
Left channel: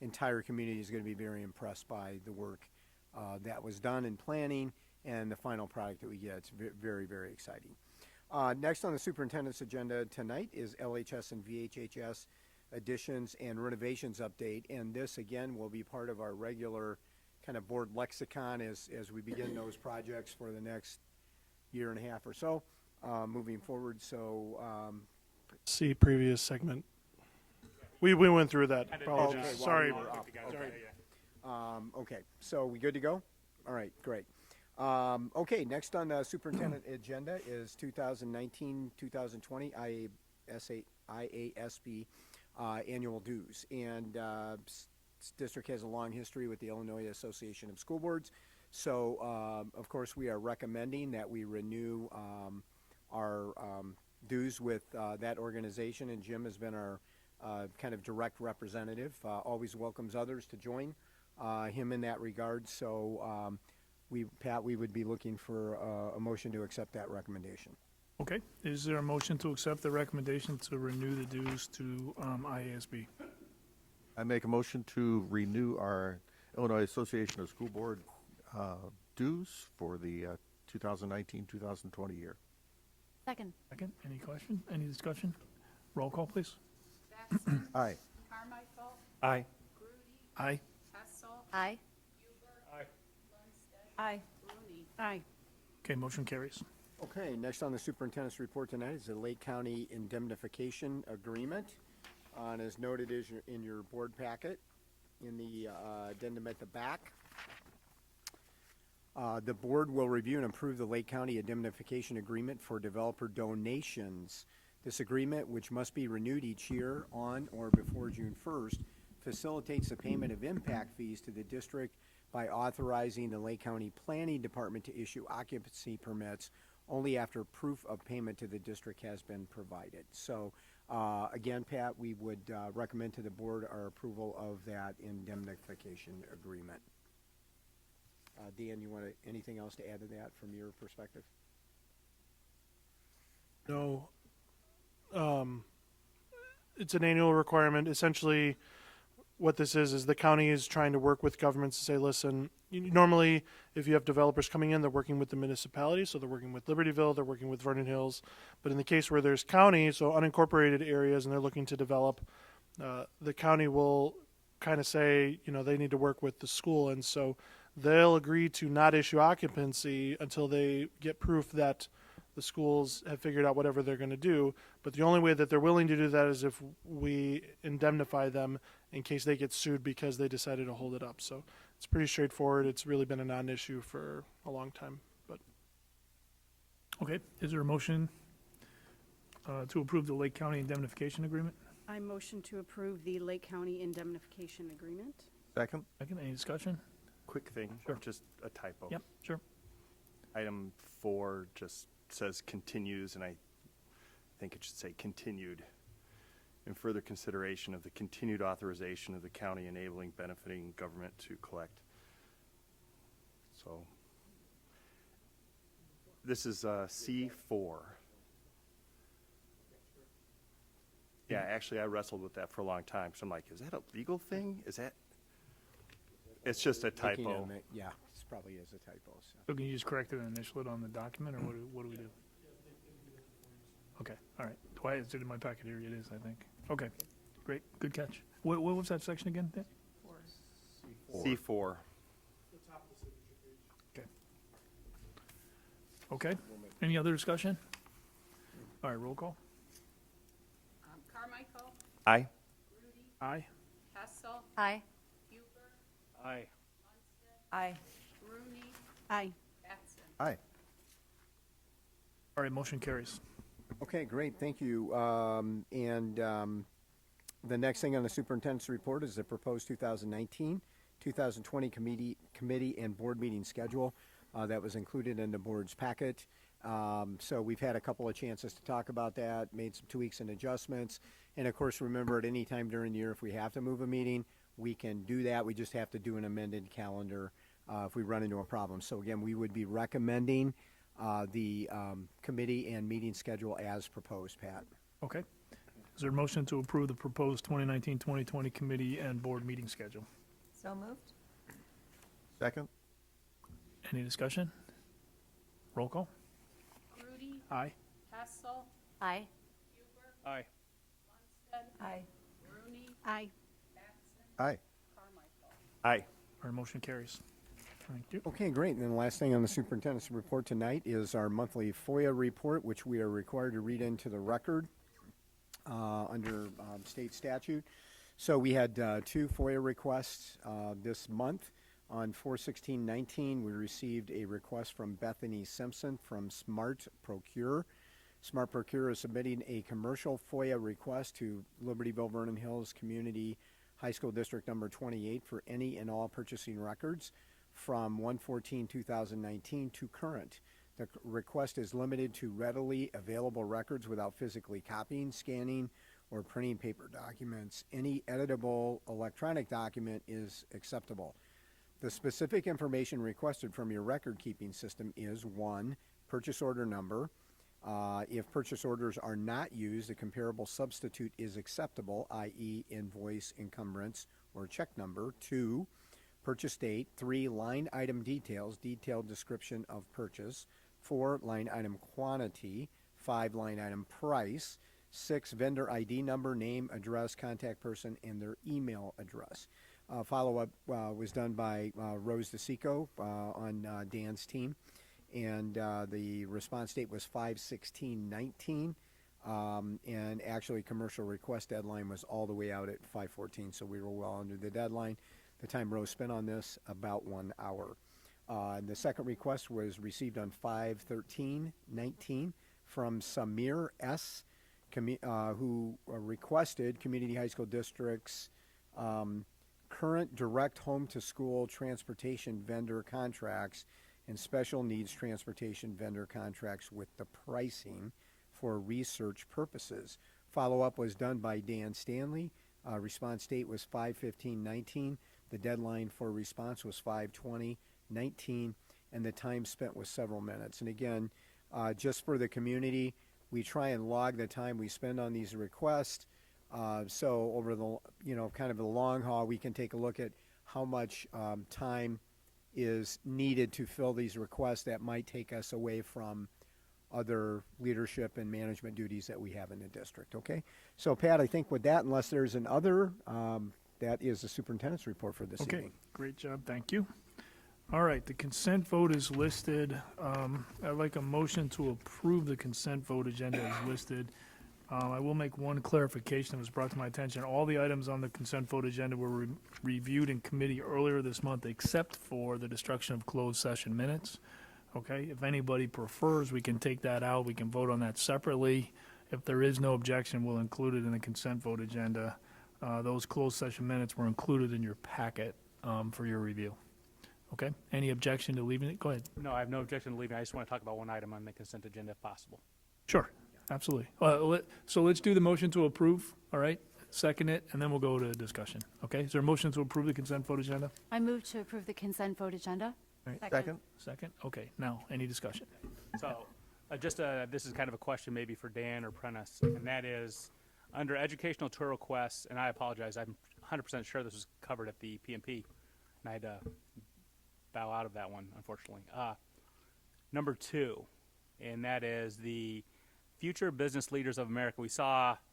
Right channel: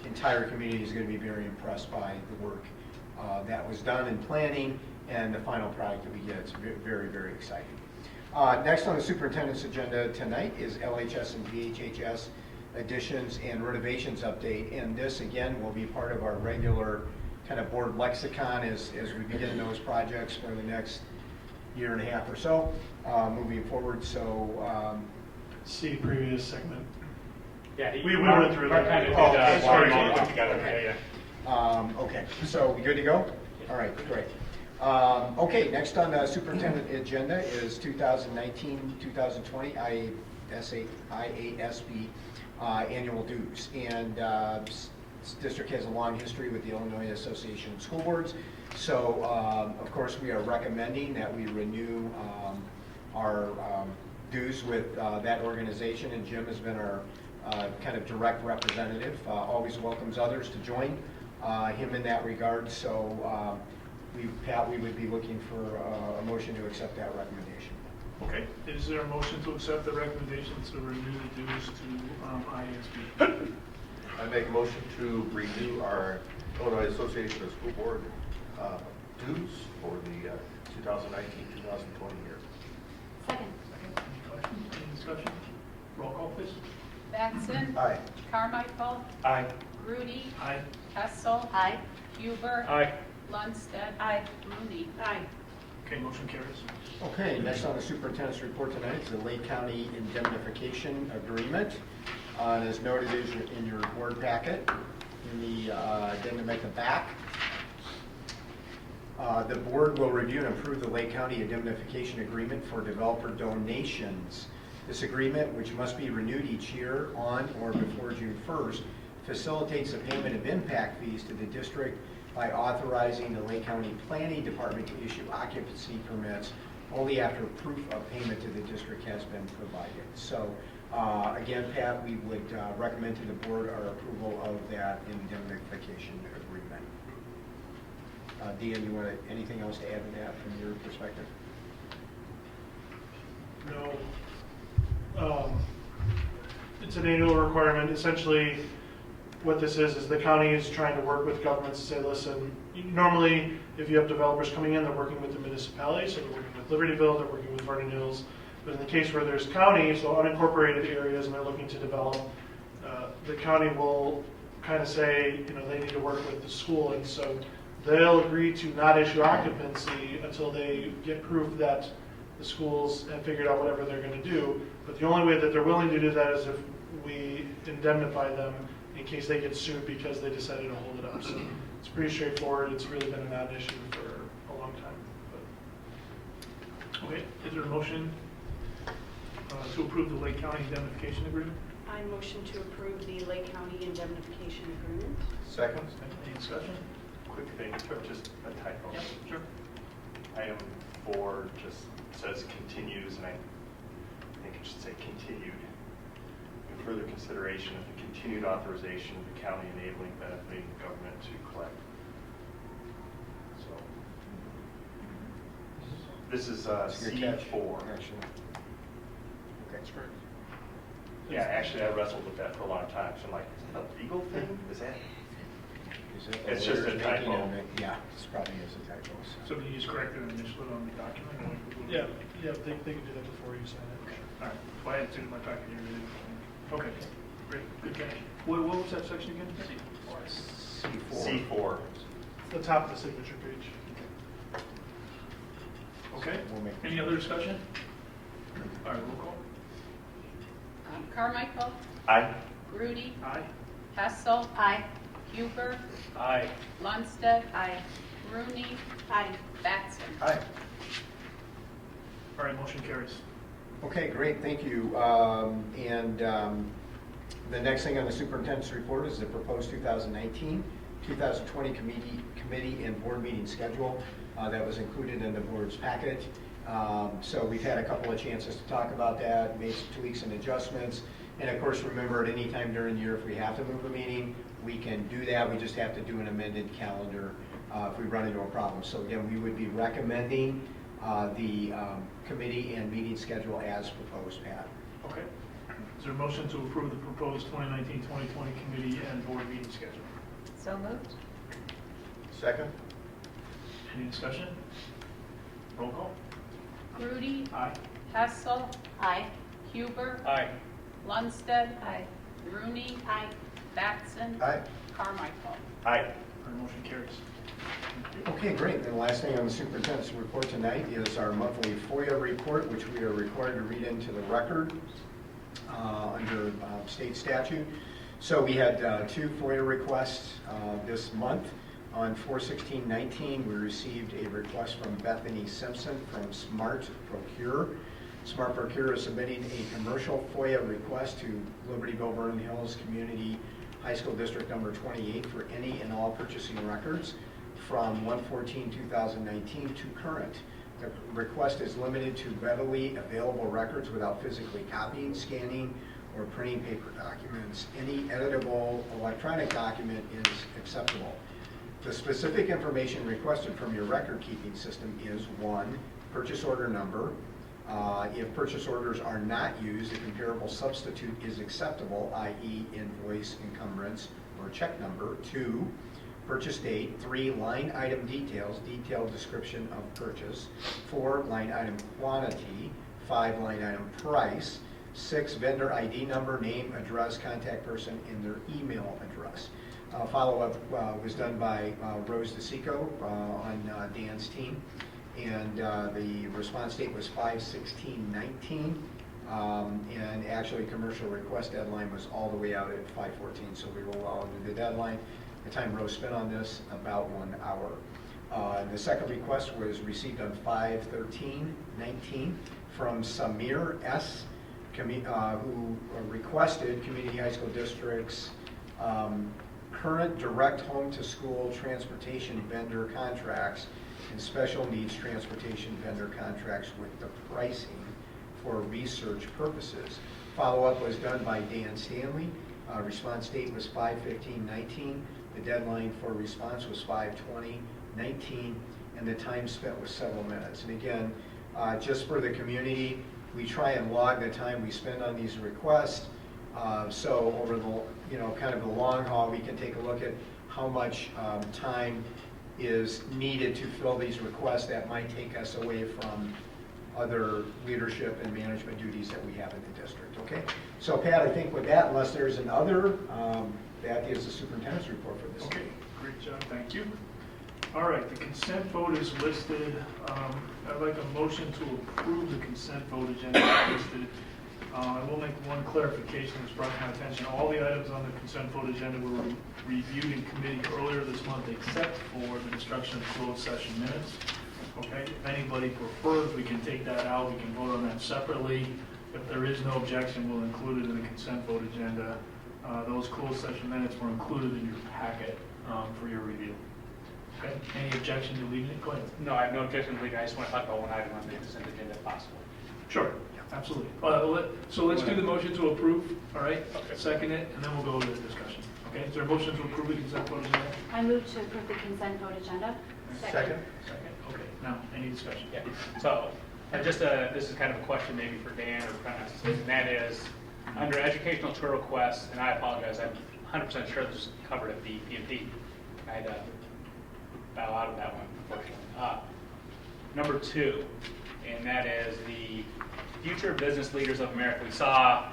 entire community is going to be very impressed by the work that was done in planning and the final product that we get. It's very, very exciting. Next on the superintendent's agenda tonight is LHS and VHHS additions and renovations update. And this, again, will be part of our regular kind of board lexicon as we begin those projects for the next year and a half or so, moving forward. So see previous segment. Yeah, we went through that. Sorry. Okay, so we good to go? All right, great. Okay, next on the superintendent agenda is 2019-2020 IASB annual dues. And this district has a long history with the Illinois Association of School Boards. So, of course, we are recommending that we renew our dues with that organization, and Jim has been our kind of direct representative, always welcomes others to join him in that regard. So we would be looking for a motion to accept that recommendation. Okay, is there a motion to accept the recommendation to renew the dues to IASB? I make a motion to renew our Illinois Association of School Board dues for the 2019-2020 year. Second. Any discussion? Roll call, please. Batson. Aye. Carmichael. Aye. Grudy. Aye. Hessel. Aye. Huber. Aye. Lundstedt. Aye. Rooney. Aye. Okay, motion carries. Okay, next on the superintendent's report tonight is the Lake County indemnification agreement. And as noted in your board packet, in the addendum at the back. The board will review and approve the Lake County indemnification agreement for developer donations. This agreement, which must be renewed each year on or before June 1st, facilitates the payment of impact fees to the district by authorizing the Lake County Planning Department to issue occupancy permits only after proof of payment to the district has been provided. So again, Pat, we would recommend to the board our approval of that indemnification agreement. Dean, you want anything else to add to that from your perspective? No. It's an annual requirement. Essentially, what this is the county is trying to work with governments to say, listen, normally if you have developers coming in, they're working with the municipality, so they're working with Libertyville, they're working with Vernon Hills. But in the case where there's county, so unincorporated areas, and they're looking to develop, the county will kind of say, they need to work with the school, and so they'll agree to not issue occupancy until they get proof that the schools have figured out whatever they're going to do. But the only way that they're willing to do that is if we indemnify them in case they get sued because they decided to hold it up. So it's pretty straightforward. It's really been a non-issue for a long time. But. Okay, is there a motion to approve the Lake County indemnification agreement? I motion to approve the Lake County indemnification agreement. Second. Any discussion? Quick thing, just a typo. Yeah, sure. Item 4 just says continues, and I think it should say continued. In further consideration of the continued authorization of the county enabling benefiting government to collect. So this is C4. Yeah, actually I wrestled with that for a long time. So I'm like, is that a legal thing? Is that? It's just a typo. Yeah, it's probably is a typo. So can you just correct it and just put it on the document? Or Yeah, they can do that before you sign it. Okay, all right. Well, I had it in my pocket here. It is, I think. Okay, great, good catch. What was that section again? C4. The top of the signature page. Okay, any other discussion? All right, roll call. Carmichael. Aye. Grudy. Aye. Hessel. Aye. Huber. Aye. Lundstedt. Aye. Rooney. Aye. Batson. Aye. All right, motion carries. Okay, great, thank you. The next thing on the superintendent's report is the proposed 2019-2020 committee and board meeting schedule that was included in the board's packet. So we've had a couple of chances to talk about that, made some tweaks and adjustments. And of course, remember, at any time during the year, if we have to move a meeting, we can do that. We just have to do an amended calendar if we run into a problem. So again, we would be recommending the committee and meeting schedule as proposed, Pat. Okay. Is there a motion to approve the proposed 2019-2020 committee and board meeting schedule? So moved. Second. Any discussion? Roll call. Grudy. Aye. Hessel. Aye. Huber. Aye. Lundstedt. Aye. Rooney. Aye. Batson. Aye. Carmichael. Aye. Our motion carries. Thank you. Okay, great. And the last thing on the superintendent's report tonight is our monthly FOIA report, which we are required to read into the record under state statute. So we had 2 FOIA requests this month. On 4/16/19, we received a request from Bethany Simpson from Smart Procure. Smart Procure is submitting a commercial FOIA request to Libertyville Vernon Hills Community High School District number 28 for any and all purchasing records from 1/14/2019 to current. The request is limited to readily available records without physically copying, scanning, or printing paper documents. Any editable electronic document is acceptable. The specific information requested from your record-keeping system is 1, purchase order number. If purchase orders are not used, a comparable substitute is acceptable, i.e. invoice, encumbrance, or check number. 2, purchase date. 3, line item details, detailed description of purchase. 4, line item quantity. 5, line item price. 6, vendor ID number, name, address, contact person, and their email address. Follow-up was done by Rose DeSico on Dan's team, and the response date was 5/16/19, and actually commercial request deadline was all the way out at 5/14, so we were well under the deadline. The time Rose spent on this, about 1 hour. The second request was received on 5/13/19 from Samir S., who requested Community High School District's current direct home-to-school transportation vendor contracts and special needs transportation vendor contracts with the pricing for research purposes. Follow-up was done by Dan Stanley. Response date was 5/15/19. The deadline for response was 5/20/19, and the time spent was several minutes. And again, just for the community, we try and log the time we spend on these requests. So over the, kind of the long haul, we can take a look at how much time is needed to fill these requests that might take us away from other leadership and management duties that we have in the district. Okay, so Pat, I think with that, unless there's another, that is the superintendent's report for this. Okay, great job, thank you. All right, the consent vote is listed. I'd like a motion to approve the consent vote agenda as listed. I will make one clarification that's brought to my attention. All the items on the consent vote agenda were reviewed in committee earlier this month, except for the destruction of closed session minutes. Okay, if anybody prefers, we can take that out. We can vote on that separately. If there is no objection, we'll include it in the consent vote agenda. Those closed session minutes were included in your packet for your review. Okay, any objection to leaving it? Go ahead. No, I have no objection to leaving. I just want to talk about one item on the consent agenda if possible. Sure, absolutely. So let's do the motion to approve, all right? Okay. Second it, and then we'll go to the discussion. Okay, is there a motion to approve the consent vote agenda? I move to approve the consent vote agenda. Second. Second, okay. Now, any discussion? Yeah. So, this is kind of a question maybe for Dan or Prentice, and that is, under educational tour requests, and I apologize, I'm 100% sure this is covered at the P&P. I had bow out of that one, unfortunately. Number 2, and that is the Future Business Leaders of America. We saw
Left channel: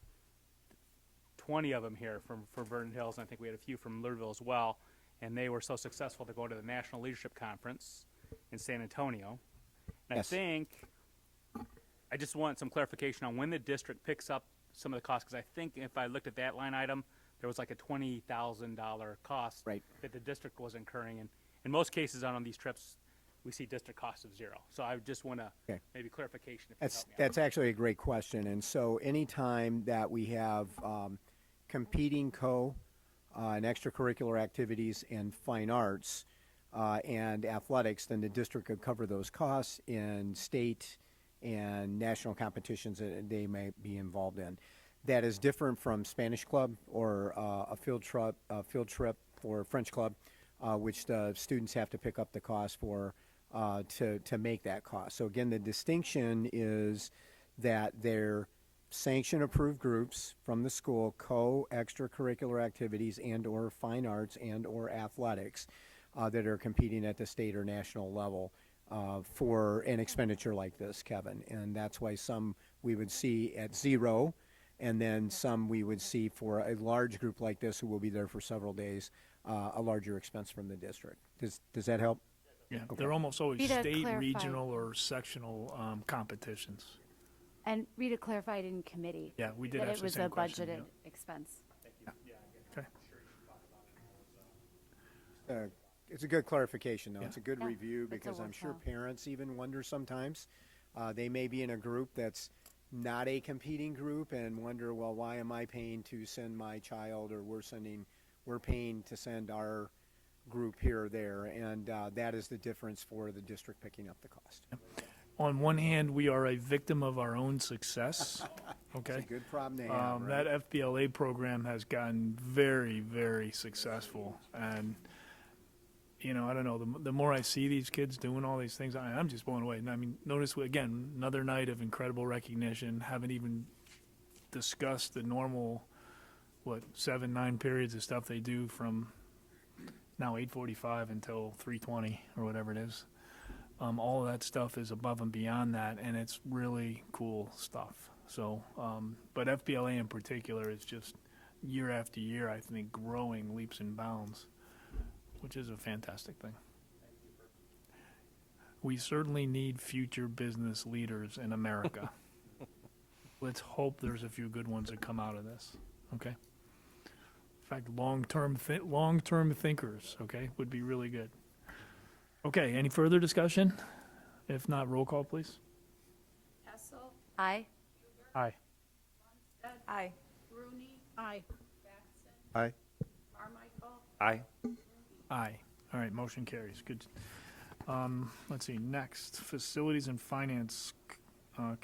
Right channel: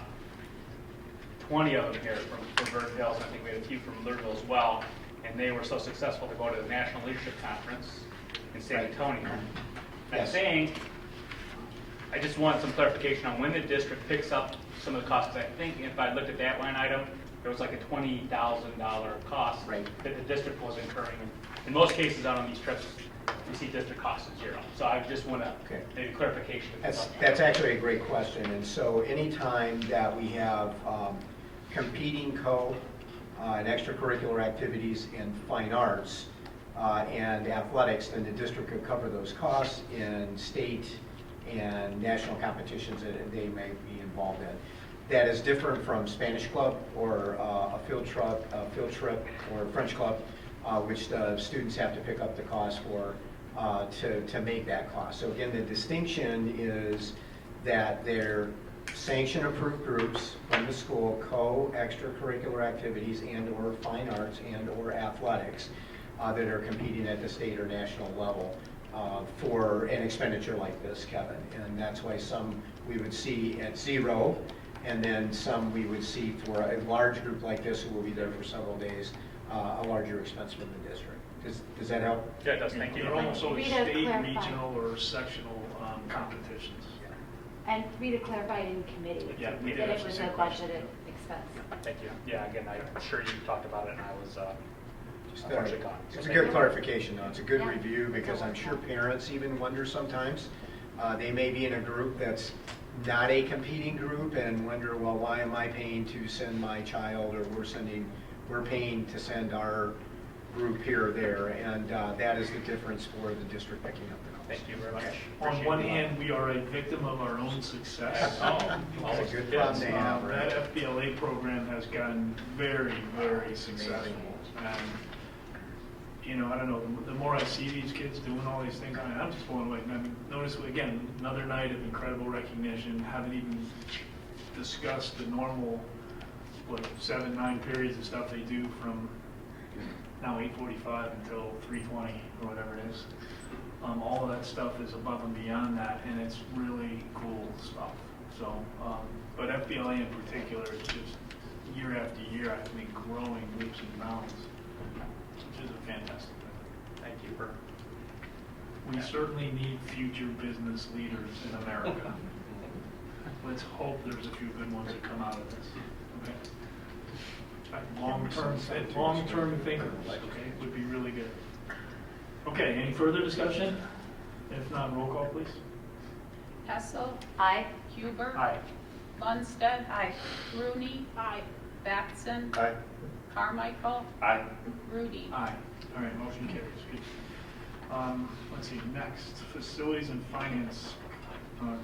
20 of them here from Vernon Hills, and I think we had a few from Louisville as well, and they were so successful to go to the National Leadership Conference in San Antonio. I'm saying, I just want some clarification on when the district picks up some of the costs. I think if I looked at that line item, there was like a $20,000 cost that the district was incurring. In most cases on these trips, we see district costs at 0. So I just want to maybe clarification. That's actually a great question. And so anytime that we have competing and extracurricular activities in fine arts and athletics, then the district could cover those costs in state and national competitions that they may be involved in. That is different from Spanish club or a field trip or French club, which the students have to pick up the cost for to make that cost. So again, the distinction is that they're sanction approved groups from the school, extracurricular activities and or fine arts and or athletics that are competing at the state or national level for an expenditure like this, Kevin. And that's why some we would see at 0, and then some we would see for a large group like this who will be there for several days, a larger expense for the district. Does that help? Yeah, it does. Thank you. They're almost sort of Rita, state, clarify. regional, or sectional competitions. And Rita clarified in committee. Yeah, we did. That it was a budgeted expense. Thank you. Yeah, again, I'm sure you talked about it, and I was unfortunately gone. It's a good clarification, though. It's a good review, because I'm sure parents even wonder sometimes. They may be in a group that's not a competing group and wonder, well, why am I paying to send my child, or we're paying to send our group here or there, and that is the difference for the district picking up the cost. Thank you very much. On one hand, we are a victim of our own success. That's a good problem to have. That FBLA program has gotten very, very successful. And, I don't know, the more I see these kids doing all these things, I'm just blown away. I mean, notice, again, another night of incredible recognition. Haven't even discussed the normal, 7-9 periods of stuff they do from now 8:45 until 3:20 or whatever it is. All of that stuff is above and beyond that, and it's really cool stuff. So, but FBLA in particular is just year after year, I think, growing leaps and bounds, which is a fantastic thing. Thank you for. We certainly need future business leaders in America. Let's hope there's a few good ones that come out of this. Okay. Long-term thinkers, okay, would be really good. Okay, any further discussion? If not, roll call, please. Hessel. Aye. Huber. Aye. Lundstedt. Aye. Rooney. Aye. Batson. Aye. Carmichael. Aye. Rudy. Aye. All right, motion carries. Good. Let's see, next, Facilities and Finance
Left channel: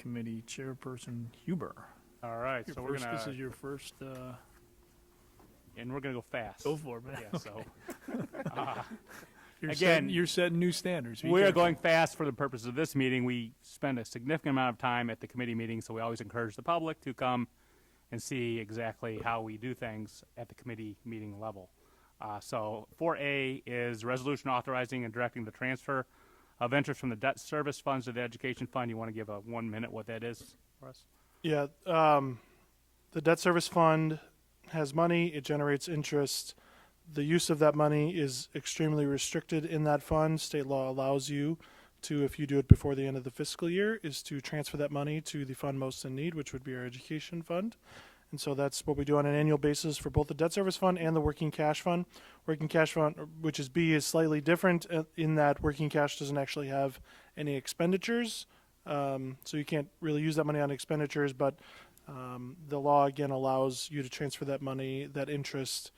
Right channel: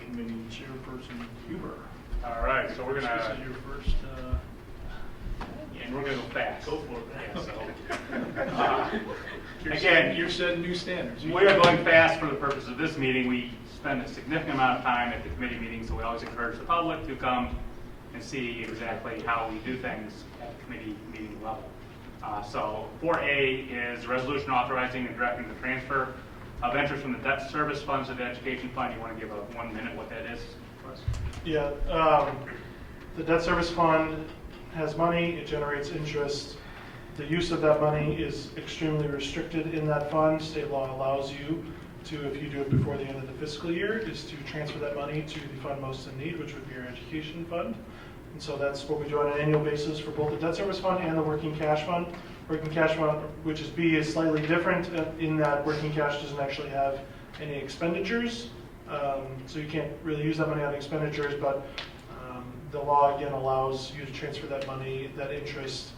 Committee Chairperson Huber. All right, so we're This gonna, is your first, and we're gonna go fast. go for it. Yeah, so, Again, you're setting new standards. we're going fast for the purpose of this meeting. We spend a significant amount of time at the committee meetings, so we always encourage the public to come and see exactly how we do things at the committee meeting level. So 4A is resolution authorizing and directing the transfer of interest from the debt service funds to the education fund. You want to give a 1 minute what that is for us? Yeah, the debt service fund has money, it generates interest. The use of that money is extremely restricted in that fund. State law allows you to, if you do it before the end of the fiscal year, is to transfer that money to the fund most in need, which would be our education fund. And so that's what we do on an annual basis for both the debt service fund and the working cash fund. Working cash fund, which is B, is slightly different in that working cash doesn't actually have any expenditures. So you can't really use that money on expenditures, but the law again allows you to transfer that money, that interest,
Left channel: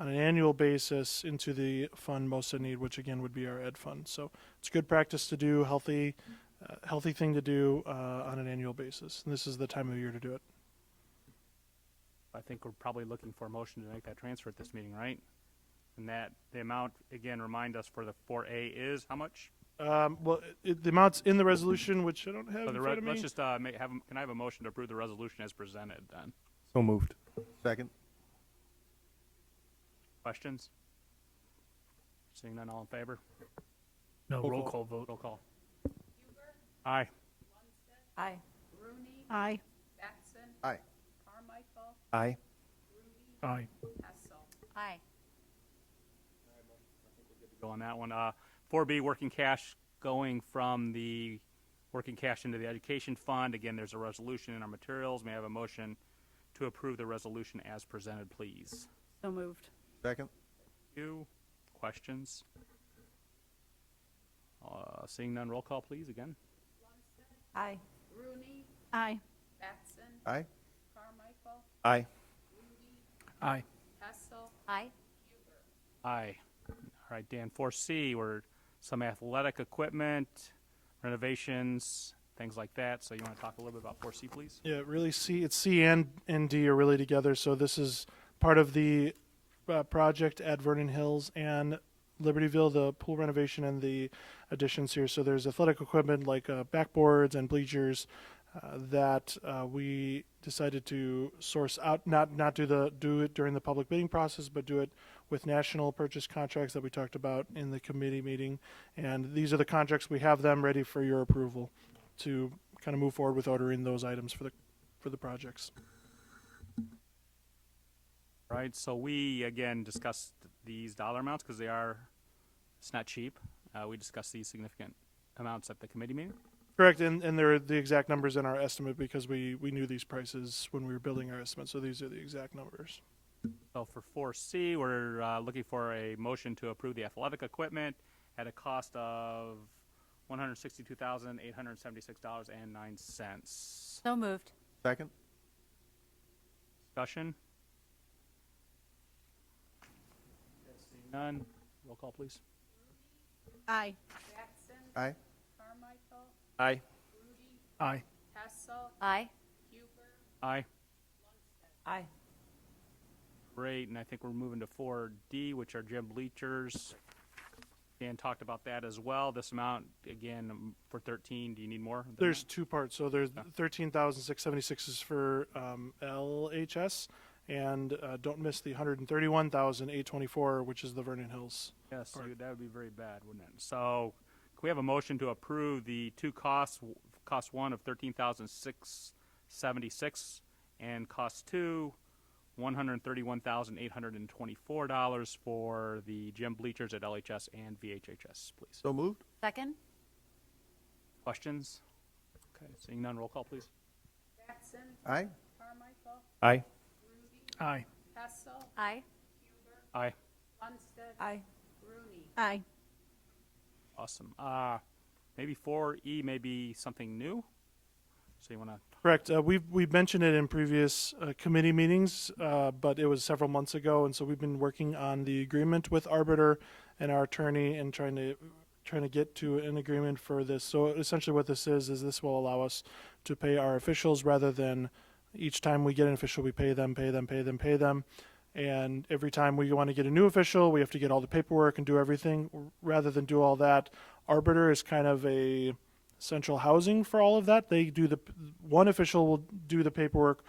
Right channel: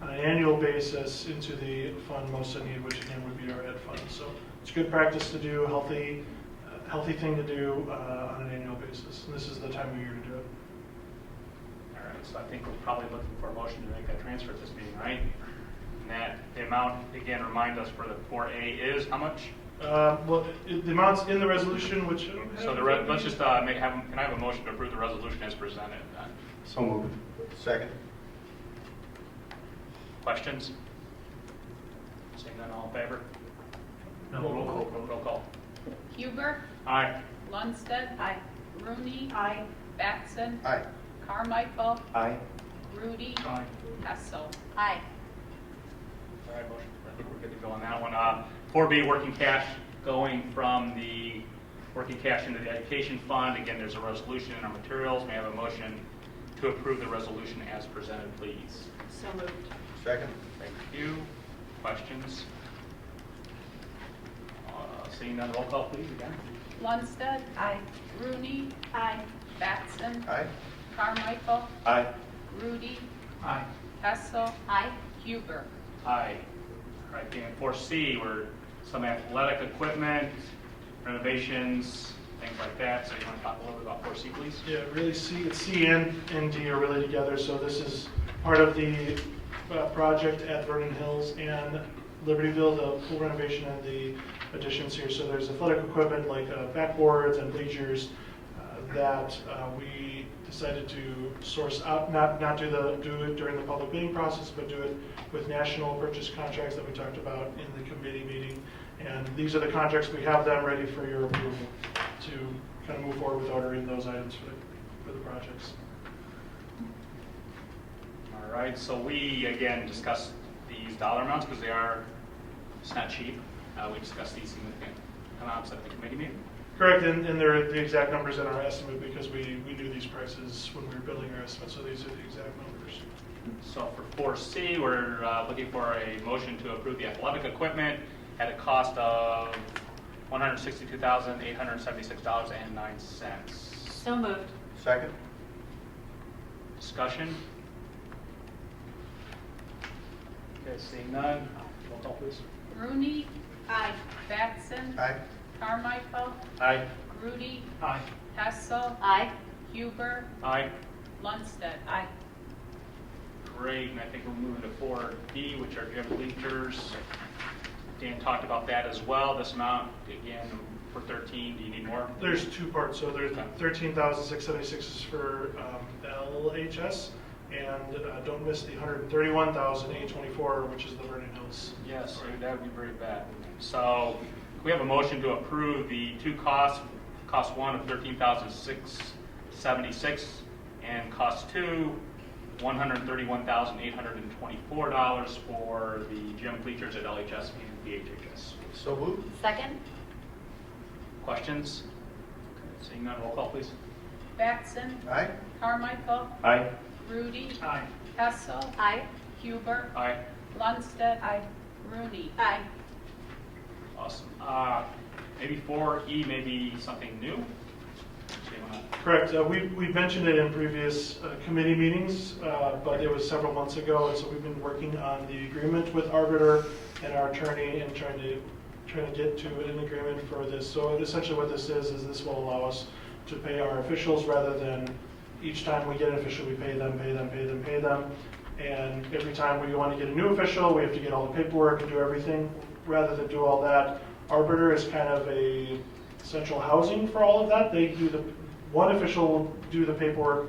on an annual basis into the fund most in need, which again would be our ed fund. So it's good practice to do, healthy thing to do on an annual basis. And this is the time of year to do it. All right, so I think we're probably looking for a motion to make that transfer at this meeting, right? And that the amount, again, remind us for the 4A is how much? Well, the amounts in the resolution, which So let's just can I have a motion to approve the resolution as presented? So moved. Second. Questions? Seeing none, all in favor? No, roll call. Roll call. Huber. Aye. Lundstedt. Aye. Rooney. Aye. Batson. Aye. Carmichael. Aye. Rudy. Aye. Hessel. Aye. All right, motion. I think we're good to go on that one. 4B, working cash going from the working cash into the education fund. Again, there's a resolution in our materials. May I have a motion to approve the resolution as presented, please? So moved. Second. Thank you. Questions? Seeing none, roll call, please, again. Lundstedt. Aye. Rooney. Aye. Batson. Aye. Carmichael. Aye. Rudy. Aye. Hessel. Aye. Huber. Aye. All right, and 4C, were some athletic equipment, renovations, things like that. So you want to talk a little bit about 4C, please? Yeah, really C and D are really together. So this is part of the project at Vernon Hills and Libertyville, the pool renovation and the additions here. So there's athletic equipment like backboards and bleachers that we decided to source out, not do it during the public bidding process, but do it with national purchase contracts that we talked about in the committee meeting. And these are the contracts, we have them ready for your approval to kind of move forward with ordering those items for the projects. All right, so we, again, discussed these dollar amounts because it's not cheap. We discussed these significant amounts at the committee meeting. Correct, and they're the exact numbers in our estimate because we knew these prices when we were building our estimate, so these are the exact numbers. So for 4C, we're looking for a motion to approve the athletic equipment at a cost of $162,876.09. So moved. Second. Discussion? Okay, seeing none, roll call please. Rooney. Aye. Batson. Aye. Carmichael. Aye. Rudy. Aye. Hessel. Aye. Huber. Aye. Lundstedt. Aye. Great, and I think we're moving to 4D, which are gym bleachers. Dan talked about that as well. This amount, again, for 13, do you need more? There's two parts, so there's 13,676 is for LHS, and don't miss the 131,824, which is the Vernon Hills. Yes, that would be very bad. So we have a motion to approve the two costs, cost one of $13,676 and cost two, $131,824 for the gym bleachers at LHS and VHHS. So moved. Second? Questions? Okay, seeing none, roll call please. Batson. Aye. Carmichael. Aye. Rudy. Aye. Hessel. Aye. Huber. Aye. Lundstedt. Aye. Rooney. Aye. Awesome. Maybe 4E, maybe something new? So you wanna- Correct. We mentioned it in previous committee meetings, but it was several months ago, and so we've been working on the agreement with Arbiter and our attorney and trying to get to an agreement for this. So essentially what this is this will allow us to pay our officials rather than each time we get an official, we pay them. And every time we want to get a new official, we have to get all the paperwork and do everything. Rather than do all that, Arbiter is kind of a central housing for all of that. They do one official will do the paperwork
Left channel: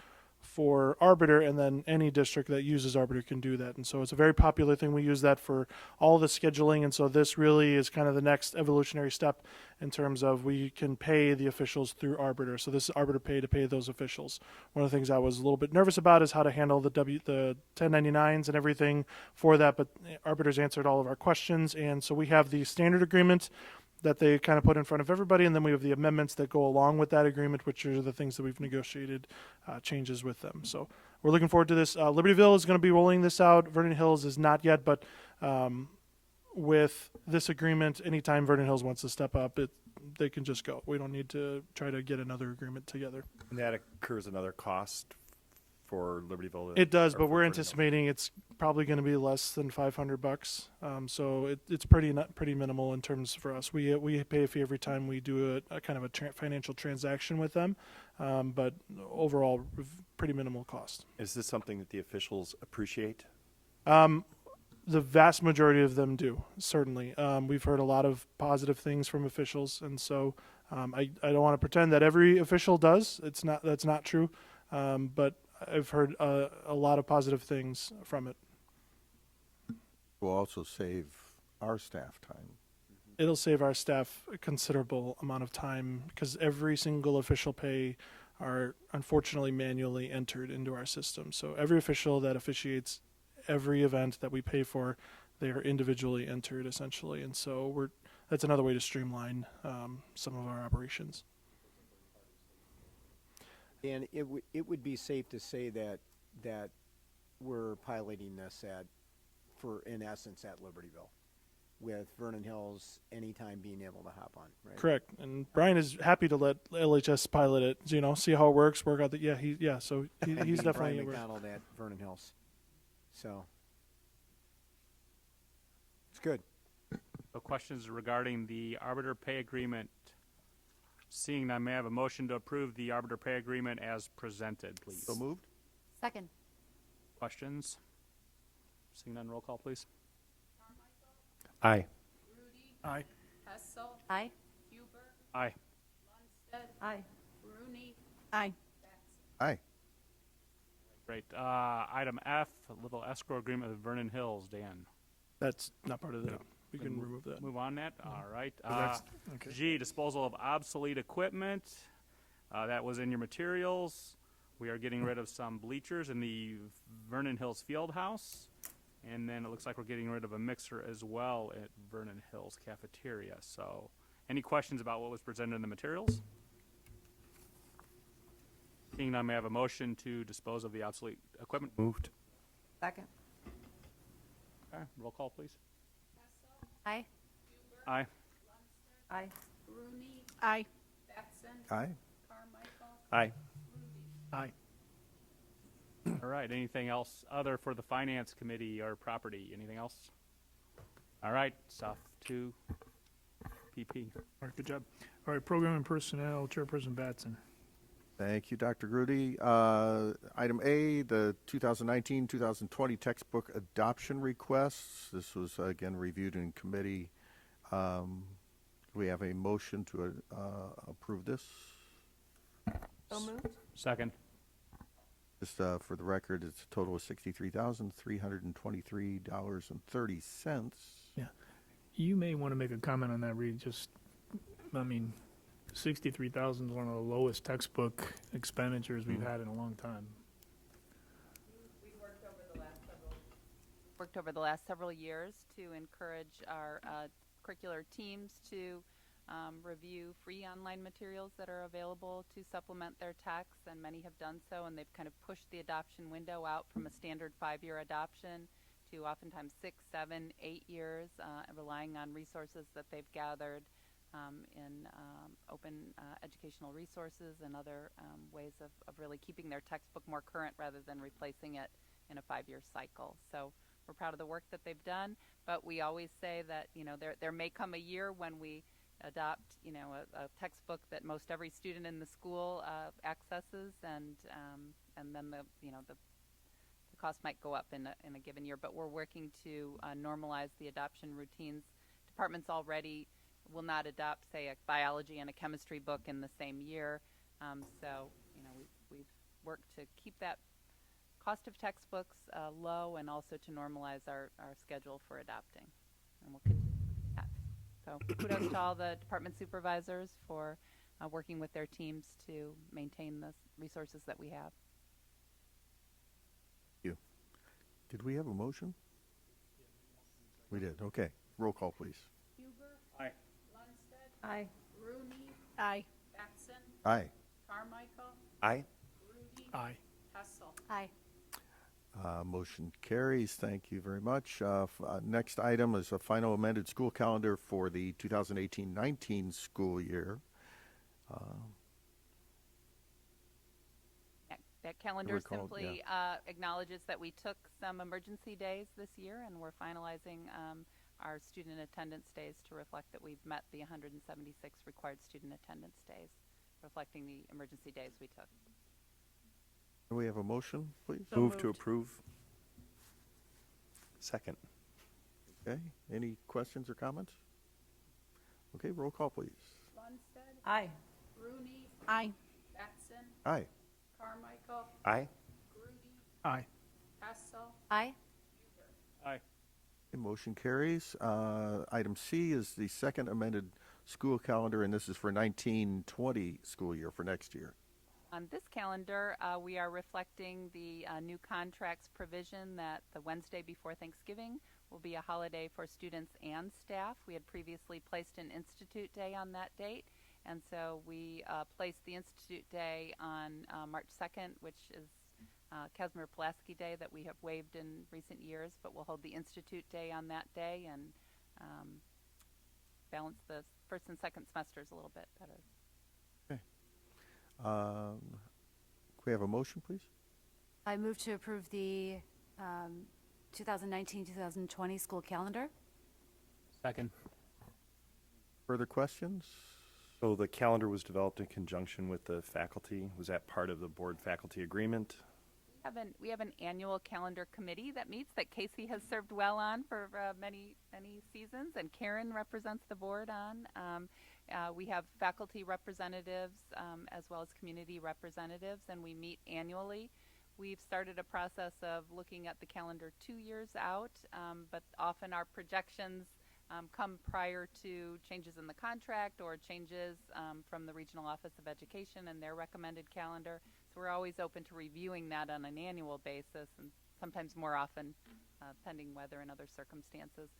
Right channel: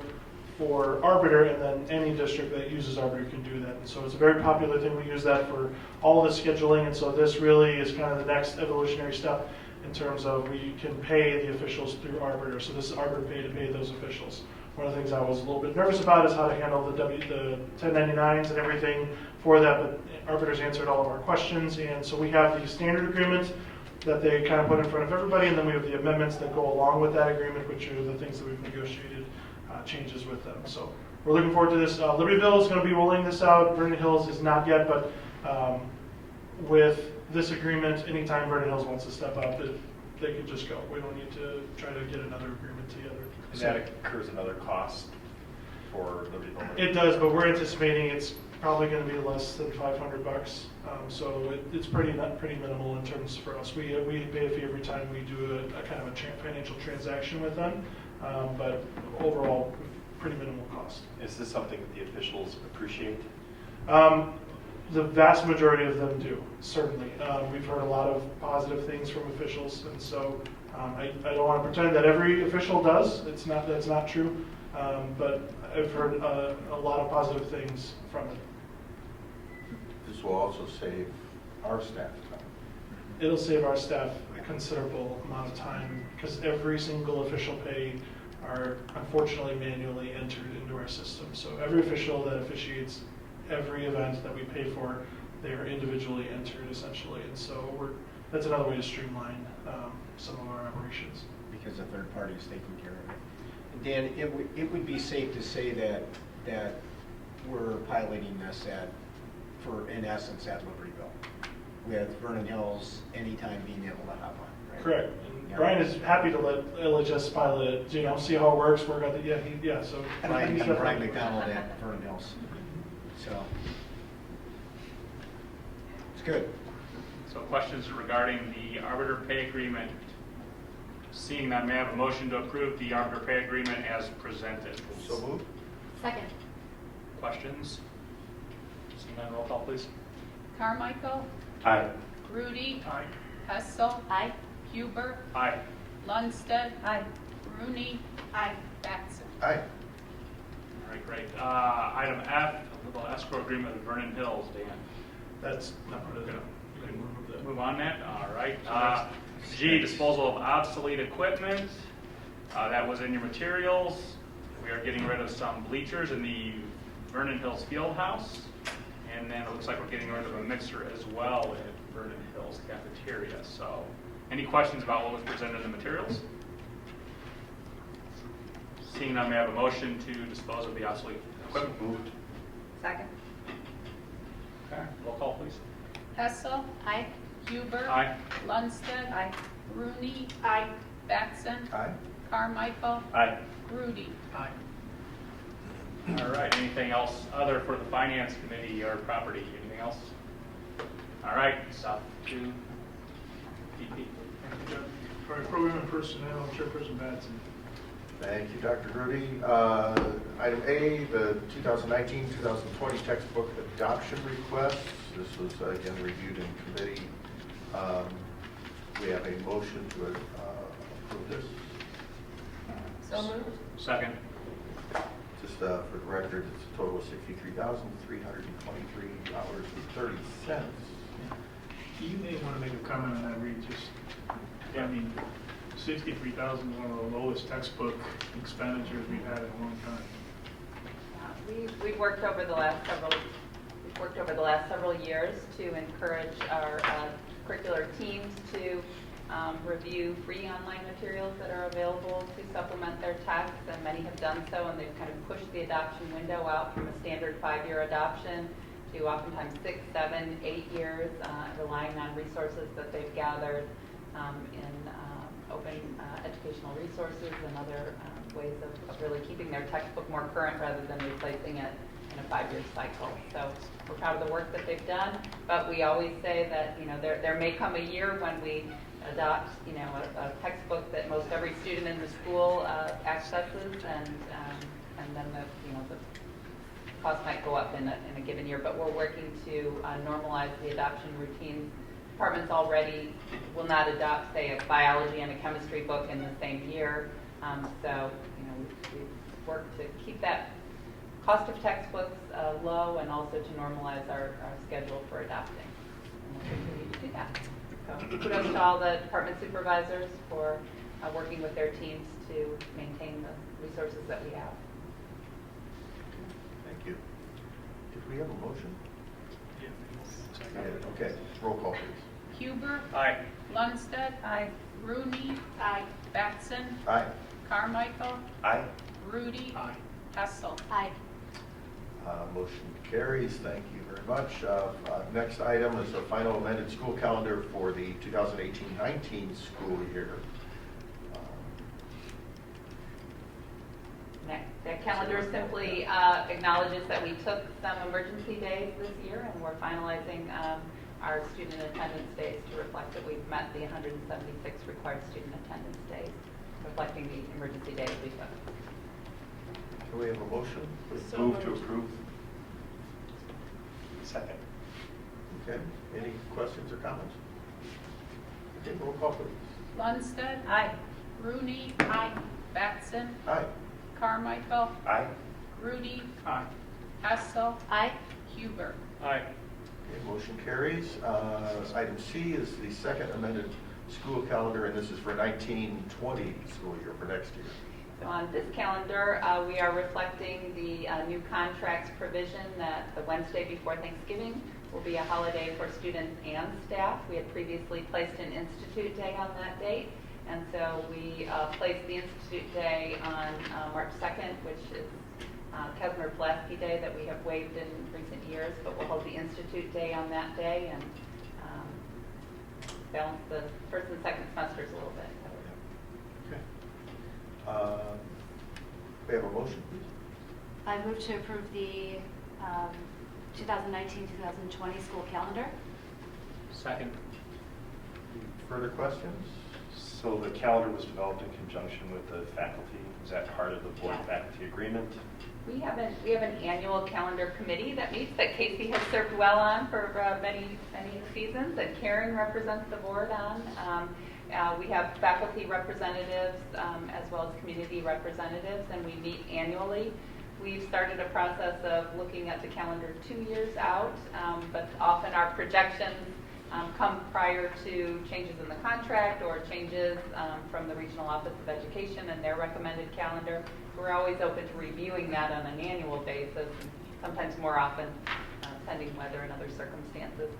for Arbiter, and then any district that uses Arbiter can do that. And so it's a very popular thing. We use that for all the scheduling, and so this really is kind of the next evolutionary step in terms of we can pay the officials through Arbiter. So this is Arbiter Pay to pay those officials. One of the things I was a little bit nervous about is how to handle the 1099s and everything for that, but Arbiter's answered all of our questions, and so we have the standard agreement that they kind of put in front of everybody, and then we have the amendments that go along with that agreement, which are the things that we've negotiated changes with them. So we're looking forward to this. Libertyville is going to be rolling this out. Vernon Hills is not yet, but with this agreement, anytime Vernon Hills wants to step up, they could just go. We don't need to try to get another agreement together. And that incurs another cost for Libertyville? It does, but we're anticipating it's probably going to be less than $500. So it's pretty minimal in terms for us. We pay a fee every time we do a kind of a financial transaction with them, but overall, pretty minimal cost. Is this something that the officials appreciate? The vast majority of them do, certainly. We've heard a lot of positive things from officials, and so I don't want to pretend that every official does. That's not true, but I've heard a lot of positive things from it. This will also save our staff time. It'll save our staff a considerable amount of time because every single official pay are unfortunately manually entered into our system. So every official that officiates every event that we pay for, they are individually entered essentially. And so that's another way to streamline some of our operations. Because a third party is taking care of it. Dan, it would be safe to say that we're piloting this in essence at Libertyville, with Vernon Hills anytime being able to hop on. Right? Correct. And Brian is happy to let LHS pilot it, see how it works, work out the, so. Brian he's McDonald definitely- at Vernon Hills. So, it's good. So questions regarding the Arbiter Pay Agreement? Seeing none, may I have a motion to approve the Arbiter Pay Agreement as presented? So moved. Second. Questions? Seeing none, roll call please. Carmichael, Aye. Rudy, Aye. Hessel, Aye. Huber, Aye. Lundstedt, Aye. Rooney, Aye. Batson. Aye. All right, great. Item F, a little escrow agreement with Vernon Hills, Dan. That's not part of that. We can remove that. Move on that, all right. G, disposal of obsolete equipment. That was in your materials. We are getting rid of some bleachers in the Vernon Hills Field House. And then it looks like we're getting rid of a mixer as well at Vernon Hills Cafeteria. So, any questions about what was presented in the materials? Seeing none, may I have a motion to dispose of the obsolete equipment? Moved. Second. Okay, roll call please. Hessel, Aye. Huber, Aye. Lundstedt, Aye. Rooney, Aye. Batson, Aye. Carmichael, Aye. Rudy. Aye. All right, anything else other for the Finance Committee or property? Anything else? All right, stuff to EP. Thank you, John. All right, Program and Personnel, Chairperson Batson. Thank you, Dr. Rudy. Item A, the 2019-2020 textbook adoption request. This was again reviewed in committee. We have a motion to approve this. So moved. Second. Just for the record, it's a total of $63,323.30. You may want to make a comment on that, Reed. I mean, 63,000 is one of the lowest textbook expenditures we've had in a long time. We've worked over the last several years to encourage our curricular teams to review free online materials that are available to supplement their texts, and many have done so, and they've kind of pushed the adoption window out from a standard 5-year adoption to oftentimes 6, 7, 8 years, relying relying on resources that they've gathered in open educational resources and other ways of really keeping their textbook more current rather than replacing it in a 5-year cycle. So we're proud of the work that they've done, but we always say that, you know, there may come a year when we adopt, you know, a textbook that most every student in the school accesses, and then the cost might go up in a given year. But we're working to normalize the adoption routines. Departments already will not adopt, say, a biology and a chemistry book in the same year. So, you know, we work to keep that cost of textbooks low, and also to normalize our schedule for adopting. And we'll continue to do that. So kudos to all the department supervisors for working with their teams to maintain the resources that we have. Thank you. Did we have a motion? Yeah. We did. Okay. Roll call, please. Huber. Aye. Lundstedt. Aye. Rooney. Aye. Batson. Aye. Carmichael. Aye. Rudy. Aye. Hessel. Aye. Motion carries. Thank you very much. Next item is the final amended school calendar for the 2018-19 school year. That calendar simply acknowledges that we took some emergency days this year, and we're finalizing our student attendance days to reflect that we've met the 176 required student attendance days, reflecting the emergency days we took. Do we have a motion? Please. So move to approve. Second. Okay. Any questions or comments? Okay, roll call, please. Lundstedt. Aye. Rooney. Aye. Batson. Aye. Carmichael. Aye. Rudy. Aye. Hessel. Aye. Huber. Aye. Okay, motion carries. Item C is the second amended school calendar, and this is for 19-20 school year, for next year. So on this calendar, we are reflecting the new contracts provision that the Wednesday before Thanksgiving will be a holiday for students and staff. We had previously placed an Institute Day on that date, and so we placed the Institute Day on March 2nd, which is Kazimir Pulaski Day that we have waived in recent years, but we'll hold the Institute Day on that day and balance the first and second semesters a little bit. We have a motion, please. I move to approve the 2019-2020 school calendar. Second. Further questions? So the calendar was developed in conjunction with the faculty. Is that part of the board faculty agreement? We have an annual calendar committee that meets that Casey has served well on for many seasons, and Karen represents the board on. We have faculty representatives as well as community representatives, and we meet annually. We've started a process of looking at the calendar 2 years out, but often our projections come prior to changes in the contract or changes from the Regional Office of Education and their recommended calendar. We're always open to reviewing that on an annual basis, and sometimes more often, pending weather and other circumstances.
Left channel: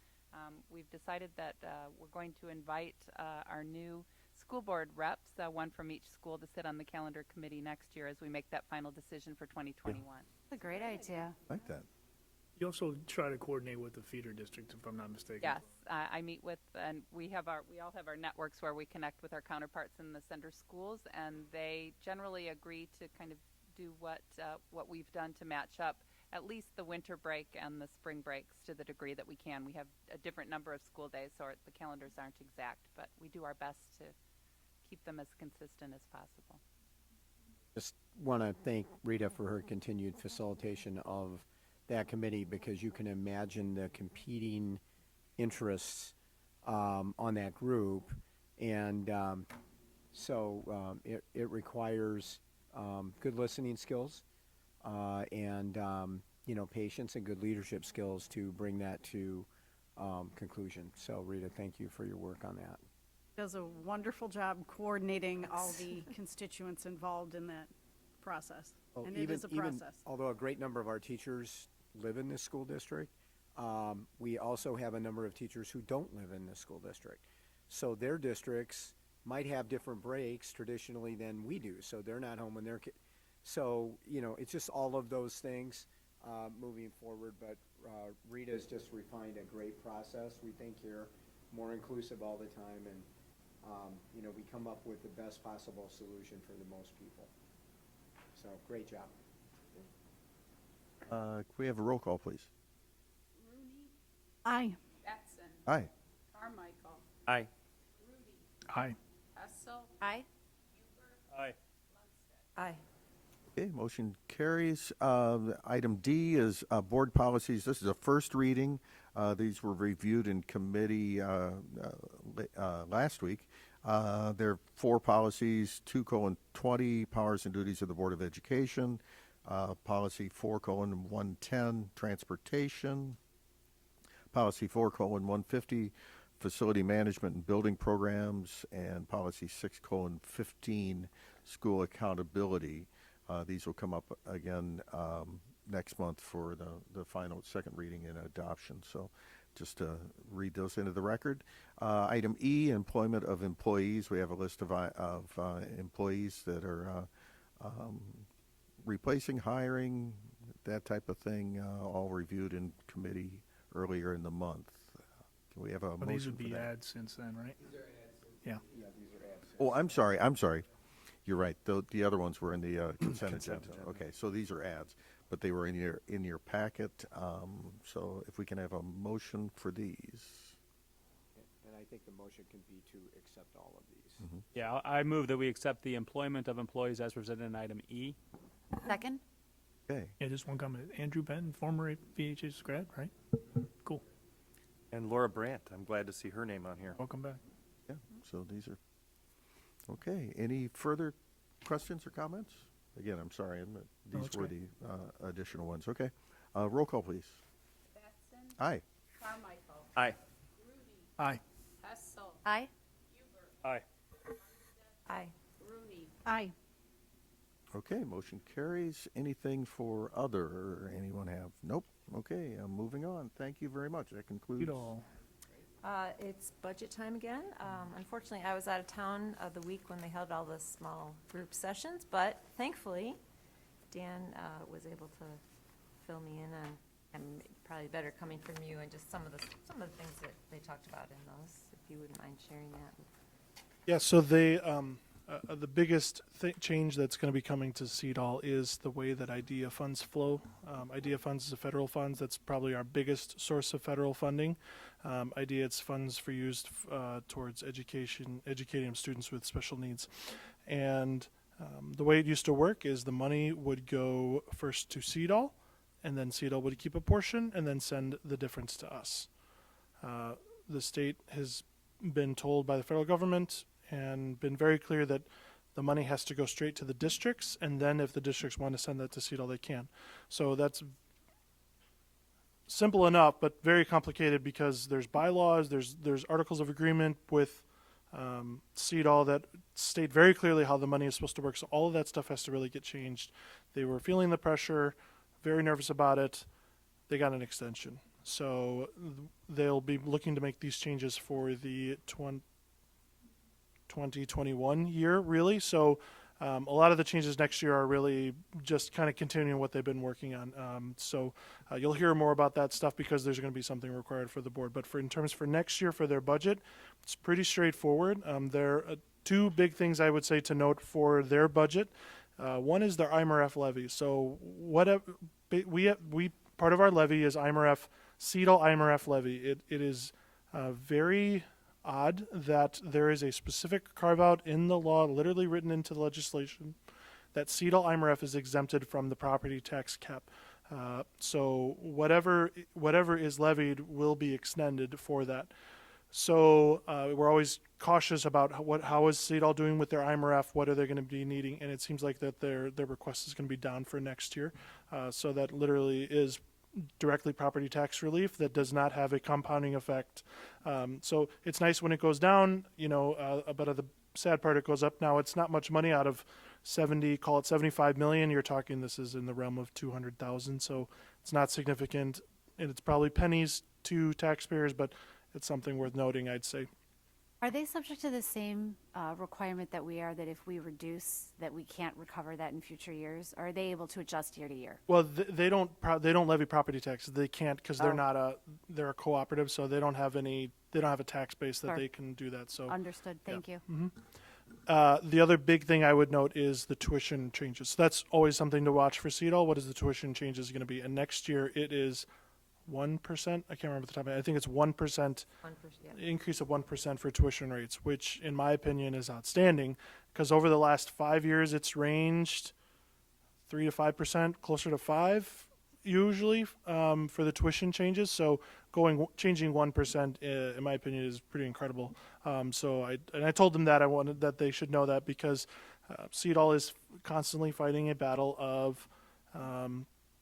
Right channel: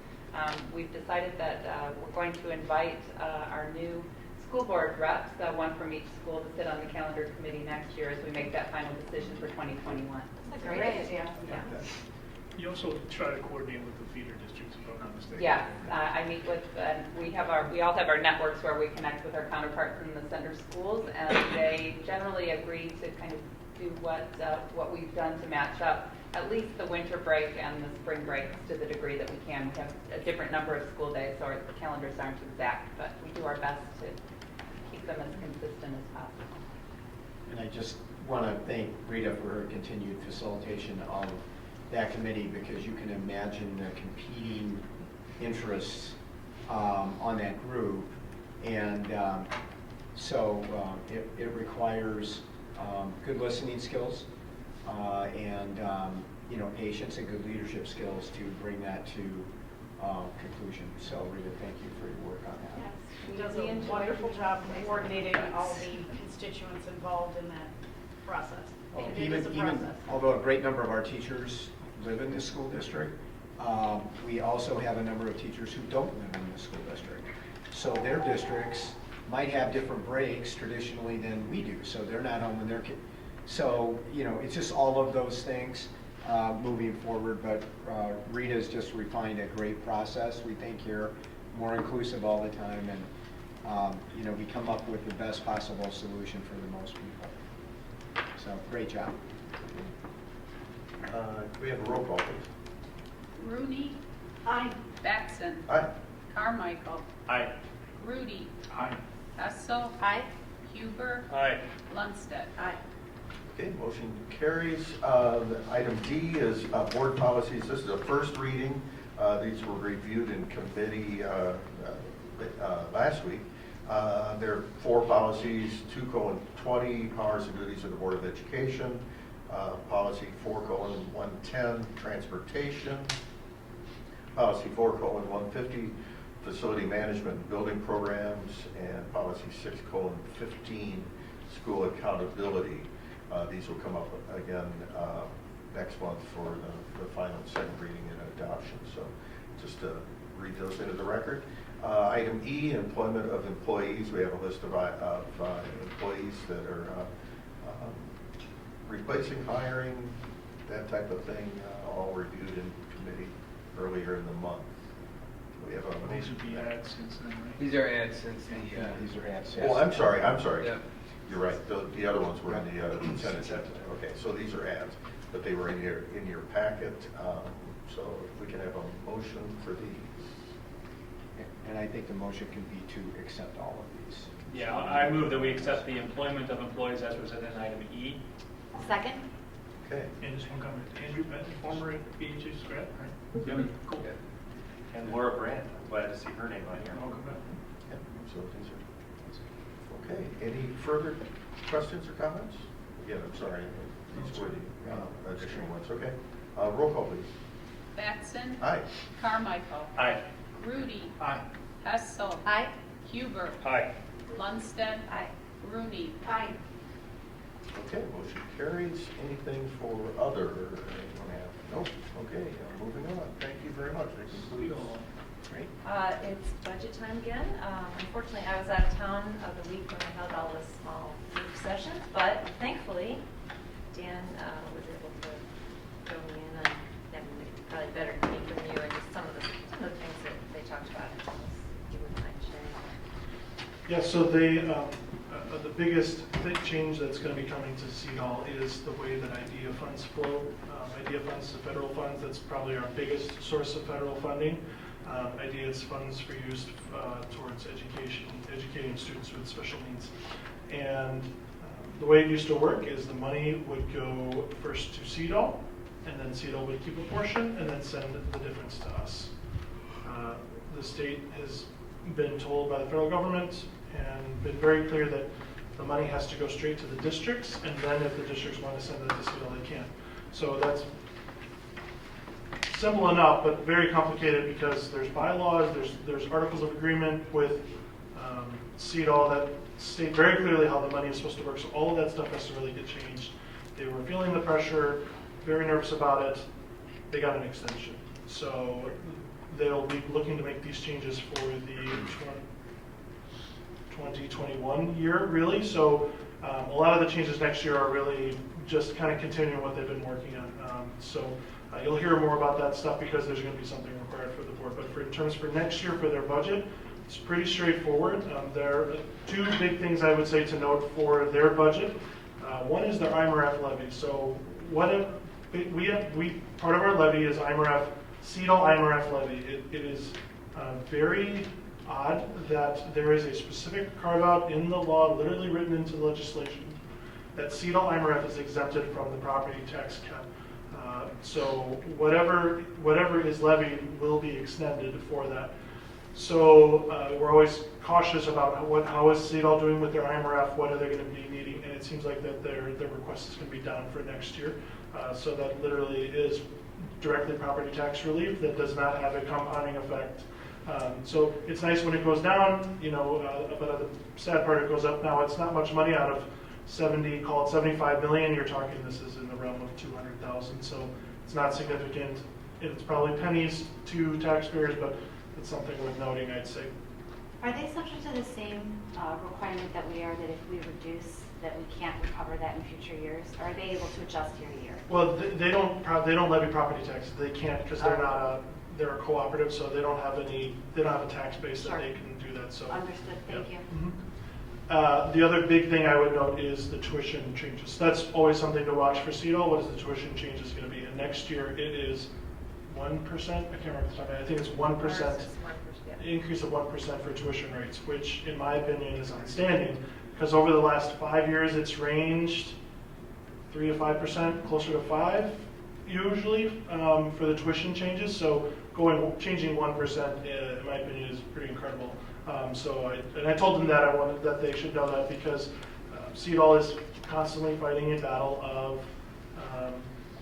We've decided that we're going to invite our new school board reps, one from each school, to sit on the calendar committee next year as we make that final decision for 2021. That's a great idea. Yeah. You also try to coordinate with the feeder districts, if I'm not mistaken. Yes, I meet with, and we all have our networks where we connect with our counterparts in the center schools, and they generally agree to kind of do what we've done to match up at least the winter break and the spring breaks to the degree that we can. We have a different number of school days, so our calendars aren't exact, but we do our best to keep them as consistent as possible. And I just want to thank Rita for her continued facilitation of that committee, because you can imagine the competing interests on that group, and so it requires good listening skills and patience and good leadership skills to bring that to conclusion. So Rita, thank you for your work on that. Yes, she does a wonderful job coordinating all the constituents involved in that process. And it is a process. Although a great number of our teachers live in the school district, we also have a number of teachers who don't live in the school district. So their districts might have different breaks traditionally than we do, so they're not home when their kids. So, it's just all of those things. moving forward, but Rita's just refined a great process. We think you're more inclusive all the time, and you know, we come up with the best possible solution for the most people. So great job. Can we have a roll call, please? Rooney. Aye. Batson. Aye. Carmichael. Aye. Rudy. Aye. Hessel. Aye. Huber. Aye. Lundstedt. Aye. Okay, motion carries. Item D is board policies. This is a first reading. These were reviewed in committee last week. There are 4 policies, 2:20, powers and duties of the Board of Education, policy 4:110, transportation, policy 4:150, facility management and building programs, and policy 6:15, school accountability. These will come up again next month for the final second reading and adoption. So just to read those into the record. Item E, employment of employees. We have a list of employees that are replacing, hiring, that type of thing, all reviewed in committee earlier in the month. Do we have a These motion would for be that? ads since then, right? These are ads since the, These are ads. Oh, I'm sorry. Yeah. You're right. The other ones were in the consent agenda. Okay, so these are ads, but they were in your packet. So if we can have a motion for these. And I think the motion can be to accept all of these. Yeah, I move that we accept the employment of employees as presented in item E. Second? Okay. And just one comment, Andrew Patton, former PHS grad, right? Yep. Cool. And Laura Brandt, I'm glad to see her name on here. Welcome back. Yeah, so these are, okay, any further questions or comments? Again, I'm sorry, these were the additional ones, okay. Roll call, please. Batson. Aye. Carmichael. Aye. Rudy. Aye. Hessel. Aye. Huber. Aye. Lundstedt. Aye. Rooney. Aye. Okay, motion carries. Anything for other, anyone have? Nope, okay, moving on. Thank you very much. That concludes. Great. It's budget time again. Unfortunately, I was out of town of the week when I held all the small group sessions, but thankfully, Dan was able to fill me in on having probably better me from you and just some of the things that they talked about. You wouldn't mind sharing that. Yeah, so they, the biggest change that's going to be coming to CEDAL is the way that IDEA funds flow. IDEA funds is federal funds. That's probably our biggest source of federal funding. IDEA is funds for use towards educating students with special needs. And the way it used to work is the money would go first to CEDAL, and then CEDAL would keep a portion and then send the difference to us. The state has been told by the federal government and been very clear that the money has to go straight to the districts, and then if the districts want to send that to CEDAL, they can. So that's simple enough, but very complicated because there's bylaws, there's articles of agreement with CEDAL that state very clearly how the money is supposed to work. So all of that stuff has to really get changed. They were feeling the pressure, very nervous about it. They got an extension. So they'll be looking to make these changes for the 2021 year, really. So a lot of the changes next year are really just kind of continuing what they've been working on. You'll hear more about that stuff because there's going to be something required for the board. But in terms for next year for their budget, it's pretty straightforward. There are 2 big things I would say to note for their budget. One is their IMRF levy. So part of our levy is IMRF, CEDAL IMRF levy. It is very odd that there is a specific carve out in the law, literally written into the legislation, that CEDAL IMRF is exempted from the property tax cap. So whatever is levied will be extended for that. So we're always cautious about how is CEDAL doing with their IMRF, what are they going to be needing, and it seems like that their request is going to be down for next year. So that literally is directly property tax relief that does not have a compounding effect. So it's nice when it goes down, but the sad part, it goes up now. It's not much money out of 75 million. You're talking, this is in the realm of 200,000. So it's not significant. It's probably pennies to taxpayers, but it's something worth noting, I'd say. Are they subject to the same requirement that we are, that if we reduce, that we can't recover that in future years? Or are they able to adjust year to year? Well, they don't levy property tax. They can't because they're a cooperative, so they don't have a tax base that Sure. they can do that. So Understood, thank you. The other big thing I would note is the tuition changes. So that's always something to watch for CEDAW. What is the tuition changes going to be? And next year it is 1%. I can't remember the top of my head. I think it's 1%. Increase of 1% for tuition rates, which in my opinion is outstanding, because over the last 5 years it's ranged 3 to 5%, closer to 5 usually for the tuition changes. So changing 1% in my opinion is pretty incredible. I told them that I wanted that they should know that, because CEDAW is constantly fighting a battle of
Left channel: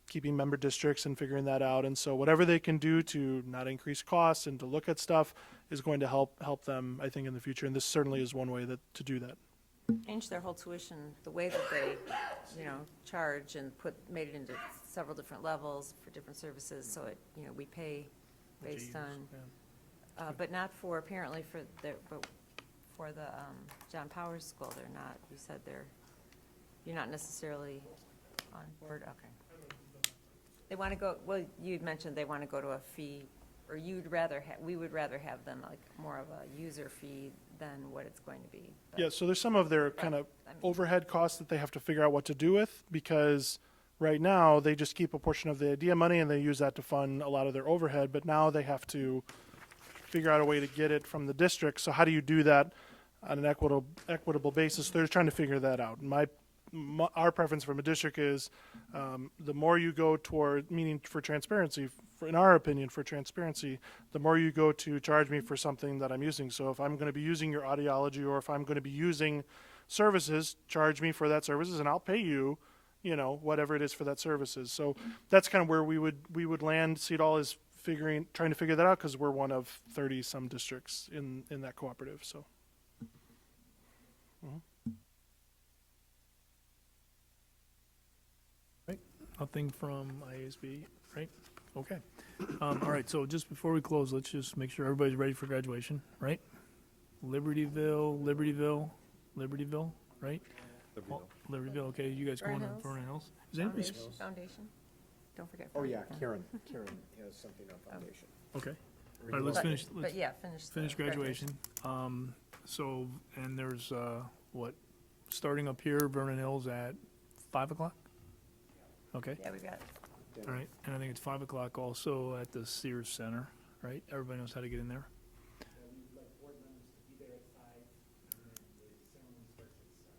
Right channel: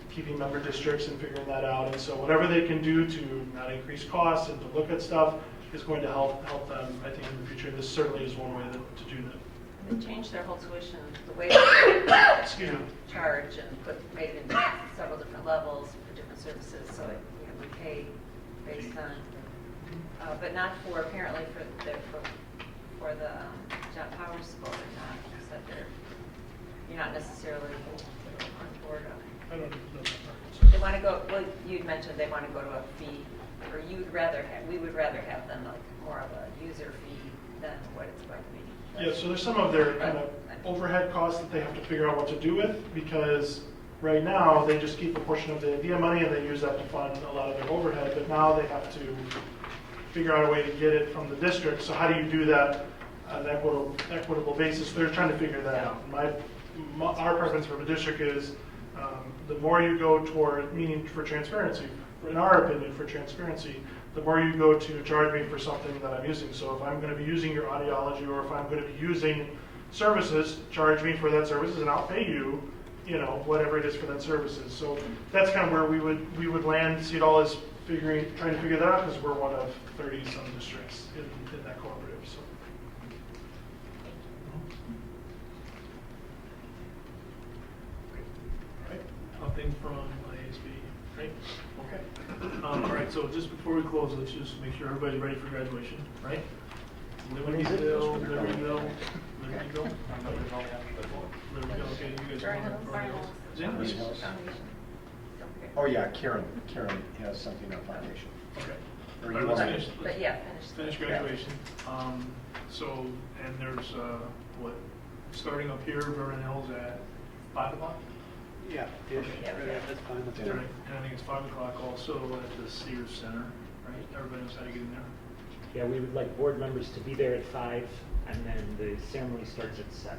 keeping member districts and figuring that out. And so whatever they can do to not increase costs and to look at stuff is going to help them, I think, in the future. This certainly is one way to do that. They changed their whole tuition, the way they charge, and made it into several different levels for different services. So it, we pay based on, but not for apparently for the John Powers School. They're not said you're not necessarily on board on it. I don't know that part. They want to go. Well, you'd mentioned they want to go to a fee. Or we would rather have them like more of a user fee than what it's going to be. Yeah, so there's some of their kind of overhead costs that they have to figure out what to do with, because right now they just keep a portion of the idea money and they use that to fund a lot of their overhead, but now they have to figure out a way to get it from the district. So how do you do that on an equitable basis? They're trying to figure that out. Our preference from a district is the more you go toward, meaning for transparency, in our opinion, for transparency, the more you go to charge me for something that I'm using. So if I'm going to be using your audiology, or if I'm going to be using services, charge me for that services, and I'll pay you, whatever it is for that services. So that's kind of where we would land. CEDAW is trying to figure that out, because we're one of 30 some districts in that cooperative. So. Right. Nothing from ASB. Right. Okay. All right, so just before we close, let's just make sure everybody's ready for graduation, right? Libertyville. Libertyville, right? Libertyville, okay, you guys are on. Oh yeah, Karen has something on foundation. Okay. Or All right, you let's want- finish. But yeah, Finish graduation. And there's starting up here, Vernon Hills at 5 o'clock? Yeah. Okay. That's fine with Right, and I think it's 5 o'clock also at the Sears Center, right? Everybody knows how to get in there. Yeah, we would like board members to be there at 5, and then the ceremony starts at 7.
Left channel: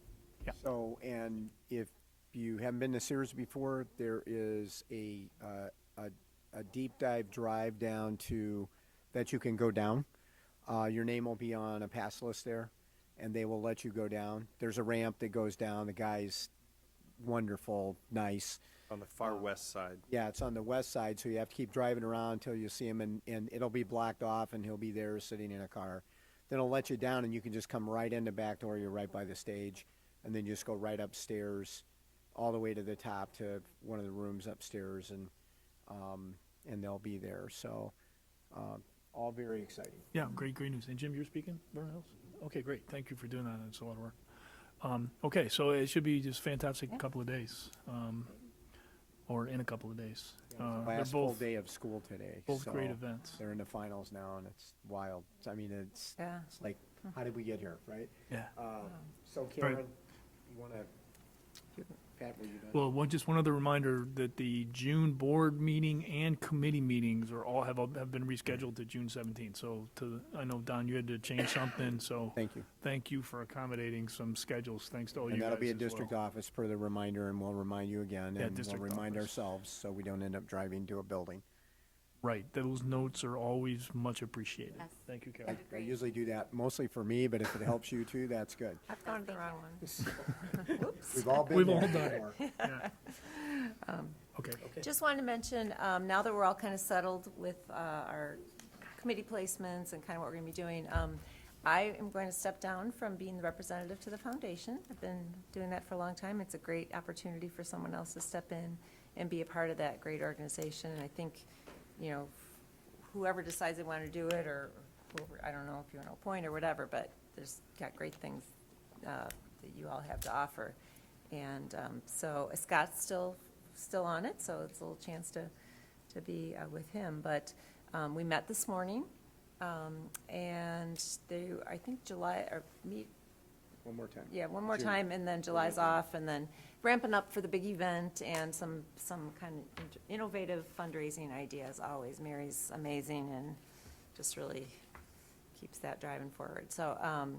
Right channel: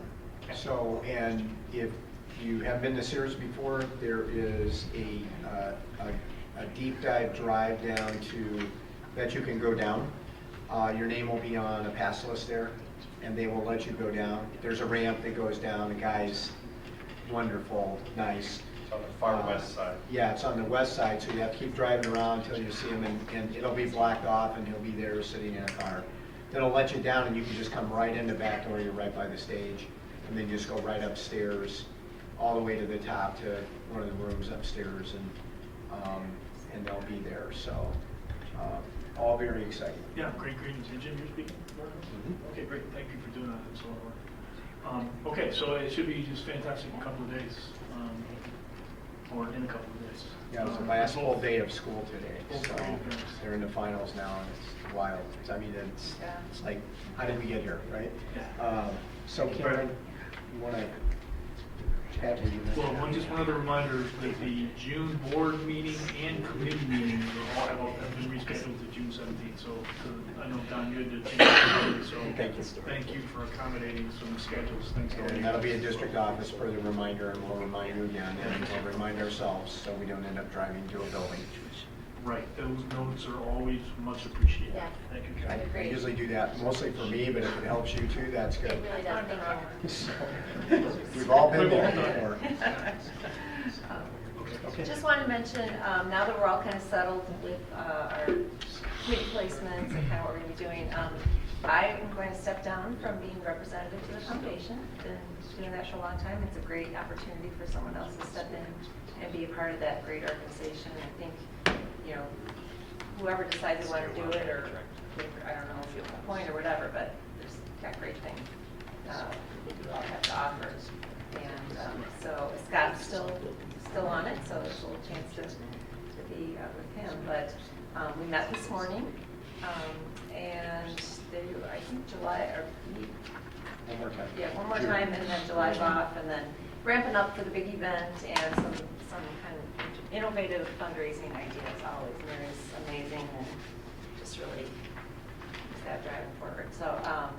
So, and if you have been to Sears before, there is a deep dive drive down that you can go down. Your name will be on a pass list there, and they will let you go down. There's a ramp that goes down. The guy's wonderful, nice. It's on the far west side. Yeah, it's on the west side, so you have to keep driving around until you see him, and it'll be blocked off, and he'll be there sitting in a car. Then it'll let you down, and you can just come right in the back door. You're right by the stage, and then you just go right upstairs, all the way to the top to one of the rooms upstairs, and they'll be there. So, all very exciting. Yeah, great. Is Jim, you're speaking? Okay, great. Thank you for doing that. It's a lot of work. Okay, so it should be just fantastic in a couple of days, or in a couple of days. Yeah, it was the last full day of school today. Both So great events. they're in the finals now, and it's wild. I mean, it's like, how did we get here, right? Yeah. So Karen, you want to chat with you? Well, just one other reminder that the June board meeting and committee meetings all have been rescheduled to June 17th. So I know, Don, you had to change something, so thank you for accommodating some schedules. Thanks to all you And that'll be a guys. district office further reminder, and we'll remind you again, and we'll remind ourselves so we don't end up driving to a building. Right, those notes are always much appreciated. Yes. Thank you. I usually do that mostly for me, but if it helps you too, that's good. It really does, thank you. We've all been We've all there done it. before. Just wanted to mention, now that we're all kind of settled with our committee placements and kind of what we're going to be doing, I am going to step down from being representative to the foundation. Been doing that for a long time. It's a great opportunity for someone else to step in and be a part of that great organization. I think, whoever decides they want to do it, or I don't know if you appoint or whatever, with him. But we met this morning, and I think July, or One more time. yeah, one more time, and then July's off, and then ramping up for the big event and some kind of innovative fundraising ideas always. Mary's amazing and just really keeps that driving forward. So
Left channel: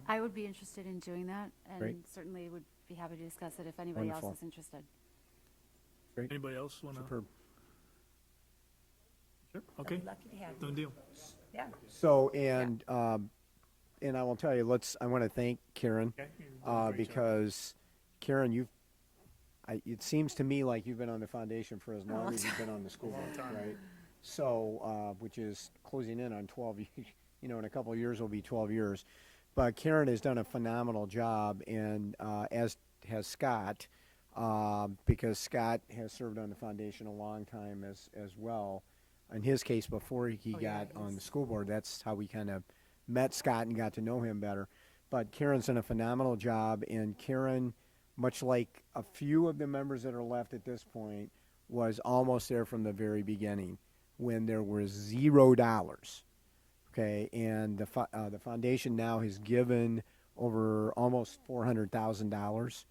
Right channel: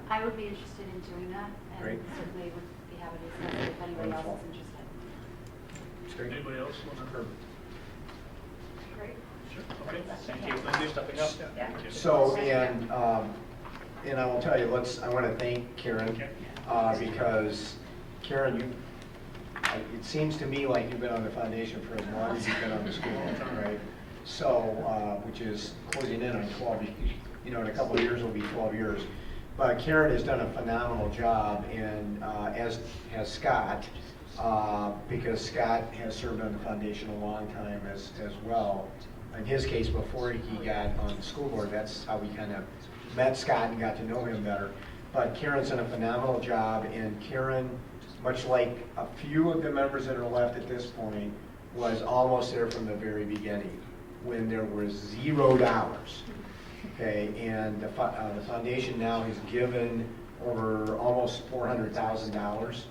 I would be interested in doing that, and Great. certainly would be happy to discuss it if anybody else Wonderful. is interested. Anybody else want to? Great. Okay. Thank you for stepping up. Yeah. So, and I will tell you, I want to thank Karen, because Karen, it seems to me like you've been on the foundation for as long as you've been on the school, right? So, which is closing in on 12, in a couple of years will be 12 years. But Karen has done a phenomenal job, and as has Scott, because Scott has served on the foundation a long time as well. In his case, before he got on the school board, that's how we kind of met Scott and got to know him better. But Karen's done a phenomenal job, and Karen, much like a few of the members that are left at this point, was almost there from the very beginning, when there was $0. Okay, and the foundation now has given over almost $400,000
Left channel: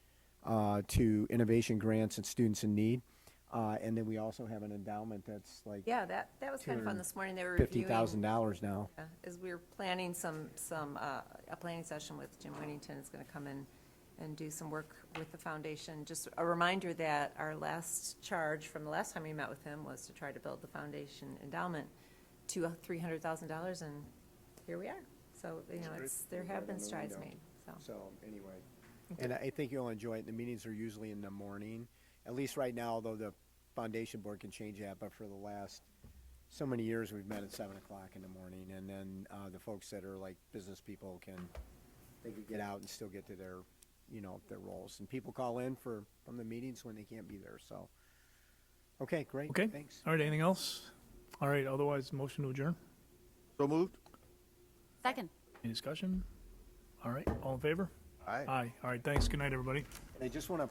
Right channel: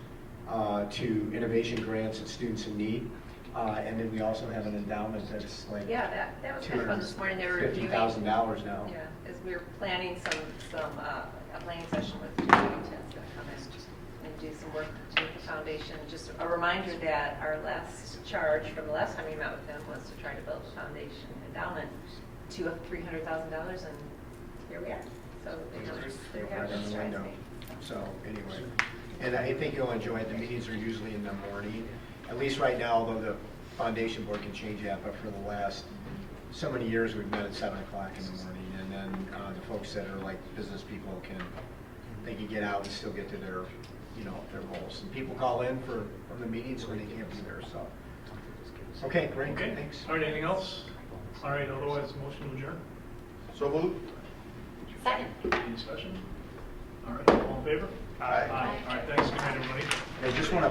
to innovation grants and students in need. And then we also have an endowment that's like Yeah, that was kind of fun this morning. They were reviewing $50,000 now. Yeah, as we were planning a planning session with Judy Tens to come in and do some work with the foundation. Just a reminder that our last charge from the last time we met with him was to try to build the foundation endowment to $300,000, and here we are. So they're having this strides made. So anyway, and I think you'll enjoy it. The meetings are usually in the morning. At least right now, although the foundation board can change that, but for the last so many years, we've met at 7 o'clock in the morning, and then the folks that are like business people can get out and still get to their goals. And people call in from the meetings when they can't be there. So okay, great. Okay. Thanks. All right. Anything else? All right. Otherwise, motion to adjourn. So moved. Second. Any discussion? All right. All in favor? Aye. All right. Thanks. Good night, everybody. I just want to